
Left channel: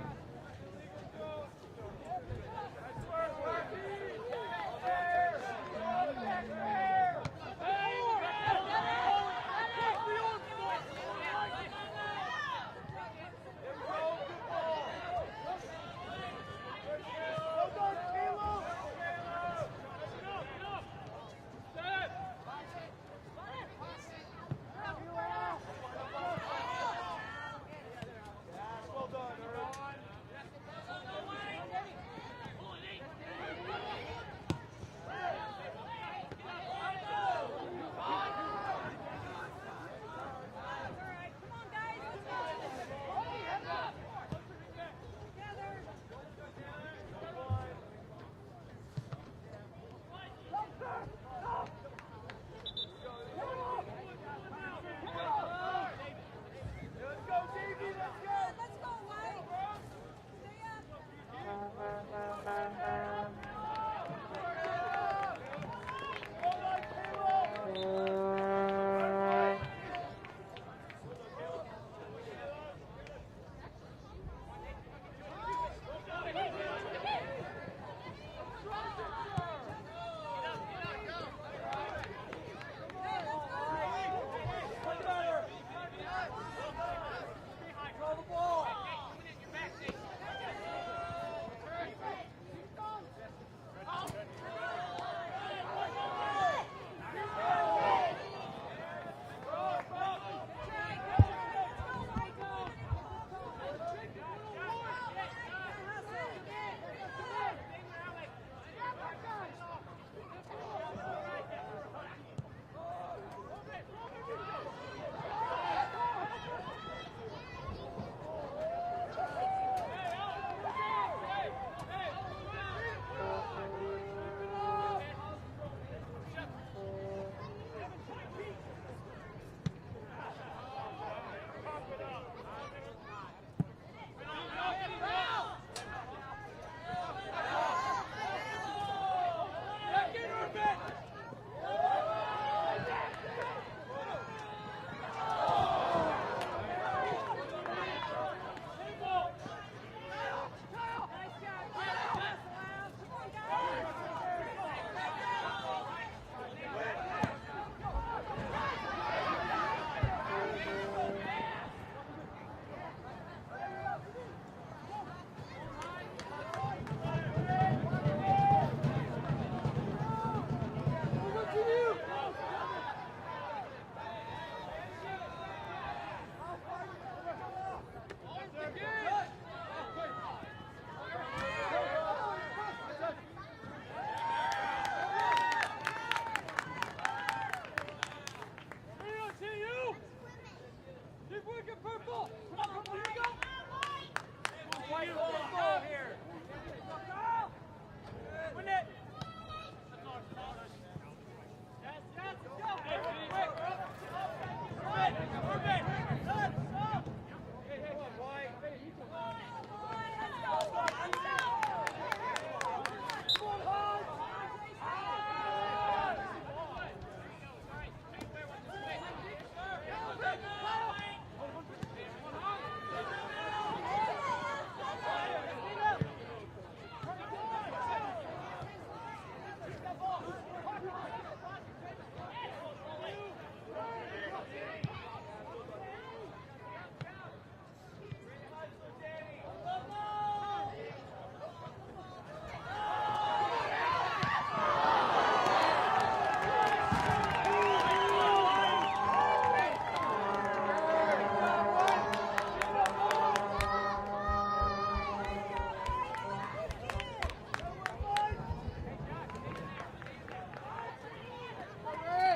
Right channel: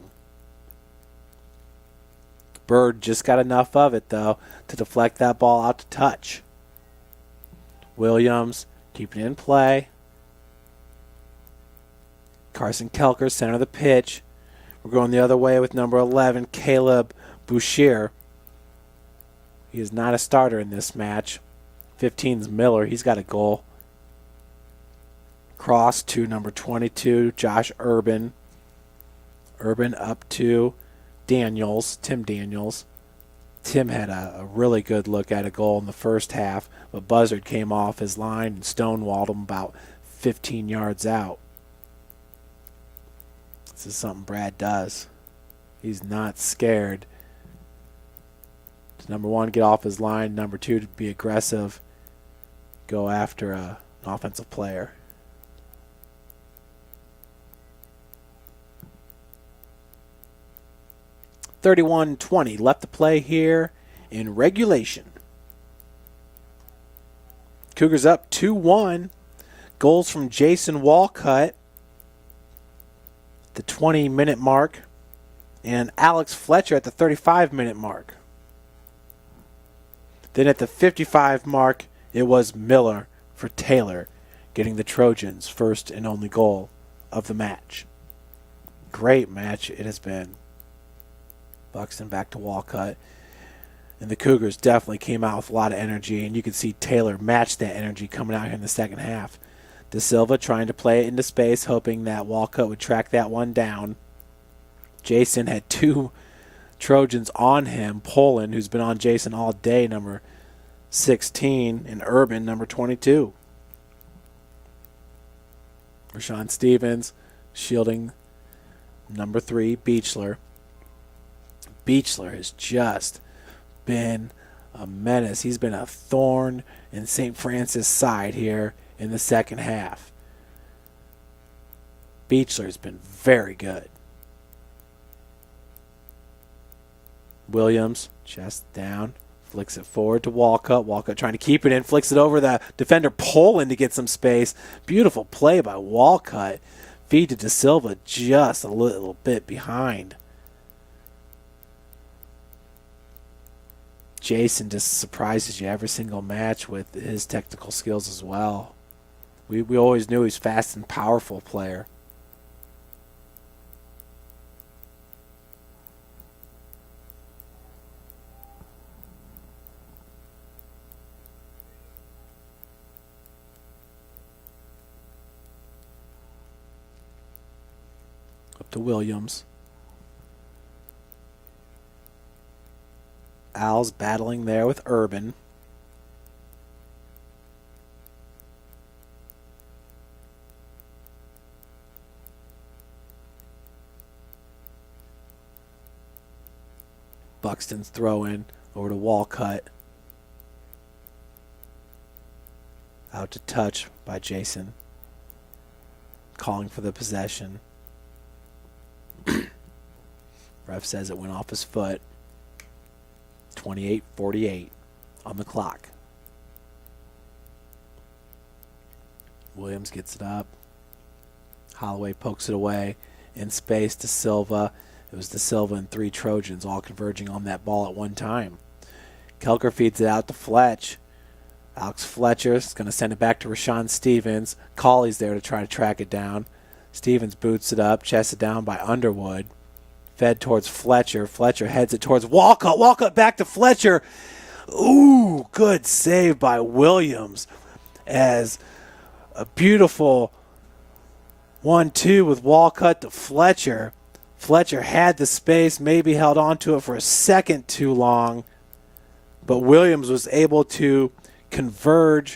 Bird just got enough of it, though, to deflect that ball out to touch. Williams keeping it in play. Carson Kelker, center of the pitch. We're going the other way with number 11, Caleb Bouchier. He is not a starter in this match. 15's Miller. He's got a goal. Cross to number 22, Josh Urban. Urban up to Daniels, Tim Daniels. Tim had a really good look at a goal in the first half, but Buzzard came off his line and stonewalled him about 15 yards out. This is something Brad does. He's not scared. Number one, get off his line. Number two, to be aggressive. Go after an offensive player. (31-20) left to play here in regulation. Cougars up 2-1. Goals from Jason Walcott, the 20-minute mark, and Alex Fletcher at the 35-minute mark. Then at the 55 mark, it was Miller for Taylor, getting the Trojans' first and only goal of the match. Great match it has been. Buxton back to Walcott. And the Cougars definitely came out with a lot of energy, and you can see Taylor match that energy coming out here in the second half. De Silva trying to play it into space, hoping that Walcott would track that one down. Jason had 2 Trojans on him. Poland, who's been on Jason all day, number 16, and Urban, number 22. Rashawn Stevens shielding number 3, Beechler. Beechler has just been a menace. He's been a thorn in St. Francis' side here in the second half. Beechler's been very good. Williams, chest down, flicks it forward to Walcott. Walcott trying to keep it in, flicks it over the defender Poland to get some space. Beautiful play by Walcott. Feed to De Silva, just a little bit behind. Jason just surprises you every single match with his technical skills as well. We always knew he was fast and powerful player. Up to Williams. Al's battling there with Urban. Buxton's throw in over to Walcott. Out to touch by Jason. Calling for the possession. Ref says it went off his foot. 28-48 on the clock. Williams gets it up. Holloway pokes it away. In space to Silva. There's De Silva and 3 Trojans all converging on that ball at one time. Kelker feeds it out to Fletch. Alex Fletcher is going to send it back to Rashawn Stevens. Colley's there to try to track it down. Stevens boots it up, chests it down by Underwood. Fed towards Fletcher. Fletcher heads it towards Walcott. Walcott back to Fletcher. Ooh, good save by Williams. As a beautiful 1-2 with Walcott to Fletcher. Fletcher had the space, maybe held on to it for a second too long, but Williams was able to converge,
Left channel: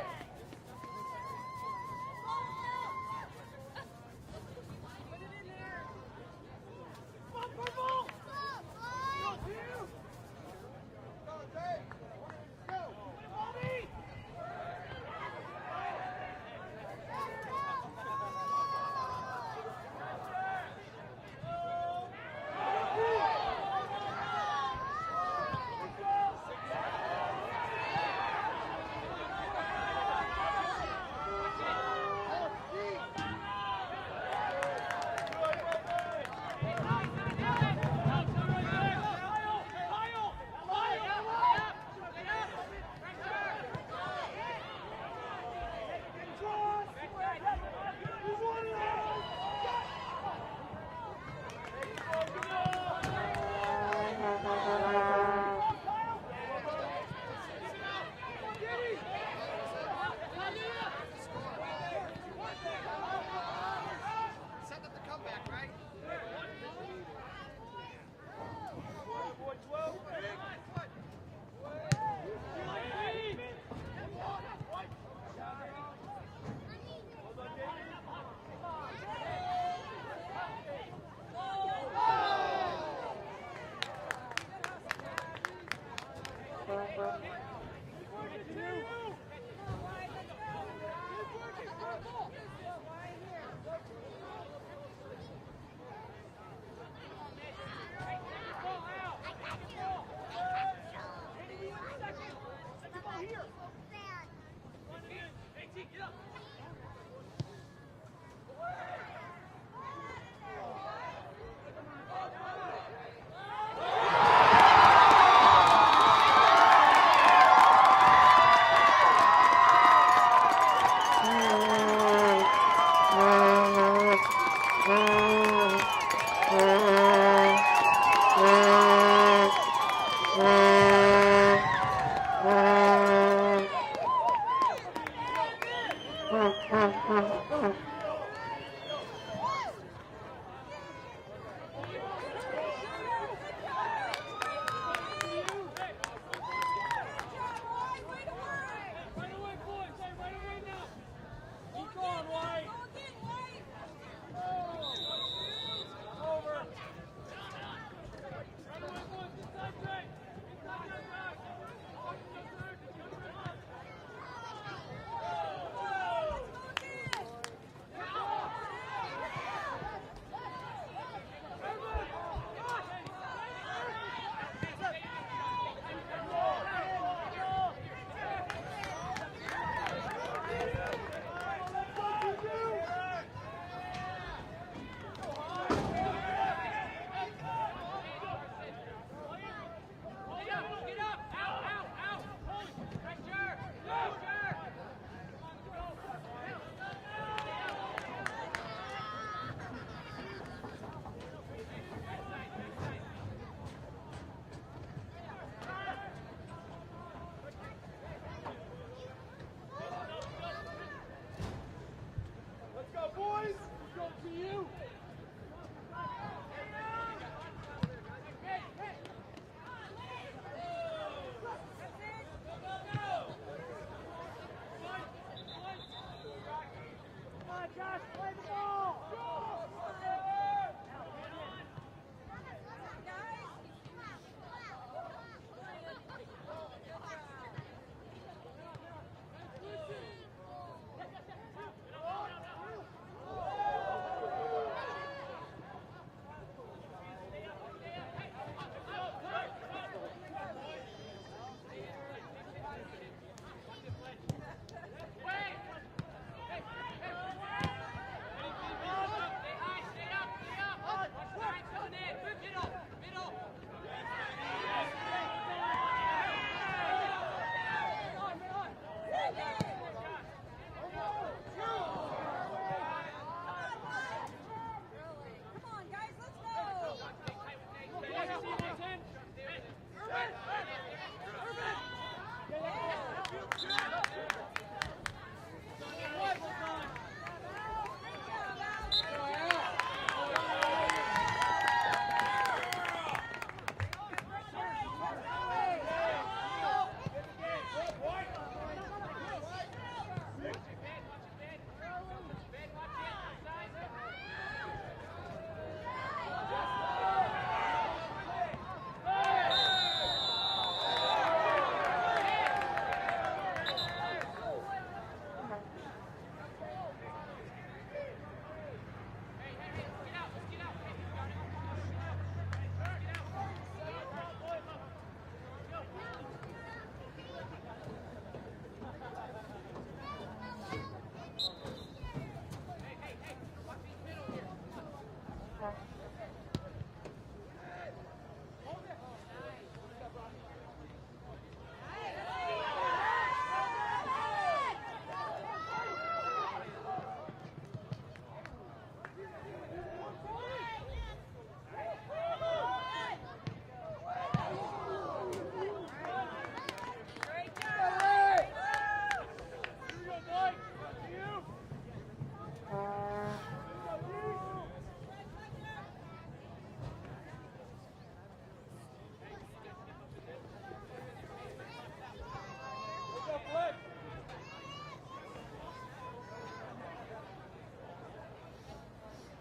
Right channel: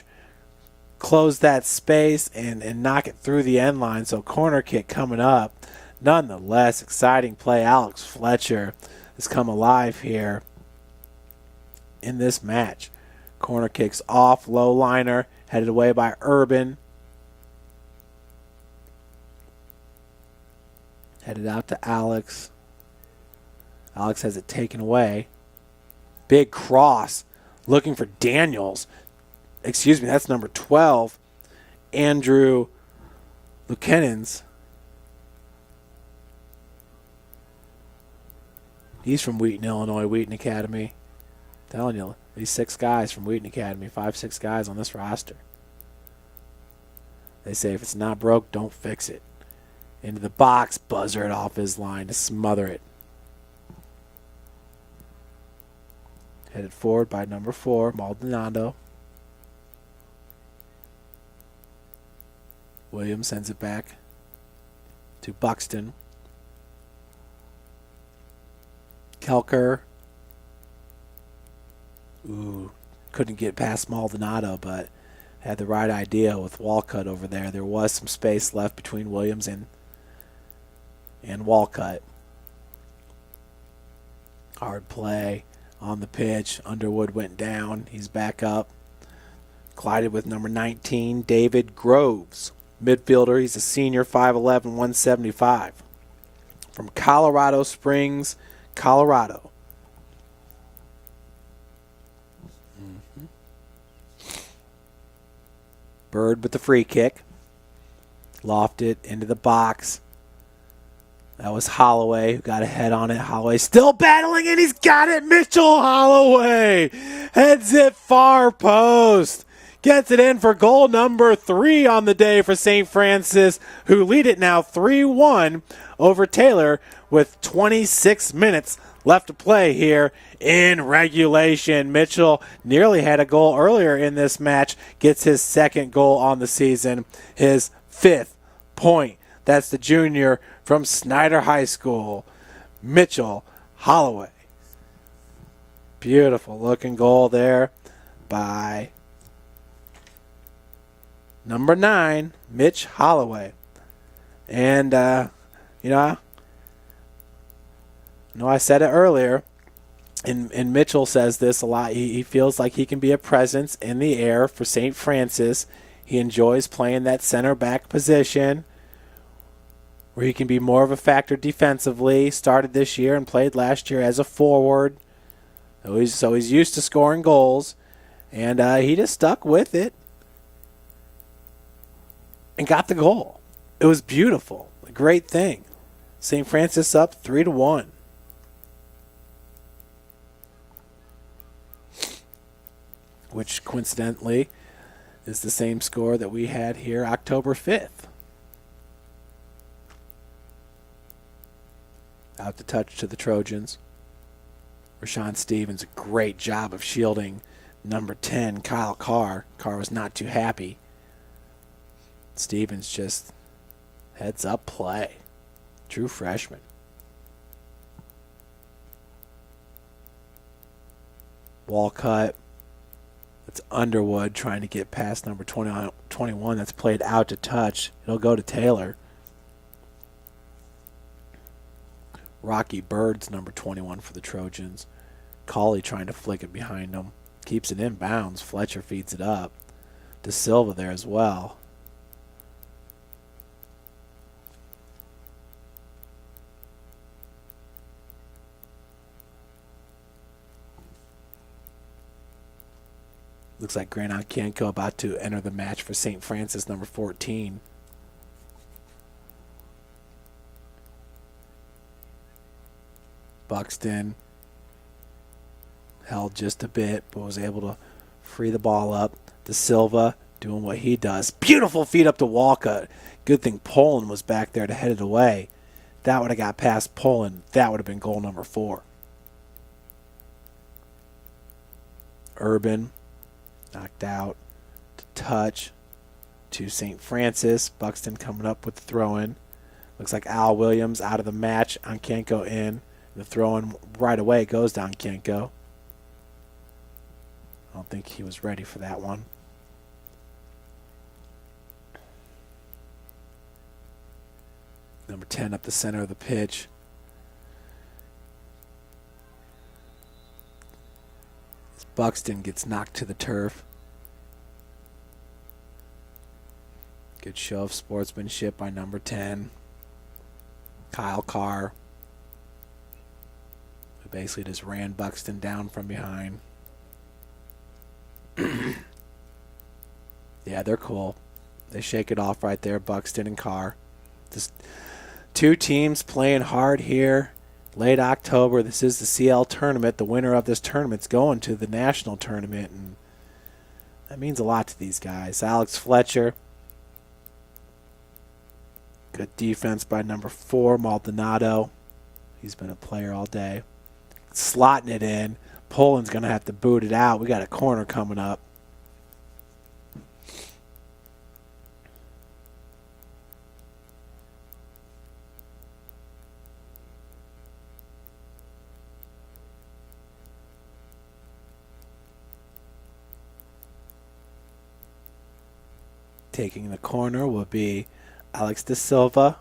close that space, and knock it through the end line. So corner kick coming up. Nonetheless, exciting play. Alex Fletcher has come alive here in this match. Corner kicks off, low liner, headed away by Urban. Headed out to Alex. Alex has it taken away. Big cross, looking for Daniels. Excuse me, that's number 12, Andrew Buchanan's. He's from Wheaton, Illinois, Wheaton Academy. I'm telling you, these 6 guys from Wheaton Academy, 5-6 guys on this roster. They say if it's not broke, don't fix it. Into the box, buzzer it off his line to smother it. Headed forward by number 4, Maldonado. Williams sends it back to Buxton. Kelker. Ooh, couldn't get past Maldonado, but had the right idea with Walcott over there. There was some space left between Williams and Walcott. Hard play on the pitch. Underwood went down. He's back up. Collided with number 19, David Groves. Midfielder, he's a senior, 5'11", 175. From Colorado Springs, Colorado. Bird with the free kick. Lofted into the box. That was Holloway who got a head on it. Holloway still battling it. He's got it. Mitchell Holloway heads it far post. gets it in for goal number 3 on the day for St. Francis, who lead it now 3-1 over Taylor with 26 minutes left to play here in regulation. Mitchell nearly had a goal earlier in this match, gets his 2nd goal on the season, his 5th point. That's the junior from Snyder High School, Mitchell Holloway. Beautiful looking goal there by number 9, Mitch Holloway. And, you know, I said it earlier, and Mitchell says this a lot. He feels like he can be a presence in the air for St. Francis. He enjoys playing that center back position where he can be more of a factor defensively. Started this year and played last year as a forward. So he's used to scoring goals, and he just stuck with it and got the goal. It was beautiful. Great thing. St. Francis up 3-1. Which coincidentally is the same score that we had here October 5th. Out the touch to the Trojans. Rashawn Stevens, a great job of shielding number 10, Kyle Carr. Carr was not too happy. Stevens just heads up play. True freshman. Walcott. It's Underwood trying to get past number 21 that's played out to touch. It'll go to Taylor. Rocky Bird's number 21 for the Trojans. Cauley trying to flick it behind him. Keeps it in bounds. Fletcher feeds it up. De Silva there as well. Looks like Grant Onkienko about to enter the match for St. Francis, number 14. Buxton held just a bit, but was able to free the ball up. De Silva doing what he does. Beautiful feed up to Walcott. Good thing Poland was back there to head it away. That would have got past Poland. That would have been goal number 4. Urban knocked out to touch to St. Francis. Buxton coming up with the throw-in. Looks like Al Williams out of the match. Onkienko in. The throw-in right away goes down Onkienko. I don't think he was ready for that one. Number 10 up the center of the pitch. Buxton gets knocked to the turf. Good show of sportsmanship by number 10, Kyle Carr. He basically just ran Buxton down from behind. Yeah, they're cool. They shake it off right there, Buxton and Carr. Just 2 teams playing hard here. Late October, this is the CL tournament. The winner of this tournament's going to the national tournament. And that means a lot to these guys. Alex Fletcher. Good defense by number 4, Maldonado. He's been a player all day. Slotting it in. Poland's going to have to boot it out. We got a corner coming up. Taking the corner will be Alex De Silva.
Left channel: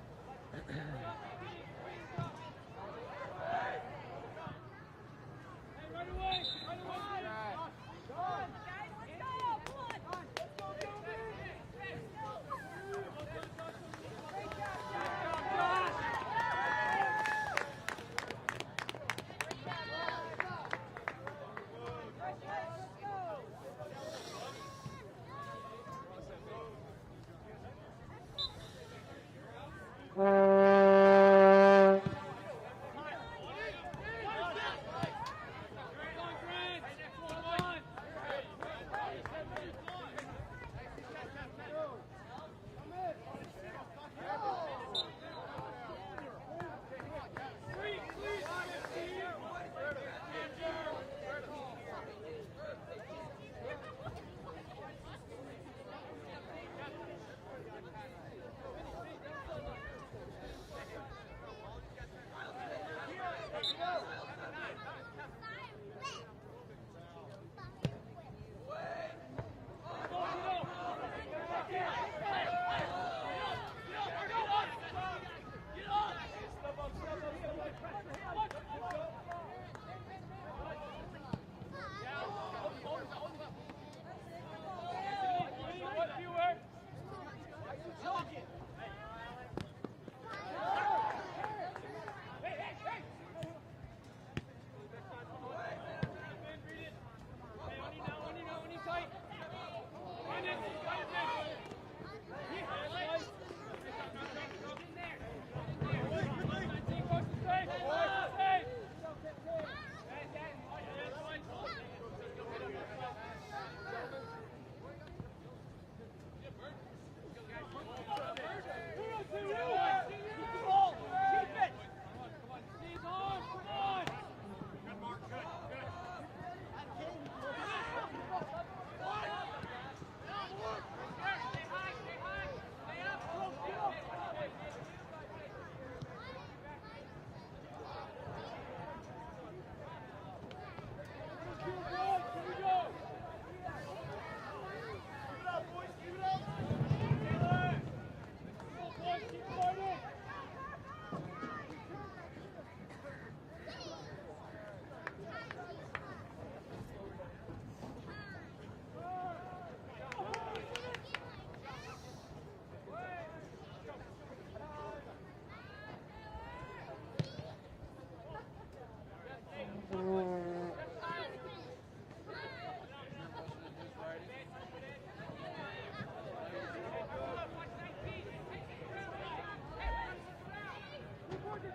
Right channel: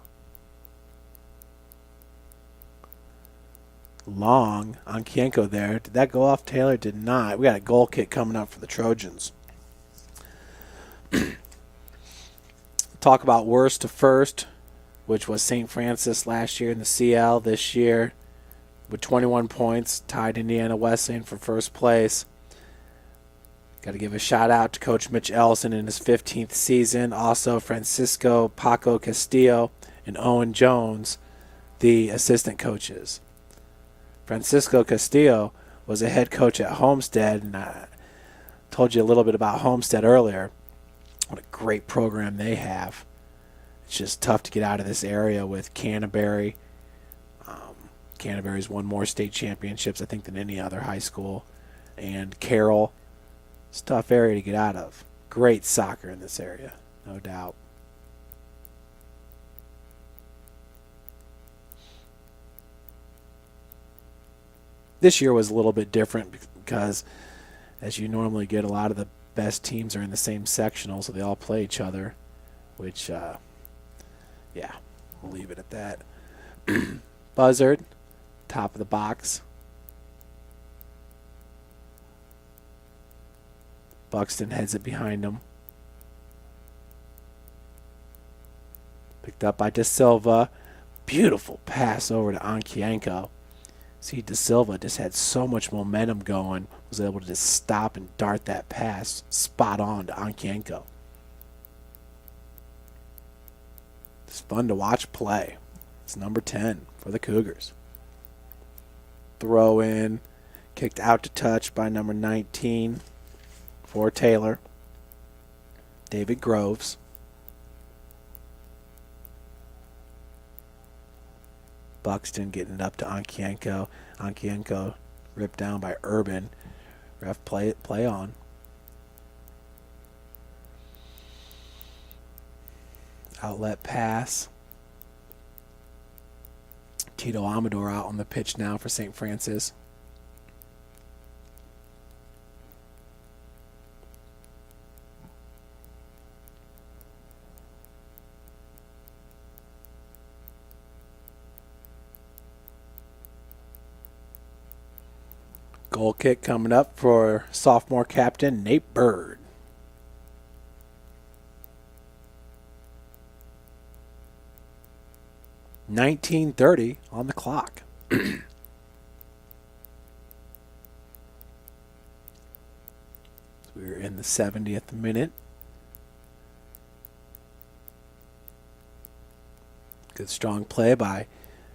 Long on Onkienko there. Did that go off Taylor? Did not. We got a goal kick coming up for the Trojans. Talk about worst to first, which was St. Francis last year in the CL. This year with 21 points, tied Indiana Wesleyan for first place. Got to give a shout out to Coach Mitch Ellison in his 15th season. Also Francisco Paco Castillo and Owen Jones, the assistant coaches. Francisco Castillo was a head coach at Homestead, and Told you a little bit about Homestead earlier. What a great program they have. It's just tough to get out of this area with Canterbury. Canterbury's won more state championships, I think, than any other high school. And Carroll. It's a tough area to get out of. Great soccer in this area, no doubt. This year was a little bit different because, as you normally get, a lot of the best teams are in the same sectional, so they all play each other, which, yeah, we'll leave it at that. Buzzard, top of the box. Buxton heads it behind him. Picked up by De Silva. Beautiful pass over to Ankienko. See, De Silva just had so much momentum going. Was able to just stop and dart that pass spot on to Ankienko. It's fun to watch play. It's number 10 for the Cougars. Throw in, kicked out to touch by number 19 for Taylor. David Groves. Buxton getting it up to Ankienko. Ankienko ripped down by Urban. Ref play on. Outlet pass. Tito Amador out on the pitch now for St. Francis. Goal kick coming up for sophomore captain Nate Bird. .19:30 on the clock. We're in the 70th minute. Good strong play by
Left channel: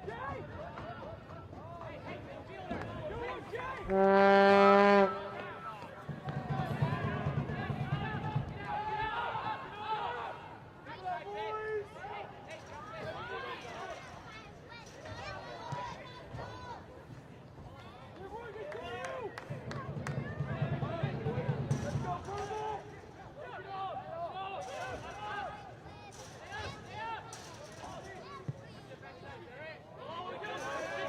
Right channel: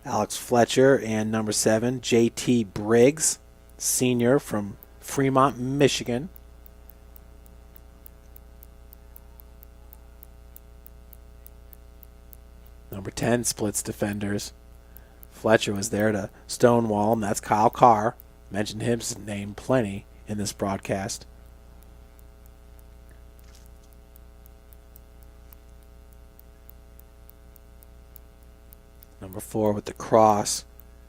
Alex Fletcher and number 7, J.T. Briggs, senior from Fremont, Michigan. Number 10 splits defenders. Fletcher was there to stonewall him. That's Kyle Carr. Mentioned his name plenty in this broadcast. Number 4 with the cross.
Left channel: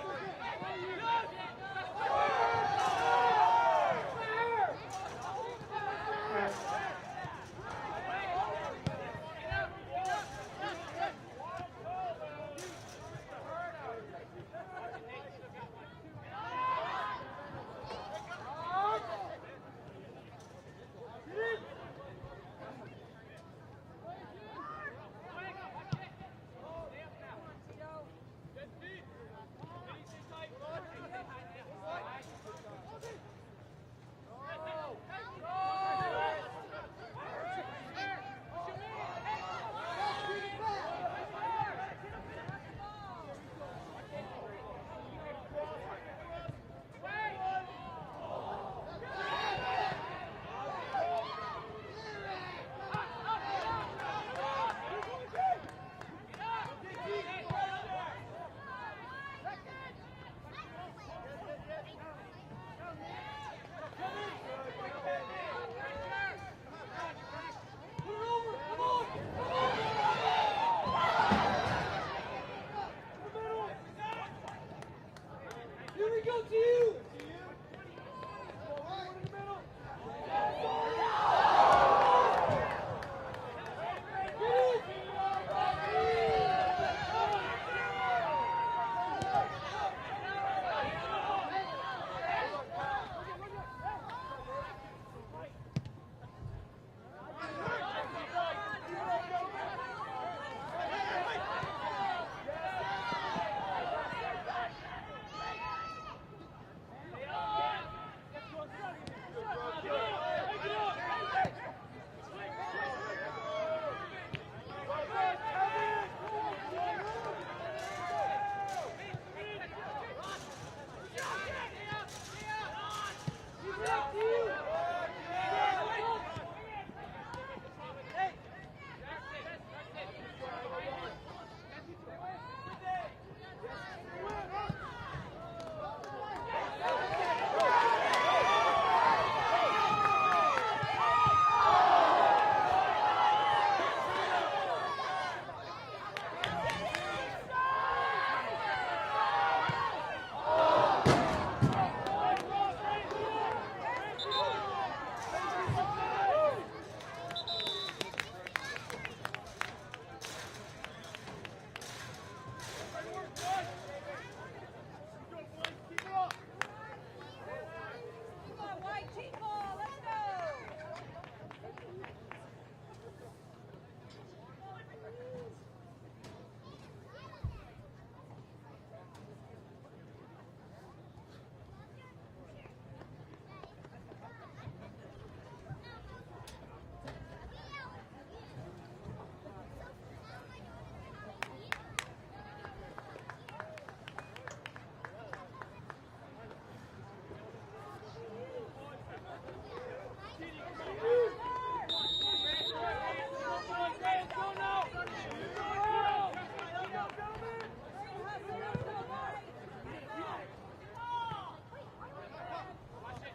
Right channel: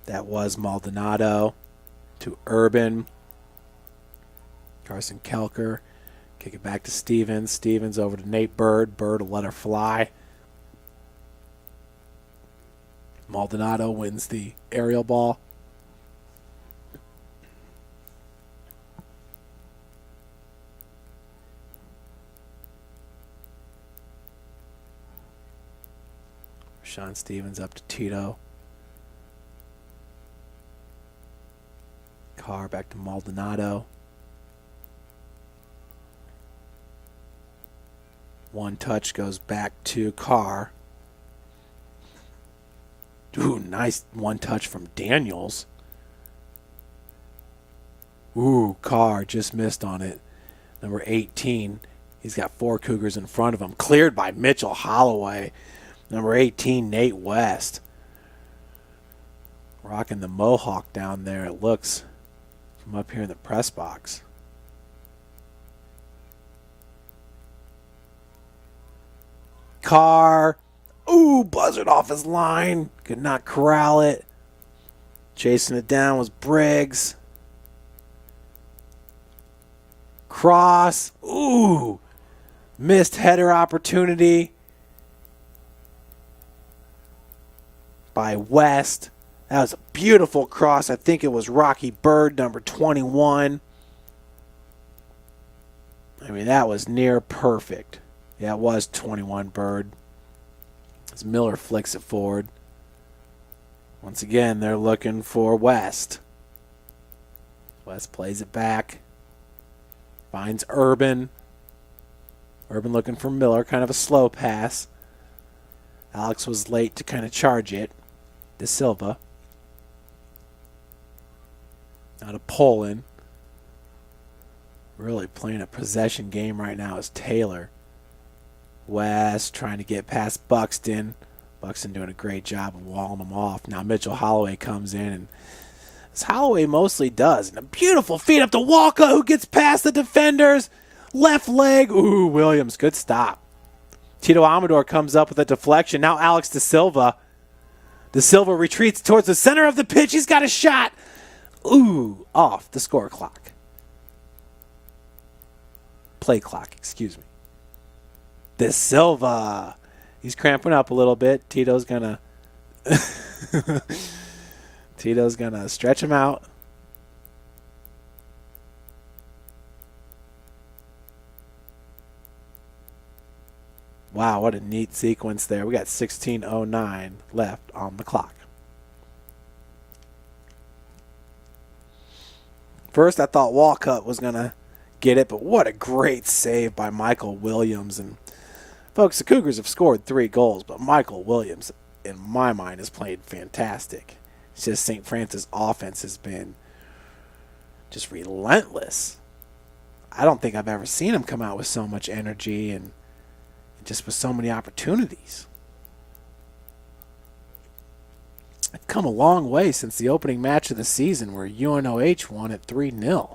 That was Maldonado to Urban. Carson Kelker. Give it back to Stevens. Stevens over to Nate Bird. Bird will let her fly. Maldonado wins the aerial ball. Sean Stevens up to Tito. Carr back to Maldonado. One touch goes back to Carr. Ooh, nice one touch from Daniels. Ooh, Carr just missed on it. Number 18. He's got 4 Cougars in front of him. Cleared by Mitchell Holloway. Number 18, Nate West. Rocking the mohawk down there, it looks, from up here in the press box. Carr. Ooh, buzzard off his line. Could not corral it. Chasing it down was Briggs. Cross. Ooh. Missed header opportunity by West. That was a beautiful cross. I think it was Rocky Bird, number 21. I mean, that was near perfect. That was 21 Bird. As Miller flicks it forward. Once again, they're looking for West. West plays it back. Finds Urban. Urban looking for Miller, kind of a slow pass. Alex was late to kind of charge it. De Silva. Now to Poland. really playing a possession game right now is Taylor. West trying to get past Buxton. Buxton doing a great job of walling them off. Now Mitchell Holloway comes in, and as Holloway mostly does. A beautiful feed up to Walker, who gets past the defenders. Left leg. Ooh, Williams, good stop. Tito Amador comes up with a deflection. Now Alex De Silva. De Silva retreats towards the center of the pitch. He's got a shot. Ooh, off the score clock. Play clock, excuse me. De Silva. He's cramping up a little bit. Tito's gonna stretch him out. Wow, what a neat sequence there. We got 16:09 left on the clock. First, I thought Walcott was going to get it, but what a great save by Michael Williams. And folks, the Cougars have scored 3 goals, but Michael Williams, in my mind, has played fantastic. It's just St. Francis offense has been just relentless. I don't think I've ever seen him come out with so much energy and just with so many opportunities. They've come a long way since the opening match of the season where UNOH won at 3-0.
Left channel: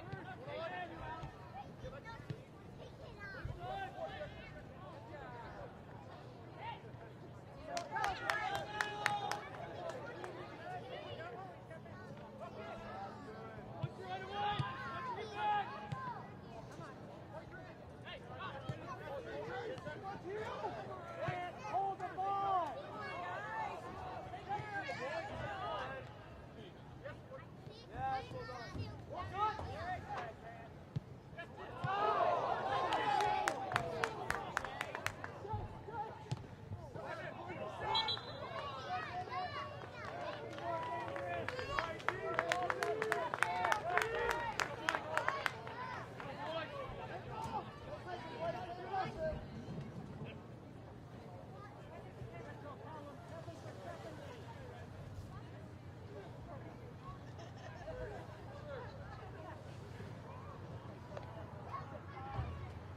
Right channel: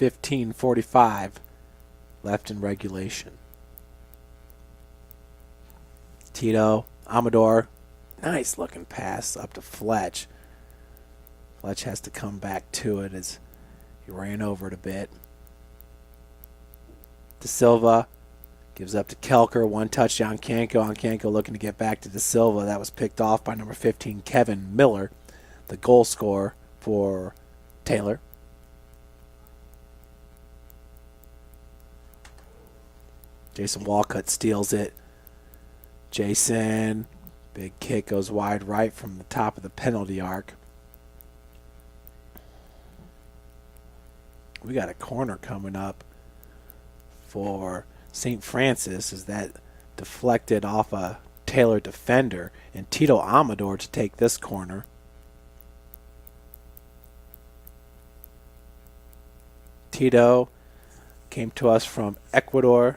.45 left in regulation. Tito Amador, nice looking pass up to Fletch. Fletch has to come back to it as he ran over it a bit. De Silva gives up to Kelker, 1 touchdown. Ancanco looking to get back to De Silva. That was picked off by number 15, Kevin Miller, the goal scorer for Taylor. Jason Walcott steals it. Jason, big kick goes wide right from the top of the penalty arc. We got a corner coming up for St. Francis as that deflected off a Taylor defender, and Tito Amador to take this corner. Tito came to us from Ecuador.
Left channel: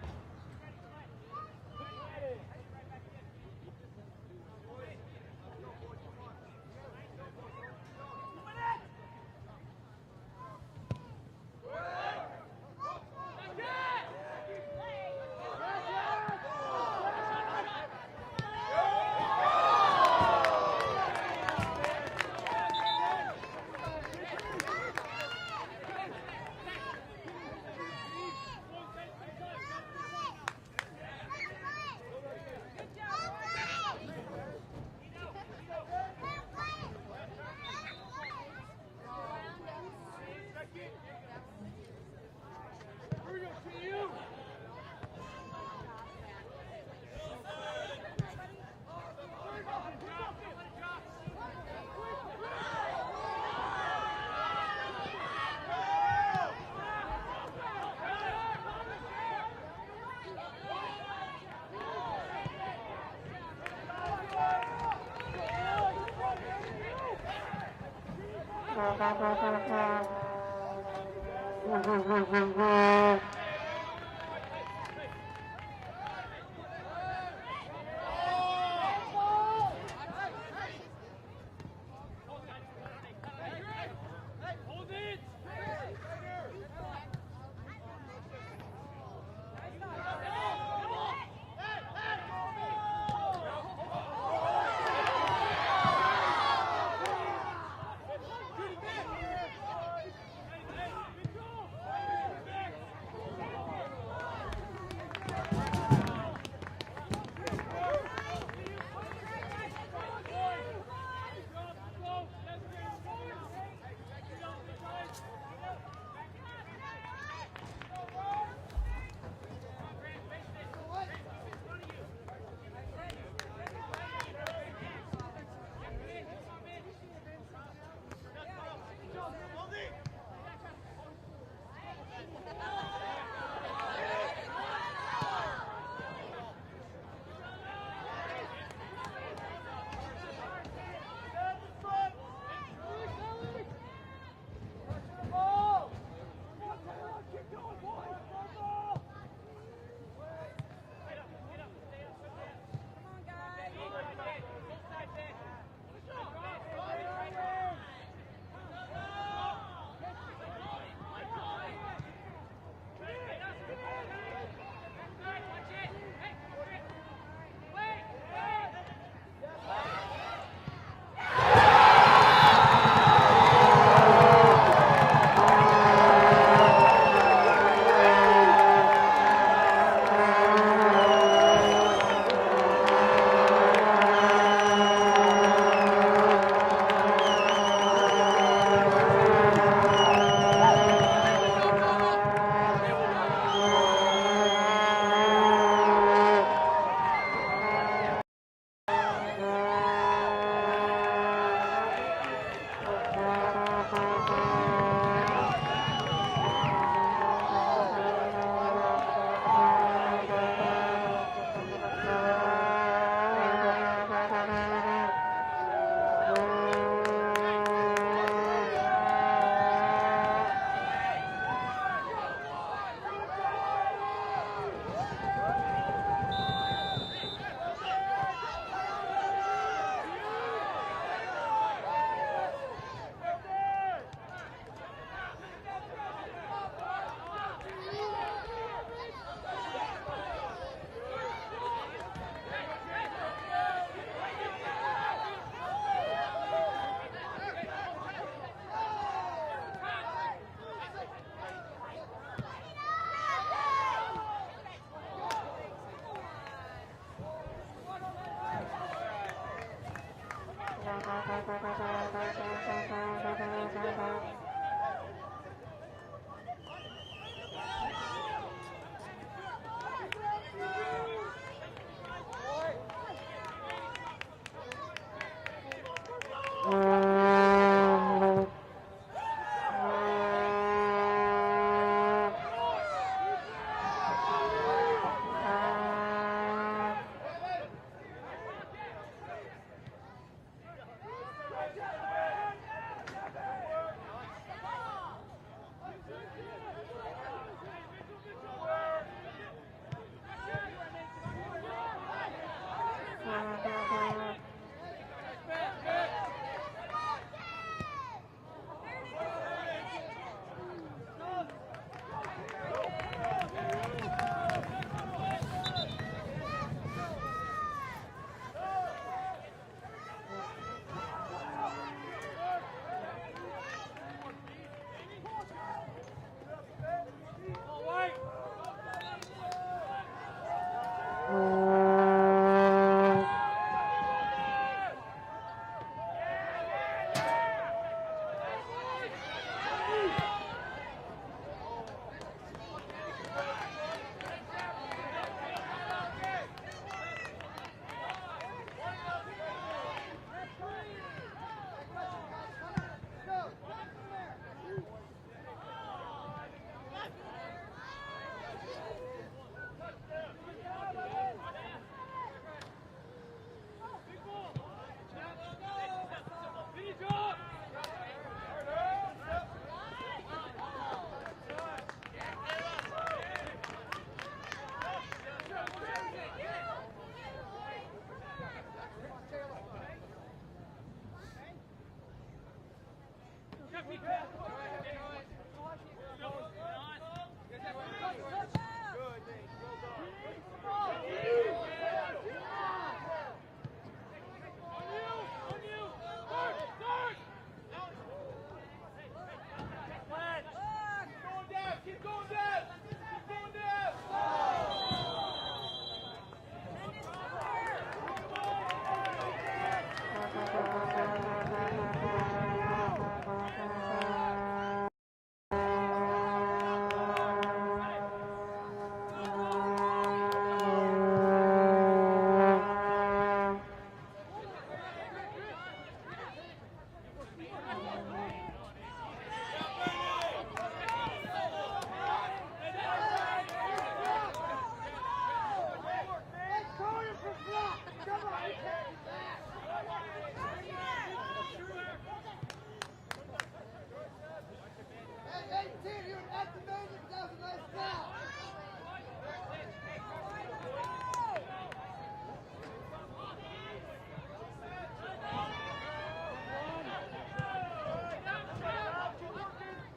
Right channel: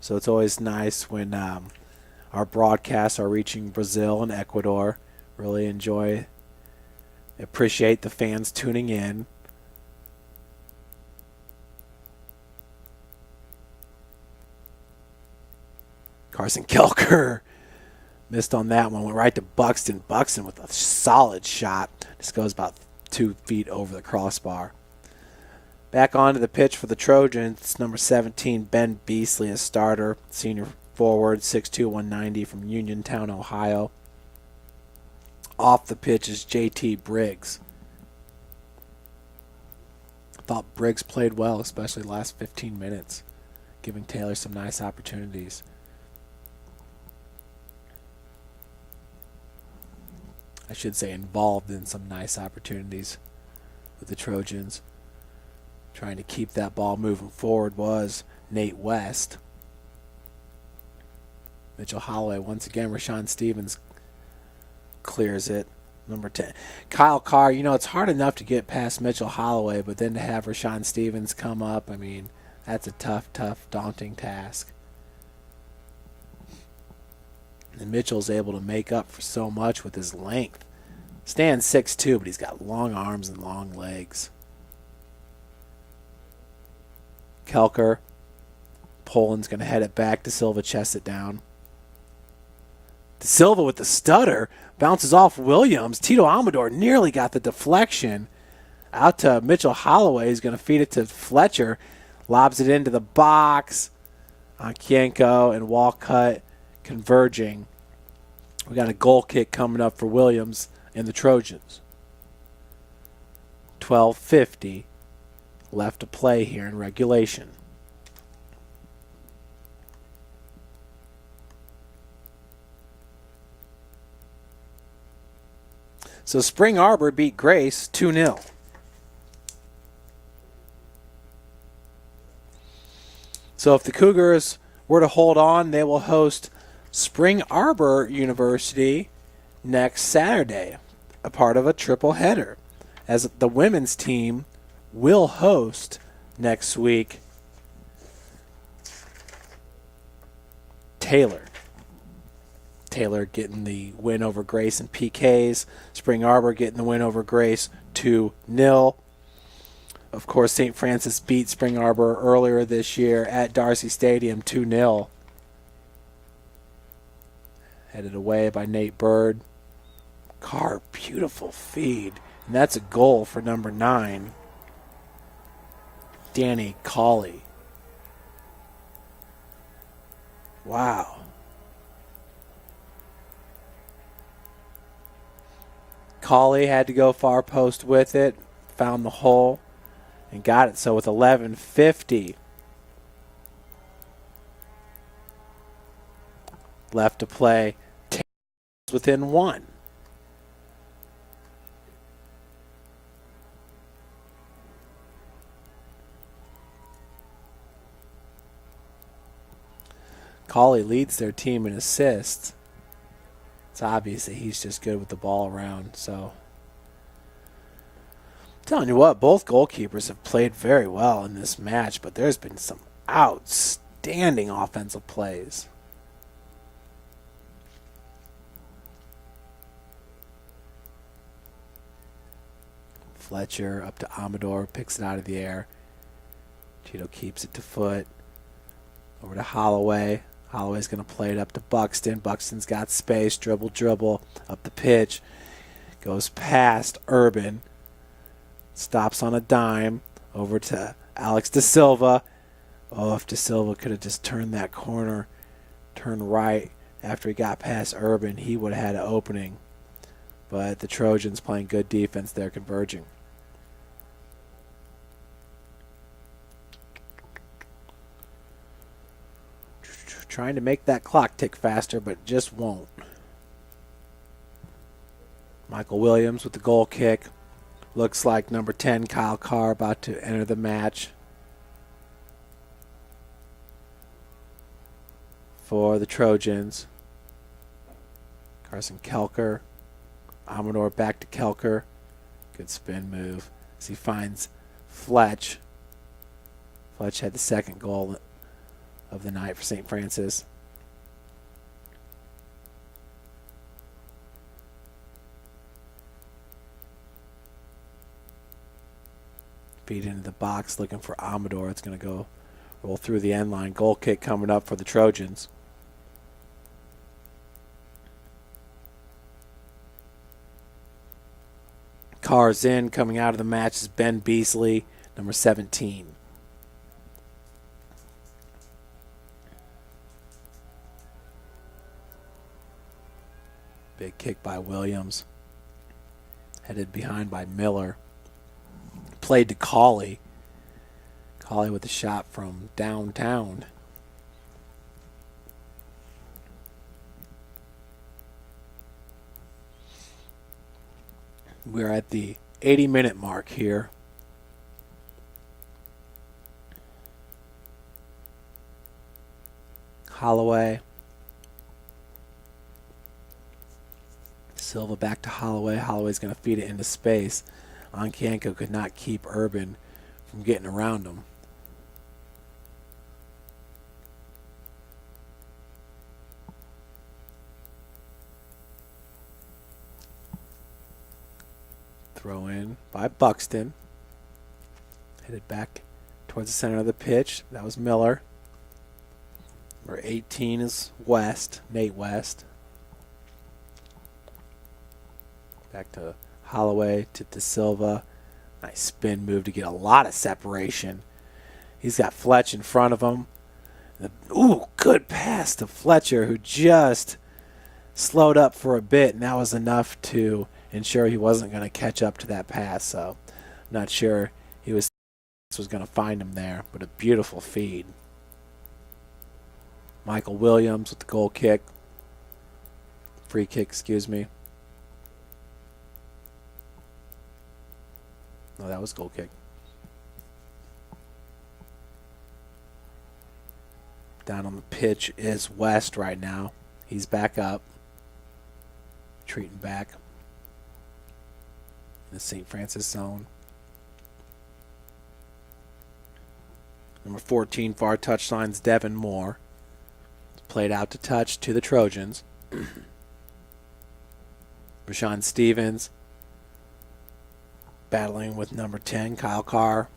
So it's always nice when our broadcasts are reaching Brazil and Ecuador. Really appreciate the fans tuning in. Carson Kelker missed on that one, went right to Buxton. Buxton with a solid shot. This goes about 2 feet over the crossbar. Back onto the pitch for the Trojans, number 17, Ben Beasley, a starter, senior forward, 6'2", 190 from Uniontown, Ohio. Off the pitch is JT Briggs. Thought Briggs played well, especially the last 15 minutes, giving Taylor some nice opportunities. I should say involved in some nice opportunities with the Trojans. Trying to keep that ball moving forward was Nate West. Mitchell Holloway once again. Rashawn Stevens clears it. Number 10. Kyle Carr, you know, it's hard enough to get past Mitchell Holloway, but then to have Rashawn Stevens come up, I mean, that's a tough, daunting task. And Mitchell's able to make up for so much with his length. Stands 6'2", but he's got long arms and long legs. Kelker, Poland's going to head it back. De Silva chests it down. De Silva with the stutter, bounces off Williams. Tito Amador nearly got the deflection. Out to Mitchell Holloway. He's going to feed it to Fletcher. Lobs it into the box. Ancanco and Walcott converging. We got a goal kick coming up for Williams and the Trojans. 12:50 left to play here in regulation. So Spring Arbor beat Grace 2-0. So if the Cougars were to hold on, they will host Spring Arbor University next Saturday, a part of a triple header, as the women's team will host next week Taylor. Taylor getting the win over Grace in PKs. Spring Arbor getting the win over Grace 2-0. Of course, St. Francis beat Spring Arbor earlier this year at Darcy Stadium 2-0. Headed away by Nate Bird. Carr, beautiful feed. And that's a goal for number 9. Danny Colley. Colley had to go far post with it, found the hole, got it. So with 11:50 left to play, within 1. Colley leads their team in assists. It's obvious that he's just good with the ball around. So, telling you what, both goalkeepers have played very well in this match, but there's been some outstanding offensive plays. Fletcher up to Amador, picks it out of the air. Tito keeps it to foot. Over to Holloway. Holloway's going to play it up to Buxton. Buxton's got space, dribble, up the pitch. Goes past Urban. Stops on a dime. Over to Alex De Silva. Oh, if De Silva could have just turned that corner, turned right after he got past Urban, he would have had an opening. But the Trojans playing good defense, they're converging. Trying to make that clock tick faster, but just won't. Michael Williams with the goal kick. Looks like number 10, Kyle Carr, about to enter the match for the Trojans. Carson Kelker. Amador back to Kelker. Good spin move as he finds Fletch. Fletch had the second goal of the night for St. Francis. Feed into the box looking for Amador. It's going to go through the end line. Goal kick coming up for the Trojans. Carr's in. Coming out of the match is Ben Beasley, number 17. Big kick by Williams. Headed behind by Miller. Played to Colley. Colley with a shot from downtown. We're at the 80-minute mark here. Holloway. Silva back to Holloway. Holloway's going to feed it into space. Onkanko could not keep Urban from getting around him. Throw in by Buxton. Headed back towards the center of the pitch. That was Miller. Number 18 is West, Nate West. Back to Holloway to De Silva. Nice spin move to get a lot of separation. He's got Fletch in front of him. Ooh, good pass to Fletcher, who just slowed up for a bit, and that was enough to ensure he wasn't going to catch up to that pass. So, not sure he was going to find him there, but a beautiful feed. Michael Williams with the goal kick. Free kick, excuse me. Oh, that was goal kick. Down on the pitch is West right now. He's back up. Treating back. In the St. Francis zone. Number 14, far touchlines, Devin Moore. Played out to touch to the Trojans. Rashawn Stevens battling with number 10, Kyle Carr.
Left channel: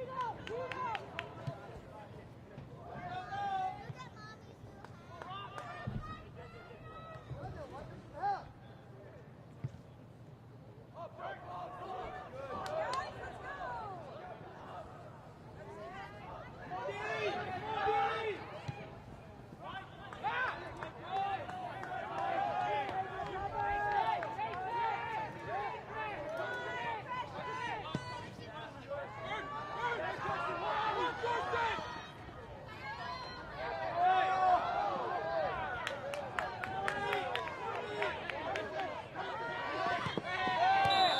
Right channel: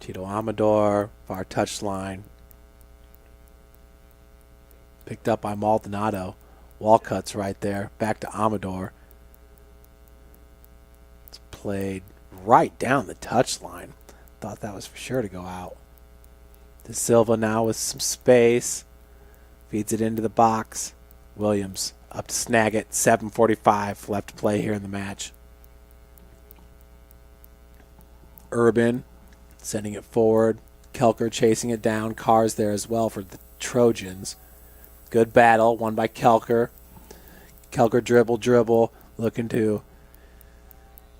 Tito Amador, far touchline. Picked up by Maldonado. Walcutt's right there. Back to Amador. It's played right down the touchline. Thought that was for sure to go out. De Silva now with some space. Feeds it into the box. Williams up to snag it. 7:45 left to play here in the match. Urban sending it forward. Kelker chasing it down. Carr's there as well for the Trojans. Good battle, won by Kelker. Kelker dribble, looking to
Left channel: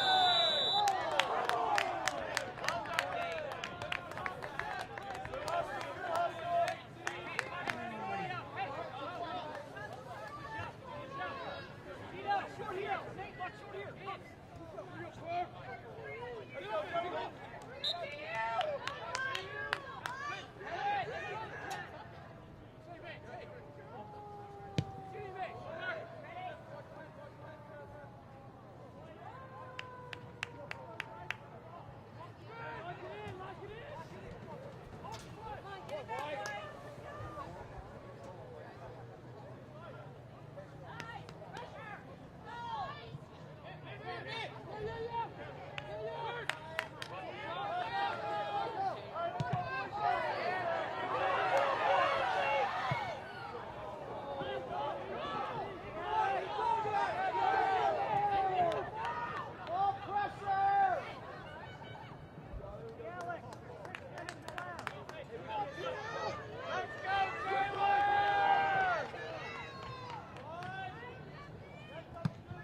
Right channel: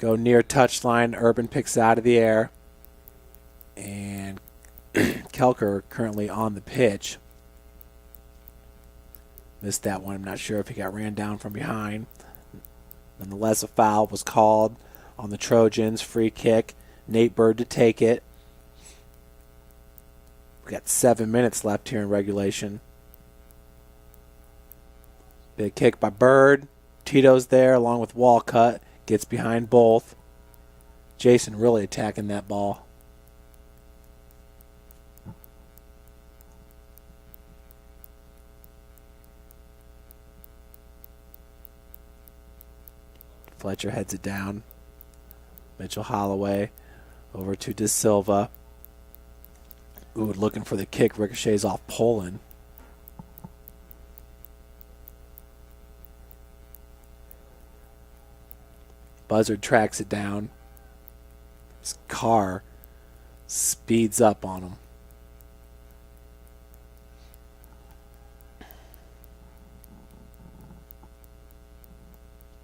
go near touchline. Urban picks it out of the air. And Kelker currently on the pitch. Missed that one. I'm not sure if he got ran down from behind. Nonetheless, a foul was called on the Trojans. Free kick. Nate Bird to take it. We've got 7 minutes left here in regulation. Big kick by Bird. Tito's there along with Walcott. Gets behind both. Jason really attacking that ball. Fletcher heads it down. Mitchell Holloway over to De Silva. Ooh, looking for the kick. Ricochets off Poland. Buzzard tracks it down. His car speeds up on him.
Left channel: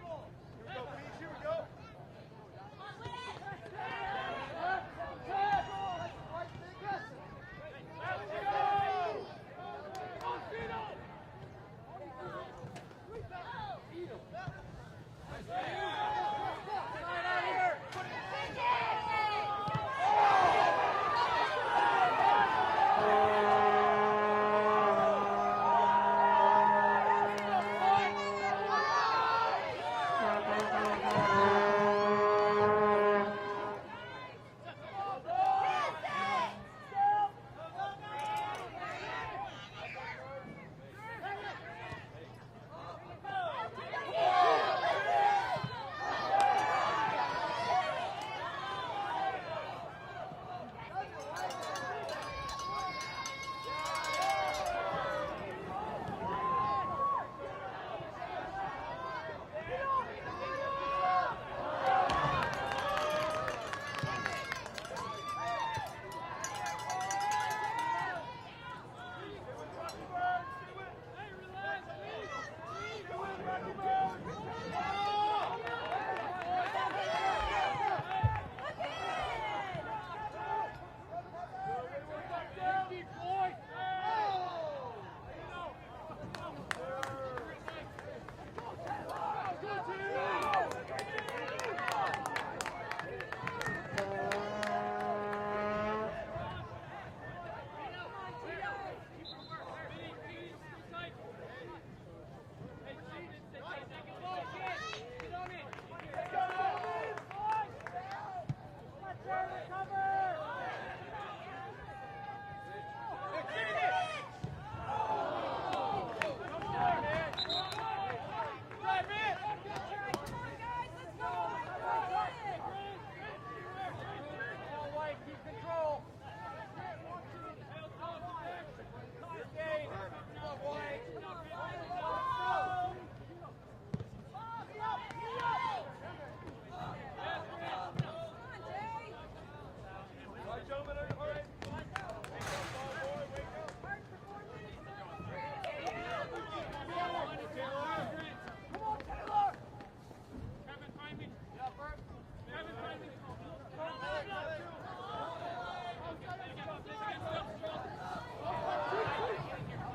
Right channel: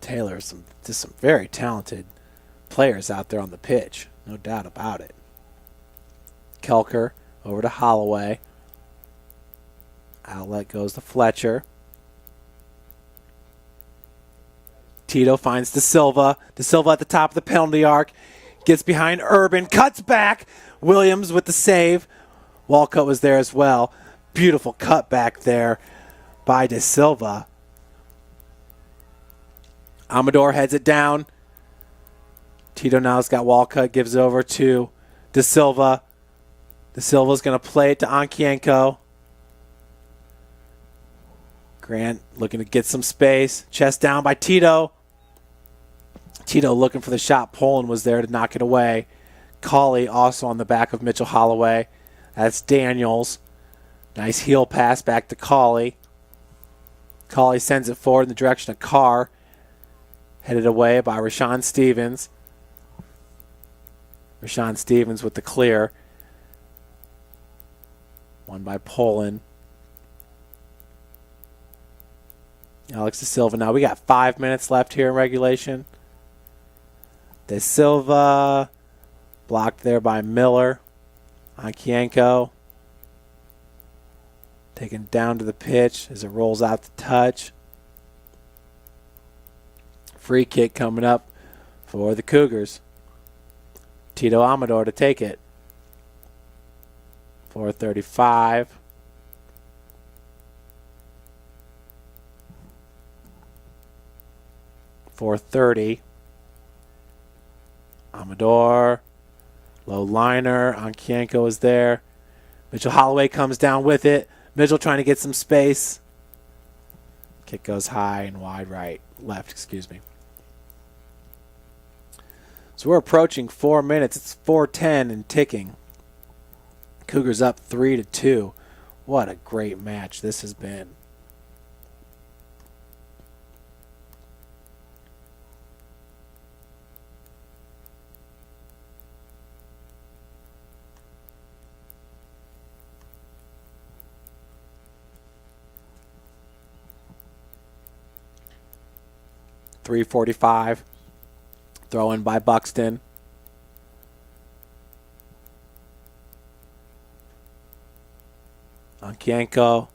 Taylor, just some very talented players out there on the pitch, no doubt about it. Kelker over to Holloway. Outlet goes to Fletcher. Tito finds De Silva. De Silva at the top of the penalty arc. Gets behind Urban, cuts back. Williams with the save. Walcott was there as well. Beautiful cut back there by De Silva. Amador heads it down. Tito now's got Walcott, gives it over to De Silva. De Silva's gonna play it to Ankienko. Grant looking to get some space. Chest down by Tito. Tito looking for the shot. Poland was there to knock it away. Cauley also on the back of Mitchell Holloway. That's Daniels. Nice heel pass back to Cauley. Cauley sends it forward in the direction of Carr. Headed away by Rashawn Stevens. Rashawn Stevens with the clear. Won by Poland. Alex De Silva now. We got 5 minutes left here in regulation. De Silva blocked there by Miller. Ankienko taken down to the pitch as it rolls out to touch. Free kick coming up for the Cougars. Tito Amador to take it. 4:35. .430. Amador, low liner. Ankienko is there. Mitchell Holloway comes down with it. Mitchell trying to get some space. Kick goes high and wide left, excuse me. So we're approaching 4 minutes. It's 4:10 and ticking. Cougars up 3-2. What a great match this has been. .345. Throw in by Buxton. Onkienko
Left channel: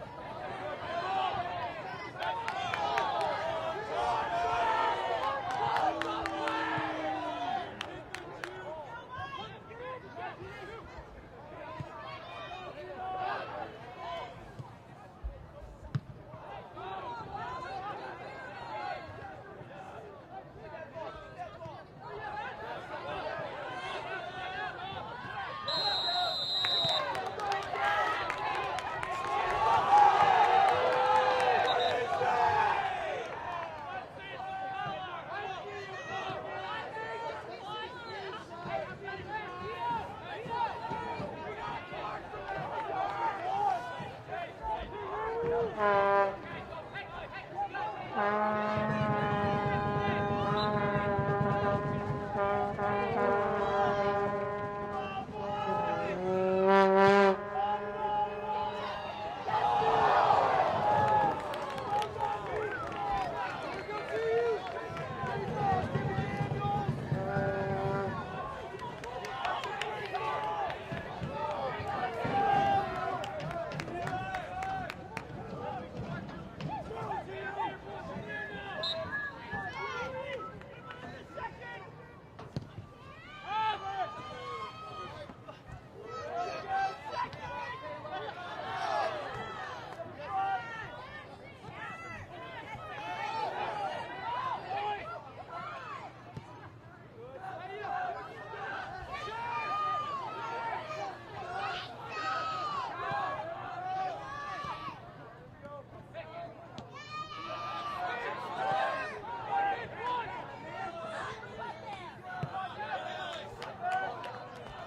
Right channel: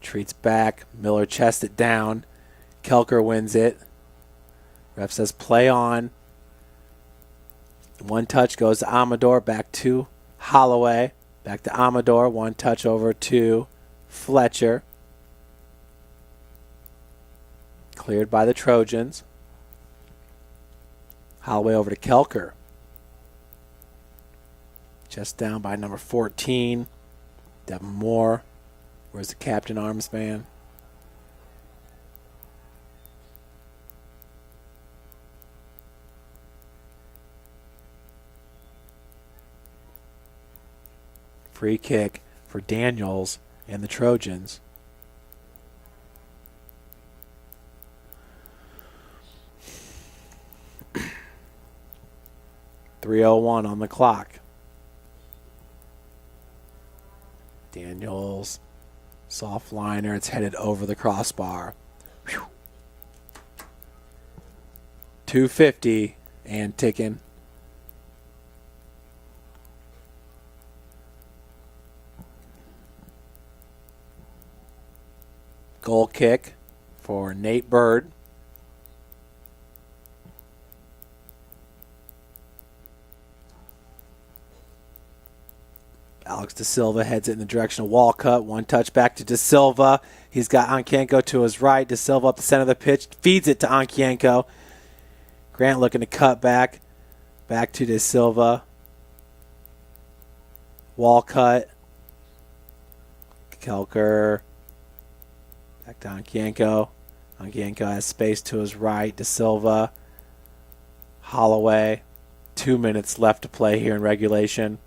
retreats back. Miller chests it down. Kelker wins it. Ref says play on. One touch goes to Amador, back to Holloway. Back to Amador, one touch over to Fletcher. Cleared by the Trojans. Holloway over to Kelker. Just down by number 14. Devin Moore. There's the captain arms man. Free kick for Daniels and the Trojans. .301 on the clock. Daniels, soft liner, it's headed over the crossbar. Whew. 250 and ticking. Goal kick for Nate Bird. Alex De Silva heads it in the direction of Walcott. One touch back to De Silva. He's got Onkienko to his right. De Silva up the center of the pitch, feeds it to Onkienko. Grant looking to cut back. Back to De Silva. Walcott. Kelker. Back to Onkienko. Onkienko has space to his right. De Silva. Holloway. 2 minutes left to play here in regulation.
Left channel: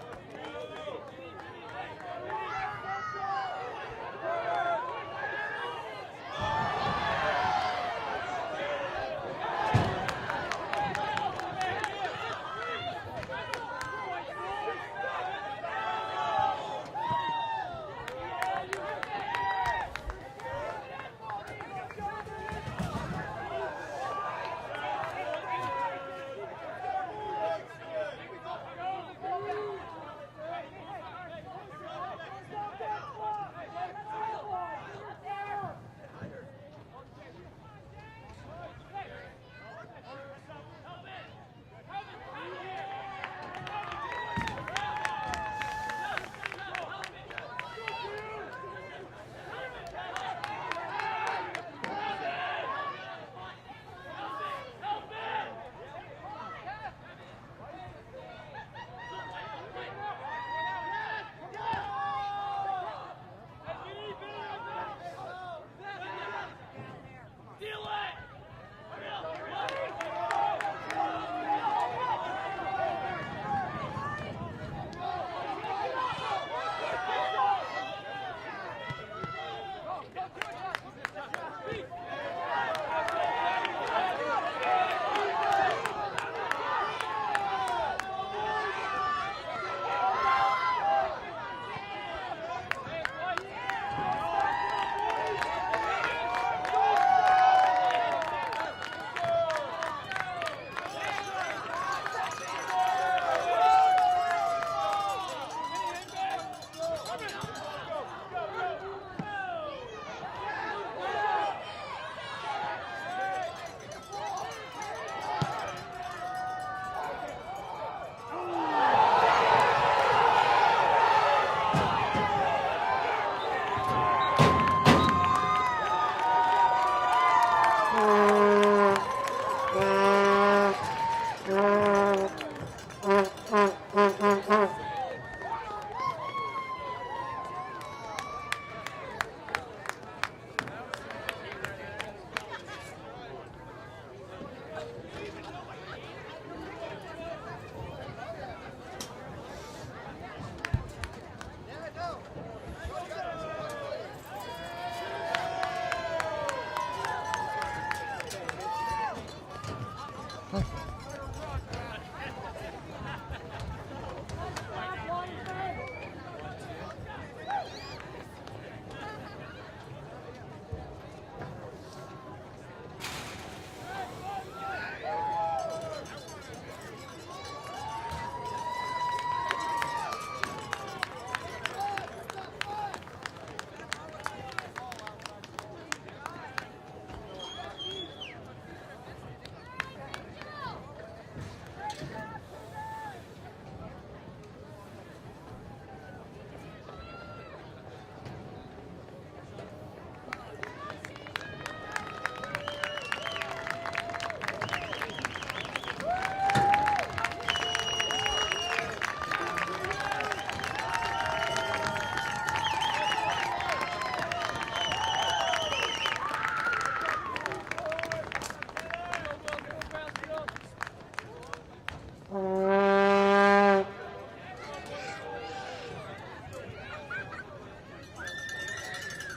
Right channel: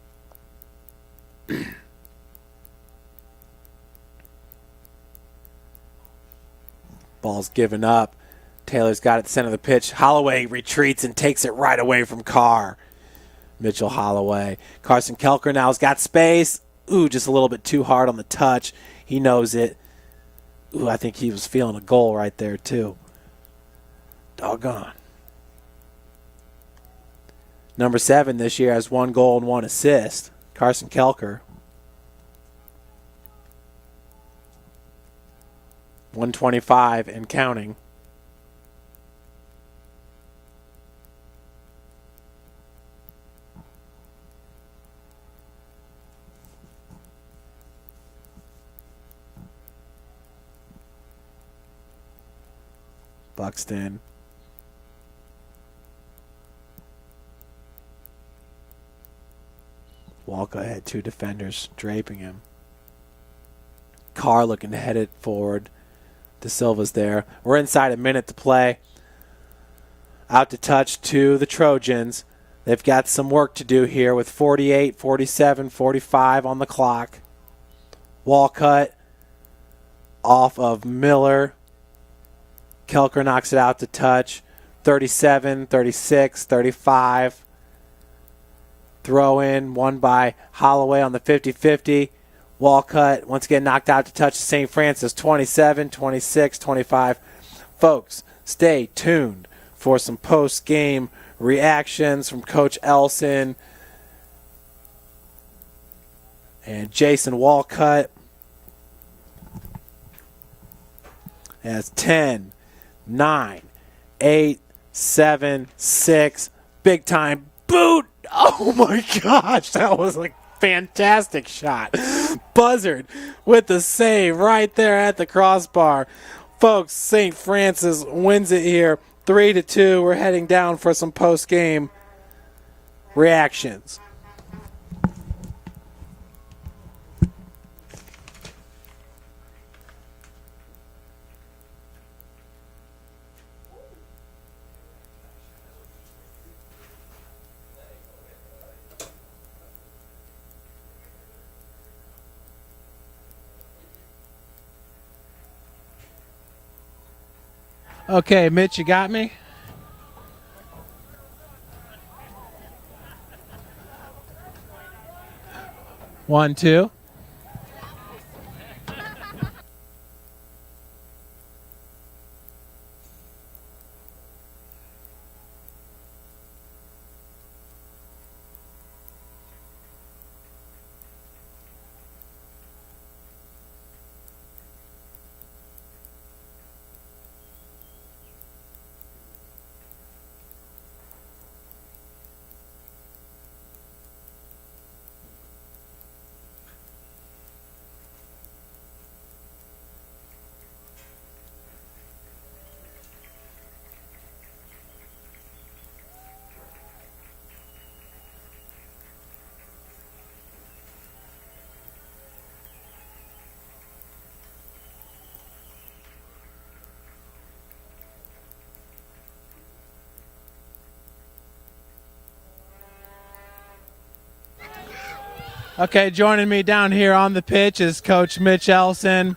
Ball's given up. Taylor's got it at the center of the pitch. Holloway retreats and takes it right away from Carr. Mitchell Holloway. Carson Kelker now has got space. Ooh, just a little bit too hard on the touch. He knows it. Ooh, I think he was feeling a goal right there too. Doggone. Number 7 this year has 1 goal and 1 assist. Carson Kelker. 125 and counting. Buxton. Walcott had 2 defenders draping him. Carr looking to head it forward. De Silva's there. We're inside a minute to play. Out to touch to the Trojans. They've got some work to do here with 48, 47, 45 on the clock. Walcott off of Miller. Kelker knocks it out to touch. 37, 36, 35. Throw in, won by Holloway on the 50-50. Walcott once again knocked out to touch St. Francis. 27, 26, 25. Folks, stay tuned for some post-game reactions from Coach Elson and Jason Walcott. As 10, 9, 8, 7, 6, big time boot. Oh my gosh, that was a fantastic shot. Buzzard with the save right there at the crossbar. Folks, St. Francis wins it here 3-2. We're heading down for some post-game reactions. Okay, Mitch, you got me? One, two. Okay, joining me down here on the pitch is Coach Mitch Ellison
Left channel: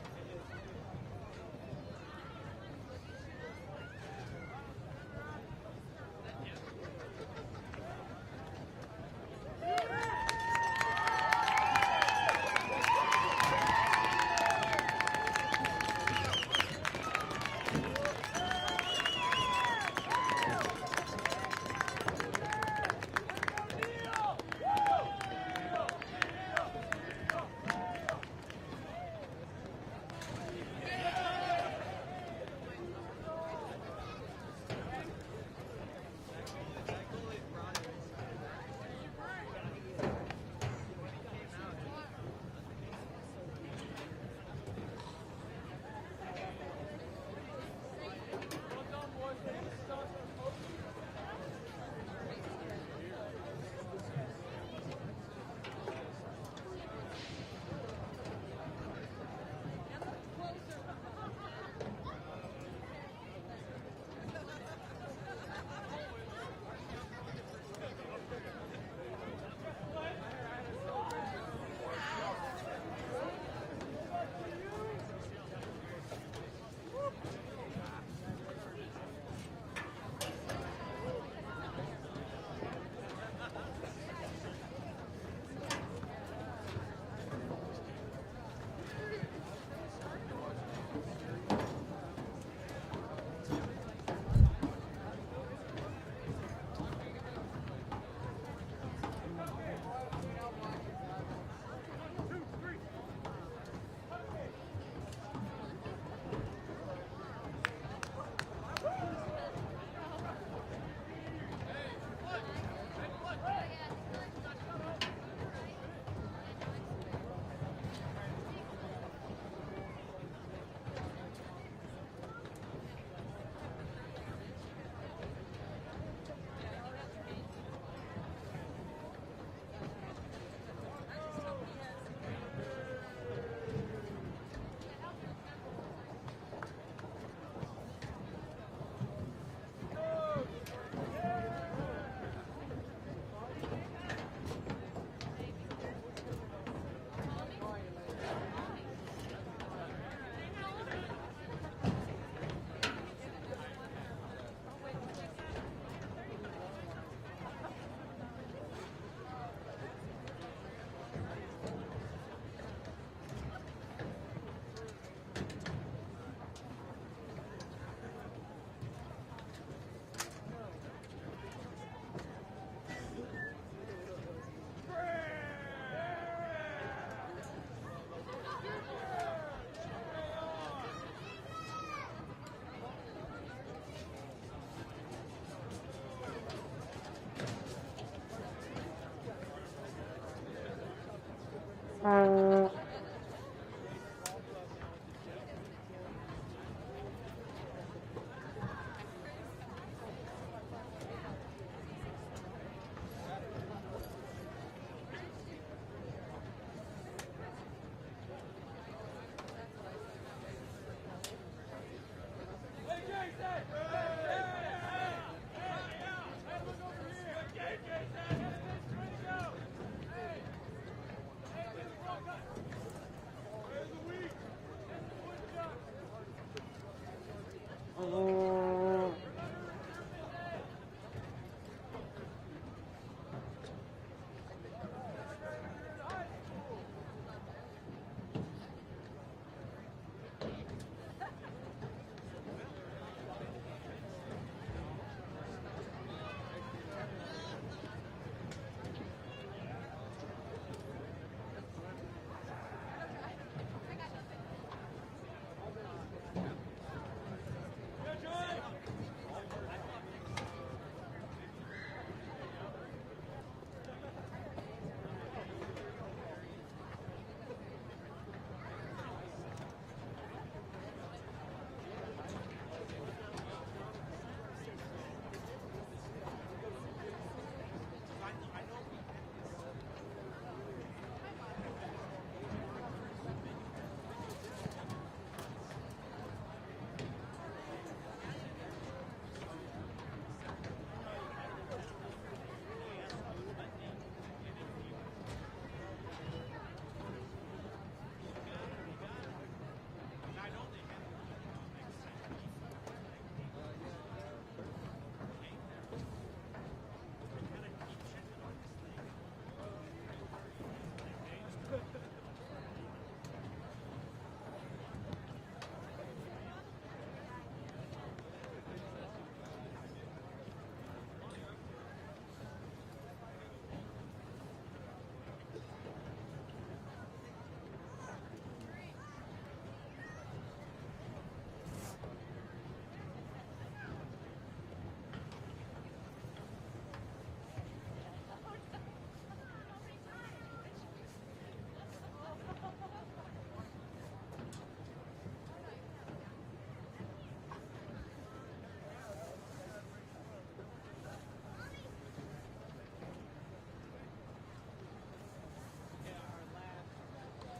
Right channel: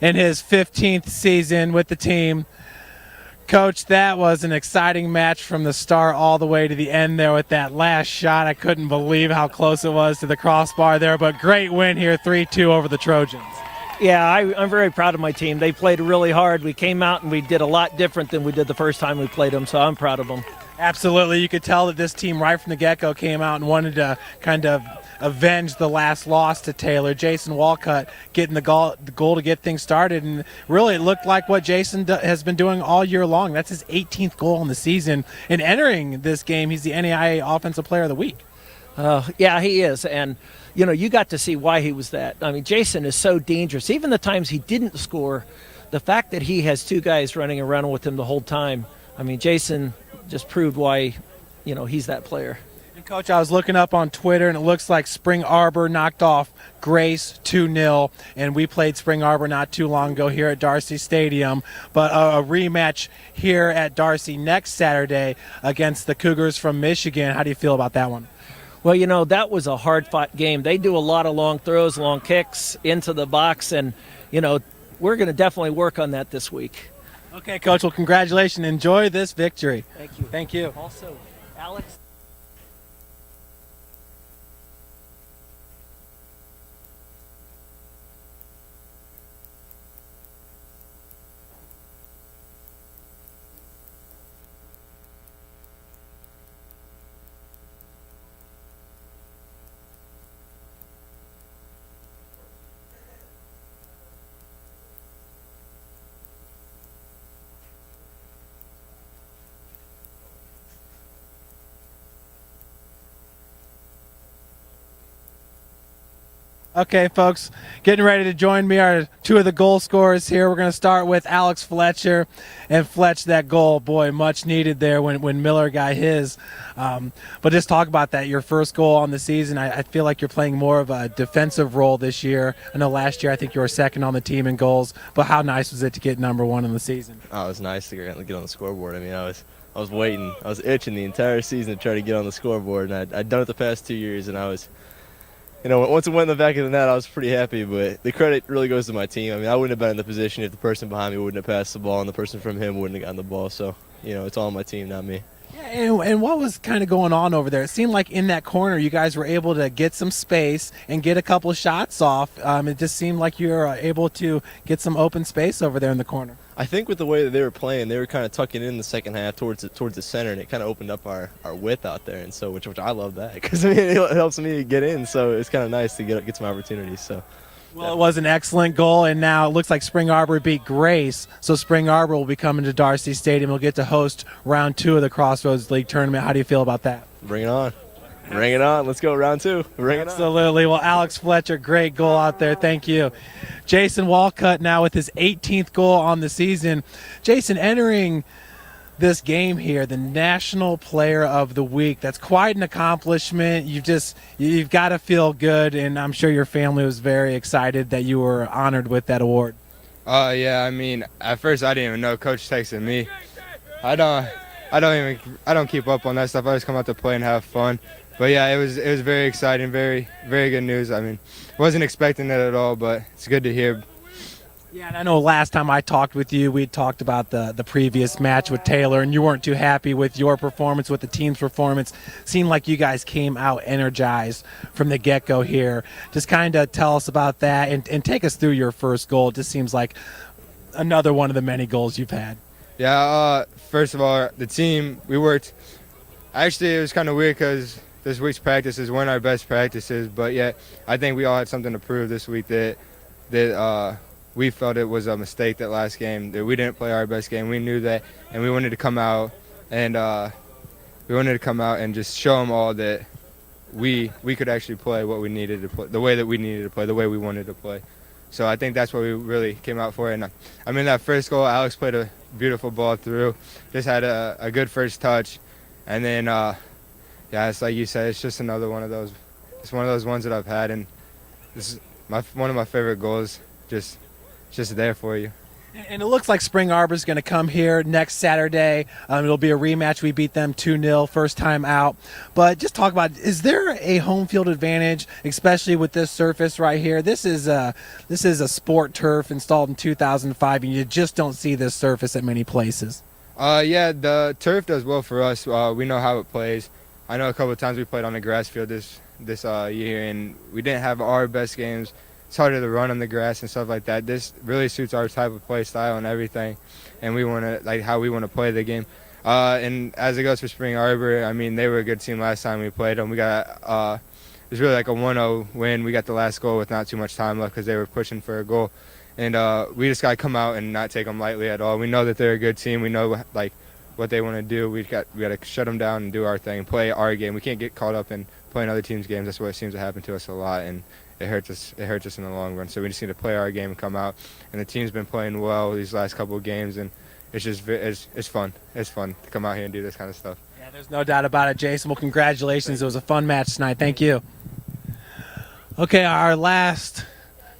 in his 15th season with the team. Coach, that was an exciting match from the start all the way to the end there with that last shot. I couldn't believe how close it was to the crossbar there, but great win here, 3-2 over the Trojans. Yeah, I'm very proud of my team. They played really hard. We came out and we did a lot different than we did the first time we played them, so I'm proud of them. Absolutely. You could tell that this team right from the get-go came out and wanted to kind of avenge the last loss to Taylor. Jason Walcott getting the goal to get things started, and really it looked like what Jason has been doing all year long. That's his 18th goal in the season. And entering this game, he's the NAIA Offensive Player of the Week. Yeah, he is, and you know, you got to see why he was that. I mean, Jason is so dangerous. Even the times he didn't score, the fact that he has two guys running around with him the whole time, I mean, Jason just proved why, you know, he's that player. And Coach, I was looking up on Twitter, and it looks like Spring Arbor knocked off Grace 2-0, and we played Spring Arbor not too long ago here at Darcy Stadium. But a rematch here at Darcy next Saturday against the Cougars from Michigan. How do you feel about that one? Well, you know, that was a hard-fought game. They do a lot of long throws, long kicks into the box, and, you know, we're going to definitely work on that this week. Okay, Coach, well, congratulations. Enjoy this victory. Thank you. Thank you. Also, Alex. Okay, folks, getting ready to join me are two of the goal scorers here. We're going to start with Alex Fletcher. And Fletch, that goal, boy, much needed there when Miller got his. But just talk about that, your first goal on the season. I feel like you're playing more of a defensive role this year. I know last year I think you were second on the team in goals. But how nice was it to get number one in the season? Oh, it was nice to get on the scoreboard. I mean, I was waiting. I was itching the entire season to try to get on the scoreboard. And I'd done it the past 2 years, and I was – you know, once it went in the back of the net, I was pretty happy, but the credit really goes to my team. I mean, I wouldn't have been in the position if the person behind me wouldn't have passed the ball and the person from him wouldn't have gotten the ball. So, you know, it's all my team, not me. And what was kind of going on over there? It seemed like in that corner you guys were able to get some space and get a couple shots off. It just seemed like you were able to get some open space over there in the corner. I think with the way that they were playing, they were kind of tucking in the second half towards the center, and it kind of opened up our width out there, and so which I love that because I mean, it helps me get in. So it's kind of nice to get some opportunities. So. Well, it was an excellent goal, and now it looks like Spring Arbor beat Grace, so Spring Arbor will be coming to Darcy Stadium. We'll get to host round 2 of the Crossroads League tournament. How do you feel about that? Bring it on. Bring it on. Let's go round 2. Bring it on. Absolutely. Well, Alex Fletcher, great goal out there. Thank you. Jason Walcott now with his 18th goal on the season. Jason, entering this game here, the National Player of the Week. That's quite an accomplishment. You've got to feel good, and I'm sure your family was very excited that you were honored with that award. Yeah, I mean, at first I didn't even know. Coach texted me. I don't keep up on that stuff. I just come out to play and have fun. But yeah, it was very exciting, very, very good news. I mean, wasn't expecting that at all, but it's good to hear. Yeah, and I know last time I talked with you, we talked about the previous match with Taylor, and you weren't too happy with your performance, with the team's performance. Seemed like you guys came out energized from the get-go here. Just kind of tell us about that and take us through your first goal. It just seems like another one of the many goals you've had. Yeah, first of all, the team, we worked. Actually, it was kind of weird because this week's practices weren't our best practices, but yet I think we all had something to prove this week that we felt it was a mistake that last game, that we didn't play our best game. We knew that, and we wanted to come out and just show them all that we could actually play what we needed to play, the way that we needed to play, the way we wanted to play. So I think that's what we really came out for. And I mean, that first goal, Alex played a beautiful ball through, just had a good first touch, and then yeah, it's like you said, it's just another one of those. It's one of those ones that I've had, and this is one of my favorite goals. Just there for you. And it looks like Spring Arbor is going to come here next Saturday. It'll be a rematch. We beat them 2-0 first time out. But just talk about, is there a home field advantage, especially with this surface right here? This is a sport turf installed in 2005, and you just don't see this surface at many places. Yeah, the turf does well for us. We know how it plays. I know a couple of times we played on the grass field this year, and we didn't have our best games. It's harder to run on the grass and stuff like that. This really suits our type of play style and everything, and we want to how we want to play the game. And as it goes for Spring Arbor, I mean, they were a good team last time we played them. We got it was really like a 1-0 win. We got the last goal with not too much time left because they were pushing for a goal, and we just got to come out and not take them lightly at all. We know that they're a good team. We know what they want to do. We got to shut them down and do our thing, play our game. We can't get caught up in playing other teams' games. That's what seems to happen to us a lot, and it hurts us. It hurts us in the long run. So we just need to play our game and come out. And the team's been playing well these last couple of games, and it's just it's fun. It's fun to come out here and do this kind of stuff. Yeah, there's no doubt about it, Jason. Well, congratulations. It was a fun match tonight. Thank you. Okay, our last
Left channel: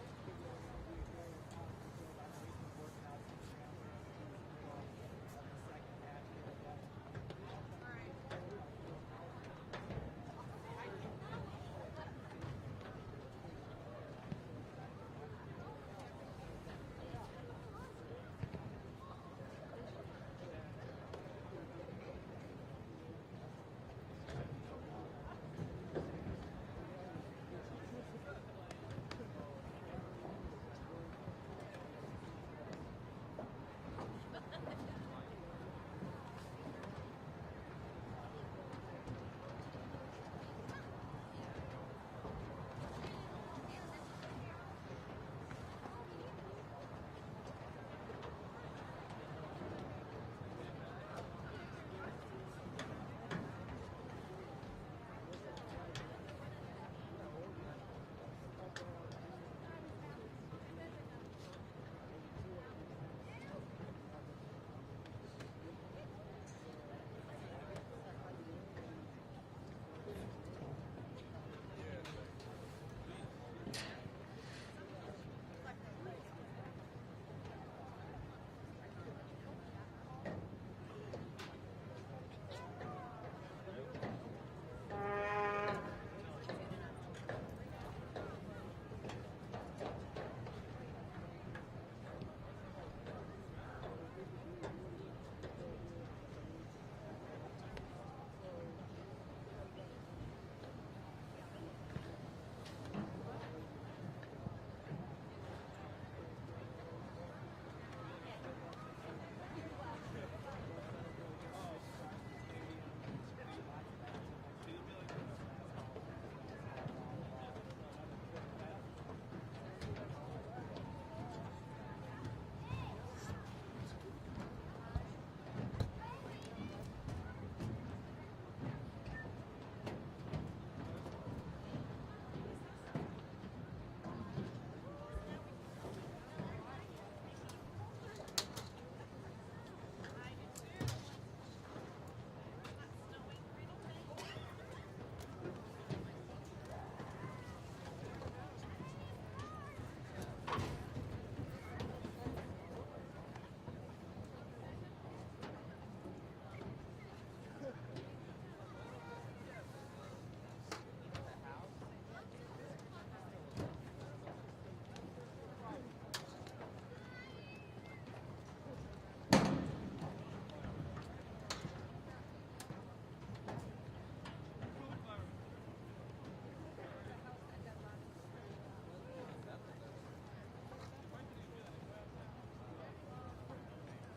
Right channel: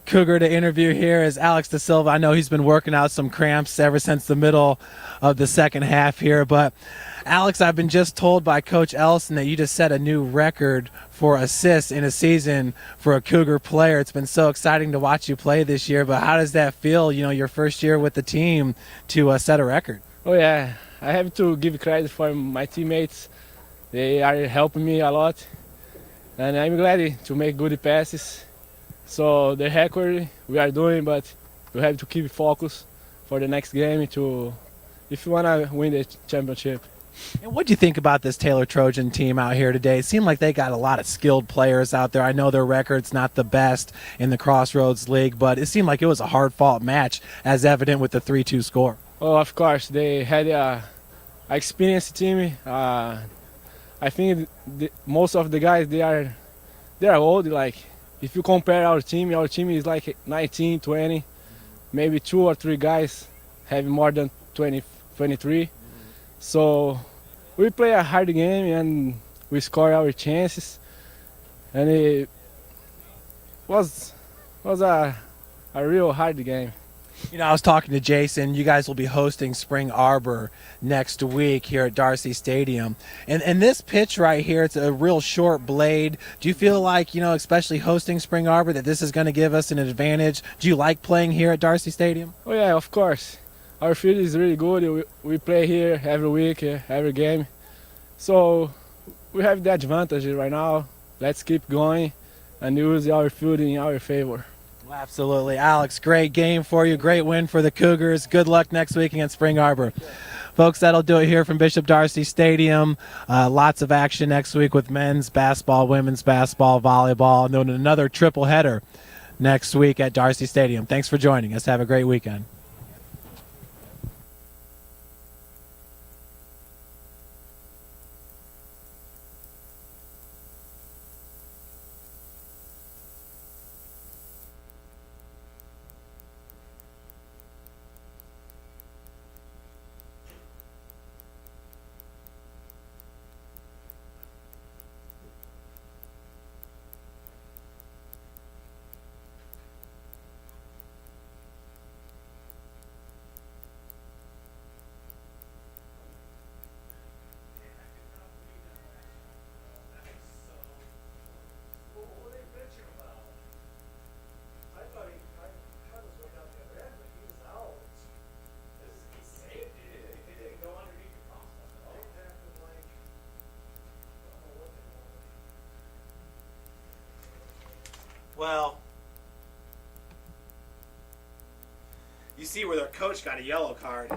Cougar to interview here is Alex De Silva. I know he's been working out some cramps ever since the middle of the second half here, but Alex, I've been just told by Coach Ellison that you just set a new record for assists in a season for a Cougar player. It's been so exciting to watch you play this year, but how does that feel, your first year with the team to set a record? Oh yeah, I have to give credit for my teammates. They are helping me a lot, and I'm glad to make good passes. So the record we are doing, but we have to keep focus for the next game if you want to win the championship. And what do you think about this Taylor Trojan team out here today? It seemed like they got a lot of skilled players out there. I know their record's not the best in the Crossroads League, but it seemed like it was a hard-fought match, as evident with the 3-2 score. Oh, of course, they had a experienced team. I think most of the guys they are old. Like if you compare our team is like 19, 20, maybe 2 or 3 guys have more than 20, 23. So we play a hard game and we score our chances, and it was a real hard game. I was talking to Jason. You guys will be hosting Spring Arbor next week here at Darcy Stadium. And this pitch right here, it's a real short blade. Do you feel like, especially hosting Spring Arbor, that this is going to give us an advantage? Do you like playing here at Darcy Stadium? Oh yeah, of course. Our field is really good. We play here every week, every game. So we have the advantage right now. Let's keep going and use our field in our favor. Absolutely. Alex, great game for you. Great win for the Cougars. Good luck next week against Spring Arbor. Folks, that'll do it here from Bishop Darcy Stadium. Lots of action next week with men's basketball, women's basketball, volleyball, and then another triple header next week at Darcy Stadium. Thanks for joining us. Have a great weekend. Well, you see where their coach got a yellow card.